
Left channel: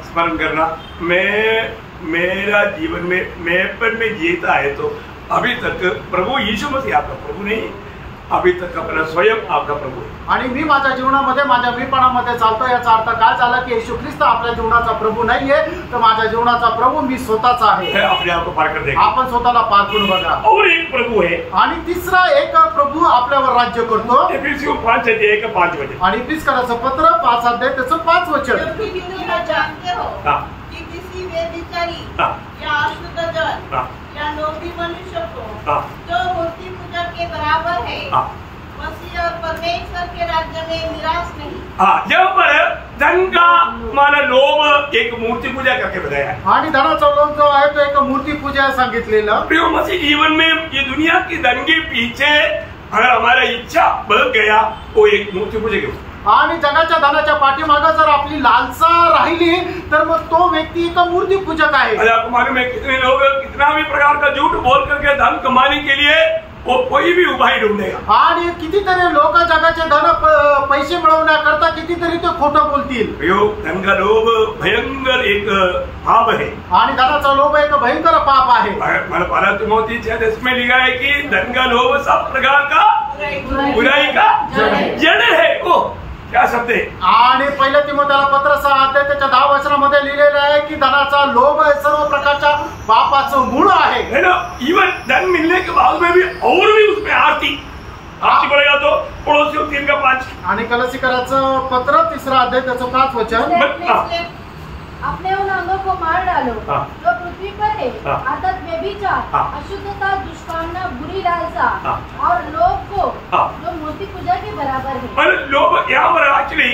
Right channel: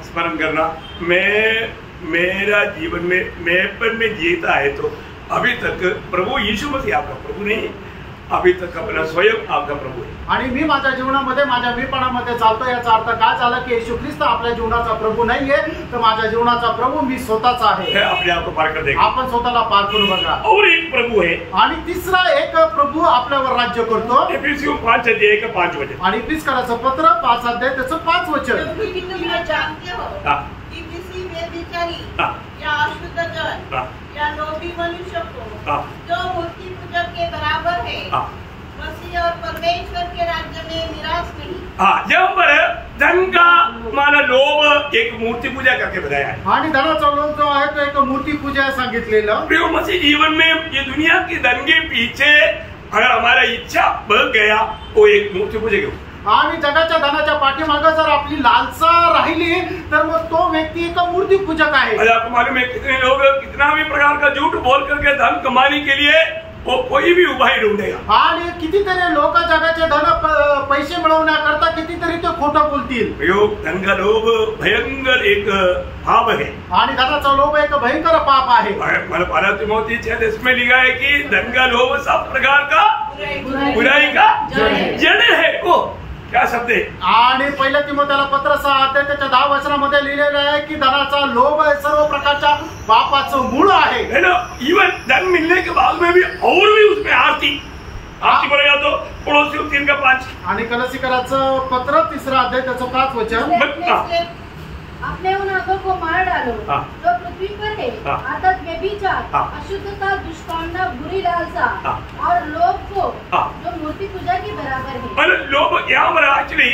स्मरण करना, मेरा जीवन में मैंपन में जीता है तो अभी तक प्रभु यीशु मसीह आपका प्रभु नहीं, अभी तक अपना स्वयं आपका प्रभु है। आणि मी माझ्या जीवनामध्ये माझ्या मीपणामध्ये चालतो, याचा अर्थ काय झाला की येशू ख्रिस्त आपल्या जीवनाचा प्रभू नाहीये, तर माझ्या जीवनाचा प्रभू मी स्वतःच आहे। अपने आप को पार कर देगा, आपण स्वतःला पार करून बघा। और एक प्रभु है, आणि तिसरा एक प्रभु आपल्यावर राज्य करतो। एफिसियों 5 अध्याय का 5 वचन, आणि इफिसकाराचं पत्र 5 अध्याय त्याचं 5 वचन। क्योंकि तुम जानते हो कि किसी व्यभिचारी या अशुद्ध जन या लोभी मनुष्य को जो मूर्ति पूजक के बराबर है, मसीह और परमेश्वर के राज्य में निराश नहीं। जब पर धन का माना लोभ एक मूर्ति पूजा करके बताया है। आणि धनाचा लोभ जो आहे तो एक मूर्ति पूजा सांगितलेलं। प्रिय मसीह जीवन में ये दुनिया की धन के पीछे अगर हमारा इच्छा बढ़ गया वो एक मूर्ति पूजा के आणि जगाच्या धनाच्या पाठीमागे जर आपली लालसा राहिली तर मग तो व्यक्ती एक मूर्ति पूजक आहे। आपको मालूम है कितने लोग कितना भी प्रकार का झूठ बोल करके धन कमाने के लिए वो कोई भी उपाय ढूंढेगा। आणि कितीतरी लोक जगाचे धन पैसे मिळवण्याकरता कितीतरी ते खोटं बोलतील। धन का लोभ भयंकर एक पाप है आणि धनाचा लोभ एक भयंकर पाप आहे। मतलब पहला तिमोथी 6 में लिखा है कि धन का लोभ सब प्रकार का बुराई का जड़ है। को क्या शब्द है? आणि पहिल्या तिमोथेला पत्र 6 अध्याय त्याच्या 10 वचनामध्ये लिहिलेलं आहे की धनाचा लोभ सर्व प्रकारच्या पापाचं मूळ आहे। है ना? इवन धन मिलने के बाद में भी और भी उसमें आरती पड़ेगा तो पड़ोसियों 3:5 आणि कलसीकराचं पत्र 3 अध्याय त्याचं 5 वचन अपने उन अंगों को मार डालो जो पृथ्वी पर है, अर्थात व्यभिचार, अशुद्धता, दुष्कामना, बुरी लालसा और लोभ को जो मूर्ति पूजा के बराबर है। मतलब लोभ यहाँ पर एक्चुअली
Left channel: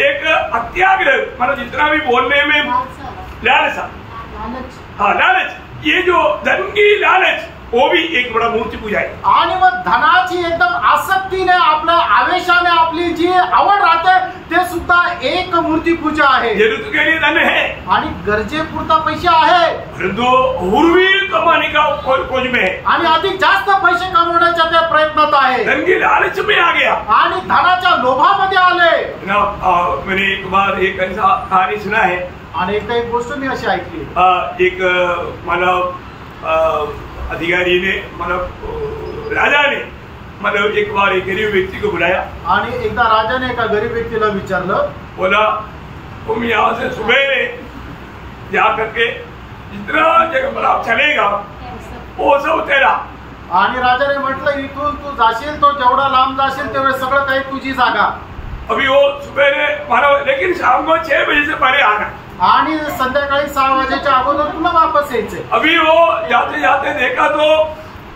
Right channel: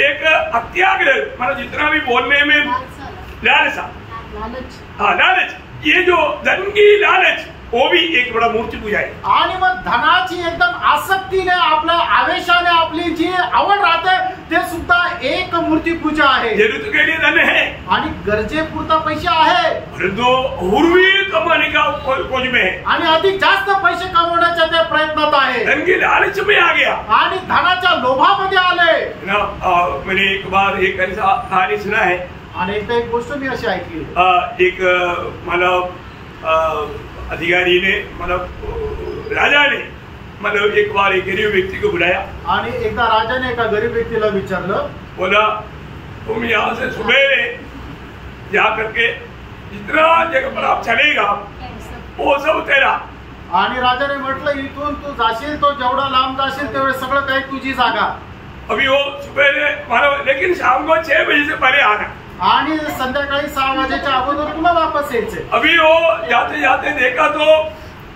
एक अत्याग्रह मतलब जितना भी बोलने में लालसा लालच ये जो धन की लालच वो भी एक बड़ा मूर्ति पूजा है। आणि मग धनाची एकदम आसक्तीने आपल्या आवेशाने आपली जी आवड राहते ते सुद्धा एक मूर्ति पूजा आहे। जरूरत के लिए धन है आणि गरजेपुरता पैसे आहे परंतु और भी कमाने का खोज में है आणि अधिक जास्त पैसे कमवण्याच्या त्या प्रयत्नात आहे। धन की लालच में आ गया आणि धनाच्या लोभामध्ये आले ना। मैंने एक बार एक ऐसा कहानी सुना है आणि एकदा एक गोष्ट मी अशी ऐकली। एक मतलब अधिकारी ने मतलब राजा ने मतलब एक बार एक गरीब व्यक्ति को बुलाया आणि एकदा राजाने एका गरीब व्यक्तीला विचारलं, बोला तुम यहाँ से सुबह जा करके जितना जगह पर आप चलेगा वो सब तेरा। आणि राजाने म्हटलं इथून तू जाशील तो जेवढा लांब जाशील तेवढे सगळं काही तुझी जागा। अभी वो सुबह मानो लेकिन शाम को 6 बजे से पहले आना आणि संध्याकाळी 6 वाजेच्या अगोदर तुला वापस यायचे। अभी वो जाते जाते देखा तो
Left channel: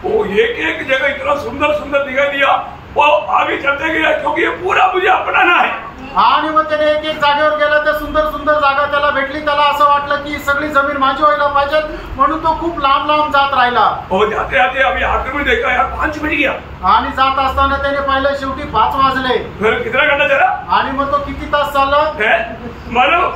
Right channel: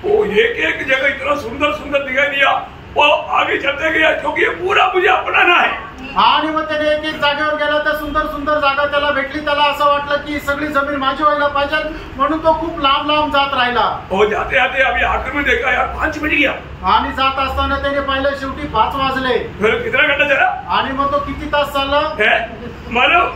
वो एक जगह इतना सुंदर सुंदर दिखाई दिया वो आगे चलते गया क्योंकि ये पूरा मुझे अपनाना है। आणि मग त्याने एक जागेवर गेला त्या सुंदर सुंदर जागा त्याला भेटली। त्याला असं वाटलं की सगळी जमीन माझी व्हायला पाहिजे म्हणून तो खूप लांब लांब जात राहिला। वो जाते जाते अभी आखिर में देखा यार 5 बज गया आणि जात असताना त्याने पाहिलं शेवटी 5 वाजले। फिर कितना घंटा चला आणि मग तो किती तास चालला मानो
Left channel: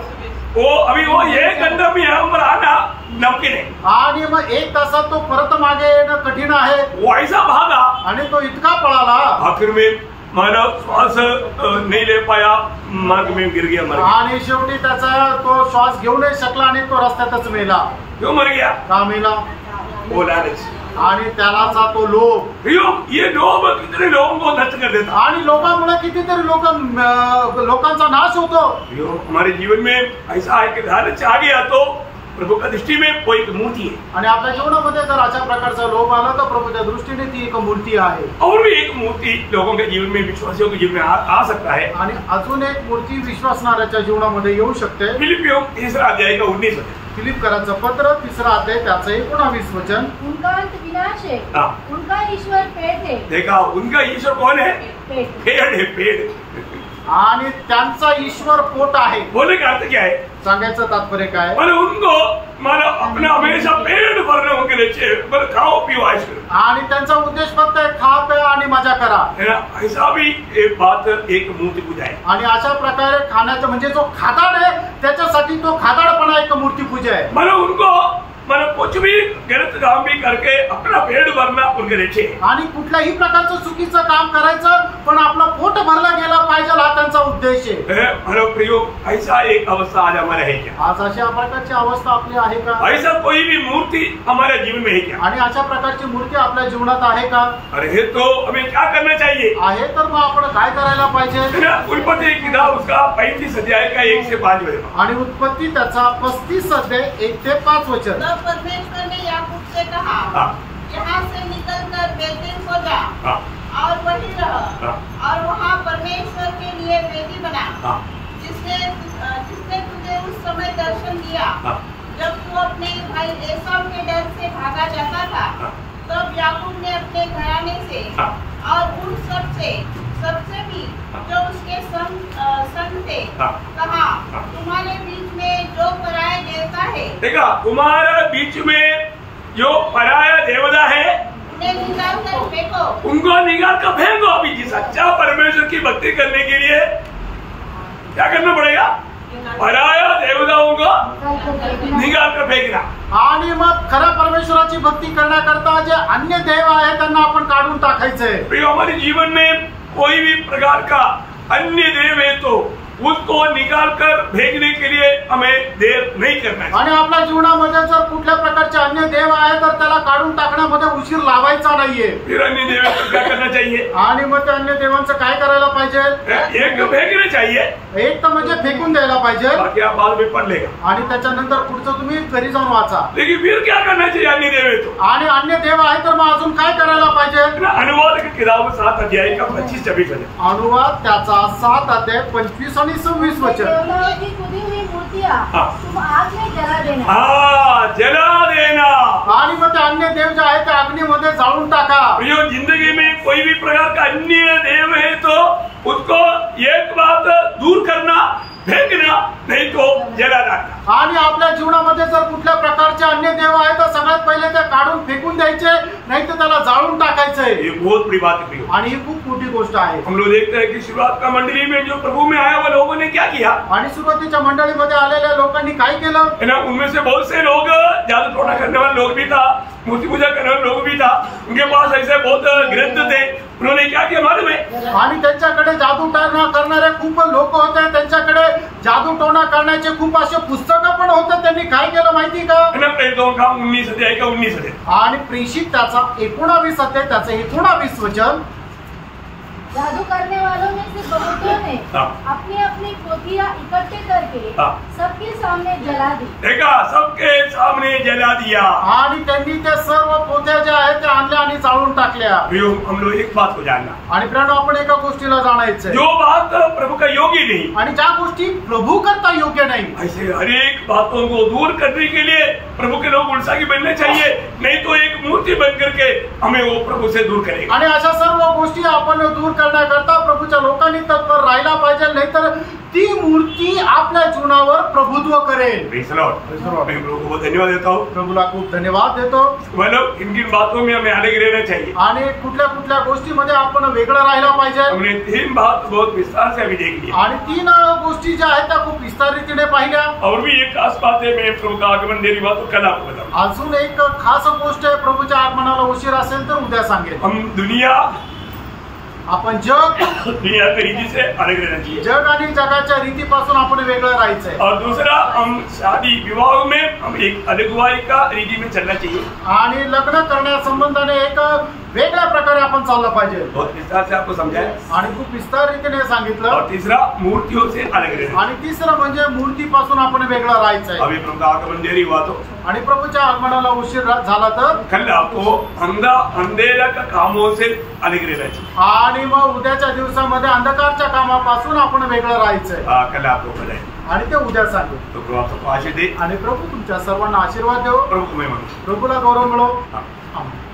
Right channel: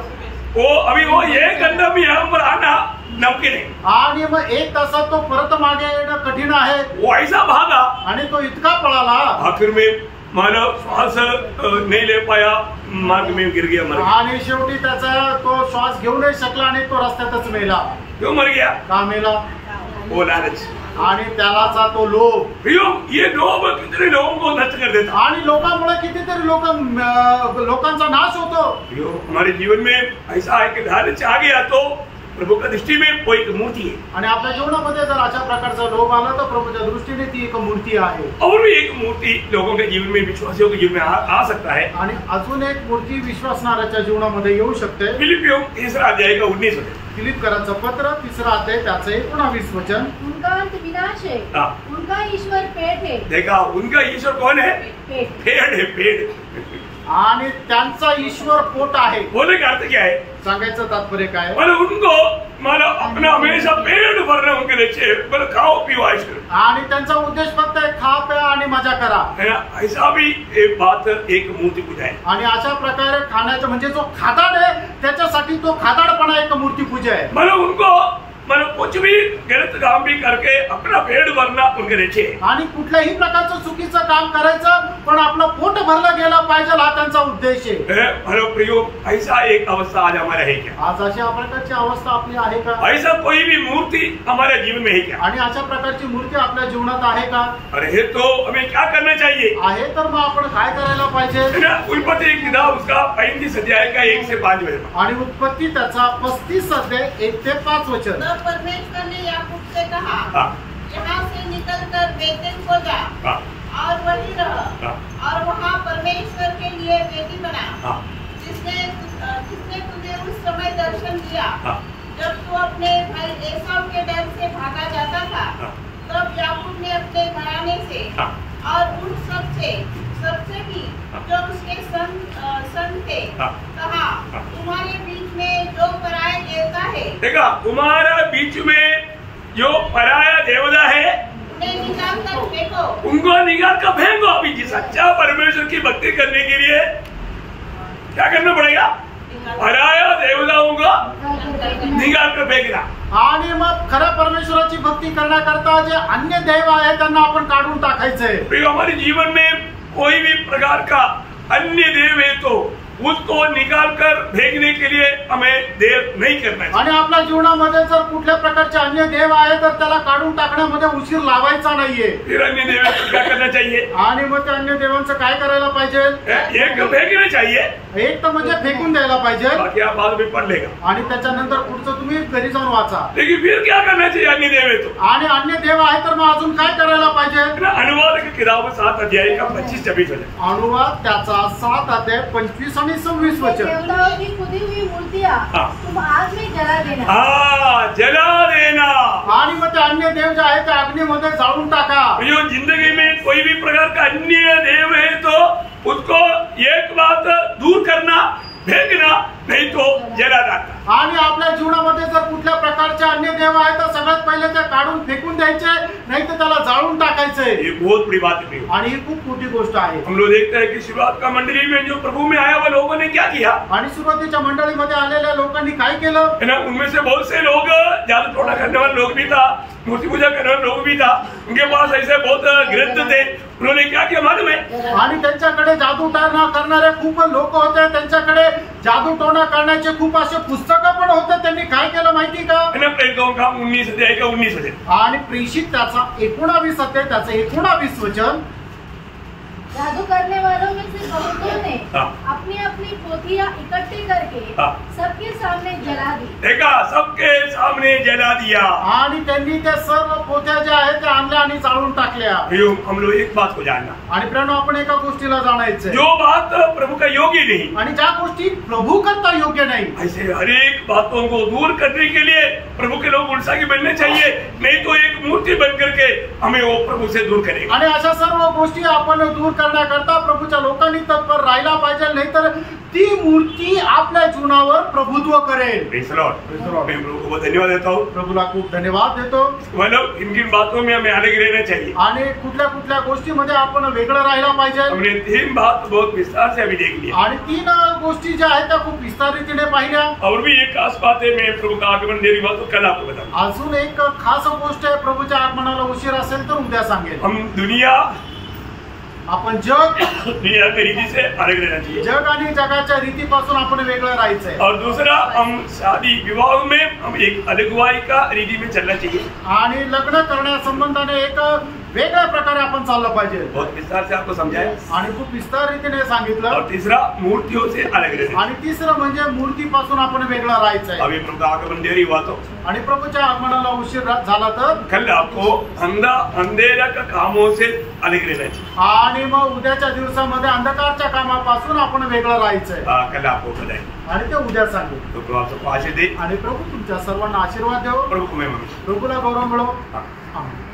वो अभी वो 1 घंटा में यहाँ पर आना नमकीन है आणि मग 1 तासात तो परत मागे येणं कठीण आहे। वो ऐसा भागा आणि तो इतका पळाला आखिर में मानव श्वास नहीं ले पाया मार्ग में गिर गया मर गया। आणि शेवटी त्याचा तो श्वास घेऊ नाही शकला आणि तो रस्त्यातच मेला। क्यों मर गया? का मेला? वो लालच आणि त्यालाचा तो लोभ। ये लोभ कितने लोगों को नष्ट कर देता आणि लोकांमुळे कितीतरी लोकांचा नाश होतो। हमारे जीवन में ऐसा है कि लालच आ गया तो प्रभु का दृष्टि में वो एक मूर्ति है आणि आपल्या जीवनामध्ये जर अशा प्रकारचा लोभ आला तर प्रभूच्या दृष्टीने ती एक मूर्ती आहे। और भी एक मूर्ति लोगों के जीवन में विश्वासियों के जीवन में आ सकता है आणि अजून एक मूर्ती विश्वासणाऱ्याच्या जीवनामध्ये येऊ शकते। फिलिपियों 3 अध्याय का 19 वचन फिलिपकराचं पत्र 3 अध्याय त्याचं 19 वचन। उनका अंत विनाश है, उनका ईश्वर पेड़ है। देखा उनका ईश्वर कौन है? पेड़ है पेड़। आणि त्यांचा ईश्वर पोट आहे। बोलने का अर्थ क्या है? सांगायचं तात्पर्य काय? मतलब उनको मतलब अपना हमेशा पेट भरने उनके लिए मतलब खाओ पियो ऐश करो। आणि त्यांचा उद्देश फक्त आहे खा प्या आणि मजा करा। ऐसा भी एक बात एक मूर्ति पूजा है। आणि अशा प्रकारे खाण्याचं म्हणजे जो खादाड आहे त्याच्यासाठी तो खादाडपणा एक मूर्ति पूजा आहे। मतलब उनको मतलब कुछ भी गलत काम भी करके अपना पेट भरना उनके रेचे आणि कुठल्याही प्रकारचं चुकीचं काम करायचं पण आपलं पोट भरलं गेलं पाहिजे हा त्यांचा उद्देश आहे। मतलब प्रयोग ऐसा एक अवस्था आज हमारे है क्या? आज अशा प्रकारची अवस्था आपली आहे का? ऐसा कोई भी मूर्ति हमारे जीवन में है क्या? आणि अशा प्रकारची मूर्ती आपल्या जीवनात आहे का? अरे है तो हमें क्या करना चाहिए? आहे तर मग आपण काय करायला पाहिजे? उत्पत्ति एक किताब उसका 35 अध्याय का 1 से 5 वचन आणि उत्पत्ति त्याचा 35 अध्याय 1 से 5 वचन। परमेश्वर ने याकूब से कहा, यहाँ से निकलकर बेतेल को जा और वहीं रह और वहाँ परमेश्वर के लिए वेदी बना जिसने तुझे उस समय दर्शन दिया जब तू अपने भाई एसाव के डर से भागा जाता था। तब याकूब ने अपने घराने से और उन सब से सबसे भी जो उसके संग थे कहा, तुम्हारे बीच में जो पराया देवता है, देखा, तुम्हारा बीच में जो पराया देवता है उन्हें निकाल कर फेंको। उनको निकाल कर फेंको। अभी जिस अच्छा परमेश्वर की भक्ति करने के लिए क्या करना पड़ेगा? पराया देवताओं को निकाल कर फेकना। आणि मग खऱ्या परमेश्वराची भक्ती करण्याकरता जे अन्य देव आहे त्यांना आपण काढून टाकायचंय। हमारे जीवन में कोई भी प्रकार का अन्य देव है तो उसको निकाल कर फेंकने के लिए हमें देर नहीं करना चाहिए। आणि आपल्या जीवनामध्ये जर कुठल्या प्रकारचे अन्य देव आहे तर त्याला काढून टाकण्यामध्ये उशीर लावायचा नाहीये। फिर अन्य देव को क्या करना चाहिए? आणि मग त्या अन्य देवांचं काय करायला पाहिजे? एक फेंकना चाहिए, एक तर म्हणजे फेकून द्यायला पाहिजे, बाकी आप बाद में पढ़ लेगा। आणि त्याच्यानंतर पुढचं तुम्ही घरी जाऊन वाचा। लेकिन फिर क्या करना चाहिए अन्य देव है तो? आणि अन्य देव आहे तर मग अजून काय करायला पाहिजे? अनुवाद की किताब 7 अध्याय का 25-26 वचन। अनुवाद त्याचा 7 अध्याय 25 आणि 26 वचन। देवताओं की खुदी हुई मूर्तियां तुम आग में जला देना। जला देना। आणि मग ते अन्य देव जे आहे ते अग्नीमध्ये जाळून टाका। जो जिंदगी में कोई भी प्रकार का अन्य देव है तो उसको एक बात दूर करना, फेंकना, नहीं तो जला डालना। आणि आपल्या जीवनामध्ये जर कुठल्या प्रकारचे अन्य देव आहे तर सगळ्यात पहिले ते काढून फेकून द्यायचे, नाही तर त्याला जाळून टाकायचंय। ये बहुत बड़ी बात है आणि ही खूप मोठी गोष्ट आहे। हम लोग देखते हैं कि शुरुआत का मंडली में जो प्रभु में आया वो लोगों ने क्या किया? आणि सुरुवातीच्या मंडळीमध्ये आलेल्या लोकांनी काय केलं? है ना, उनमें से बहुत से लोग जादू टोना करने वाले लोग भी था, मूर्ति पूजा करने वाले लोग भी था, उनके पास ऐसे बहुत ग्रंथ थे। उन्होंने क्या किया मालूम है? आणि त्यांच्याकडे जादू टोना करणारे खूप लोक होते, त्यांच्याकडे जादू टोना करण्याचे खूप असे पुस्तकं पण होते। त्यांनी काय केलं माहिती का? है ना, प्रेरितों का 19 अध्याय का 19 वचन। आणि प्रेषित त्याचा 19 अध्याय त्याचं 19 वचन। जादू करने वालों में से बहुतों ने अपनी अपनी पोथियां इकट्ठे करके सबके सामने जला दी। देखा, सबके सामने जला दिया। आणि त्यांनी त्या सर्व पोथ्या ज्या आहेत त्या आणल्या आणि जाळून टाकल्या। हम लोग एक बात को जानना, आणि प्रियांनो आपण एका गोष्टीला जाणायचंय, जो बात प्रभु का योग्य नहीं, आणि ज्या गोष्टी प्रभू करता योग्य नाही, ऐसे हर एक बातों को दूर करने के लिए प्रभु के लोग उल्सागी बनने चाहिए, नहीं तो एक मूर्ति बन करके हमें वो प्रभु से दूर करेगा। आणि अशा सर्व गोष्टी आपण दूर करण्याकरता प्रभूच्या लोकांनी तत्पर राहायला पाहिजे, नाहीतर ती मूर्ती आपल्या जीवनावर प्रभुत्व करेल। Praise the Lord. मैं प्रभु को धन्यवाद देता हूँ। प्रभूला खूप धन्यवाद देतो। मतलब इन बातों में हमें अलग रहना चाहिए। आणि कुठल्या कुठल्या गोष्टीमध्ये आपण वेगळं राहायला पाहिजे। हमने 3 बात बहुत विस्तार से अभी देख लिया, आणि 3 गोष्टी ज्या आहेत त्या खूप विस्तार रीतीने पाहिल्या। और भी एक खास बात है, मैं प्रभु का आगमन देरी बात कल आपको बताऊंगा। अजून एक खास गोष्ट आहे, प्रभूच्या आगमनाला उशीर असेल तर उद्या सांगेल। हम दुनिया आपण जग दुनिया की रीति से अलग रहना चाहिए, जग आणि जगाच्या रीतीपासून आपण वेगळं राहायचंय। और दूसरा, हम शादी विवाह में हम एक अलगवाई का रीति में चलना चाहिए, आणि लग्न करण्यासंबंधाने एक वेगळ्या प्रकारे आपण चाललं पाहिजे। बहुत विस्तार से आपको समझाया। आणि खूप विस्तार रीतीने सांगितलं। और तीसरा, मूर्तियों से अलग रहना। आणि तिसरं म्हणजे मूर्तीपासून आपण वेगळं राहायचंय। अभी प्रभु का आगमन देरी हुआ तो, आणि प्रभूच्या आगमनाला उशीर झाला तर कल आपको अंधेरा का कामों से अलग रहना चाहिए। आणि मग उद्याच्या दिवसामध्ये अंधकारच्या कामापासून आपण वेगळं राहायचंय। कल आपको बताएंगे, आणि ते उद्या सांगेल। तो प्रभु आपको आशीष दे। आणि प्रभू तुमच्या सर्वांना आशीर्वाद देव। प्रभु को महिमा मिले। प्रभूला गौरव मिळो। हाँ। आमेन।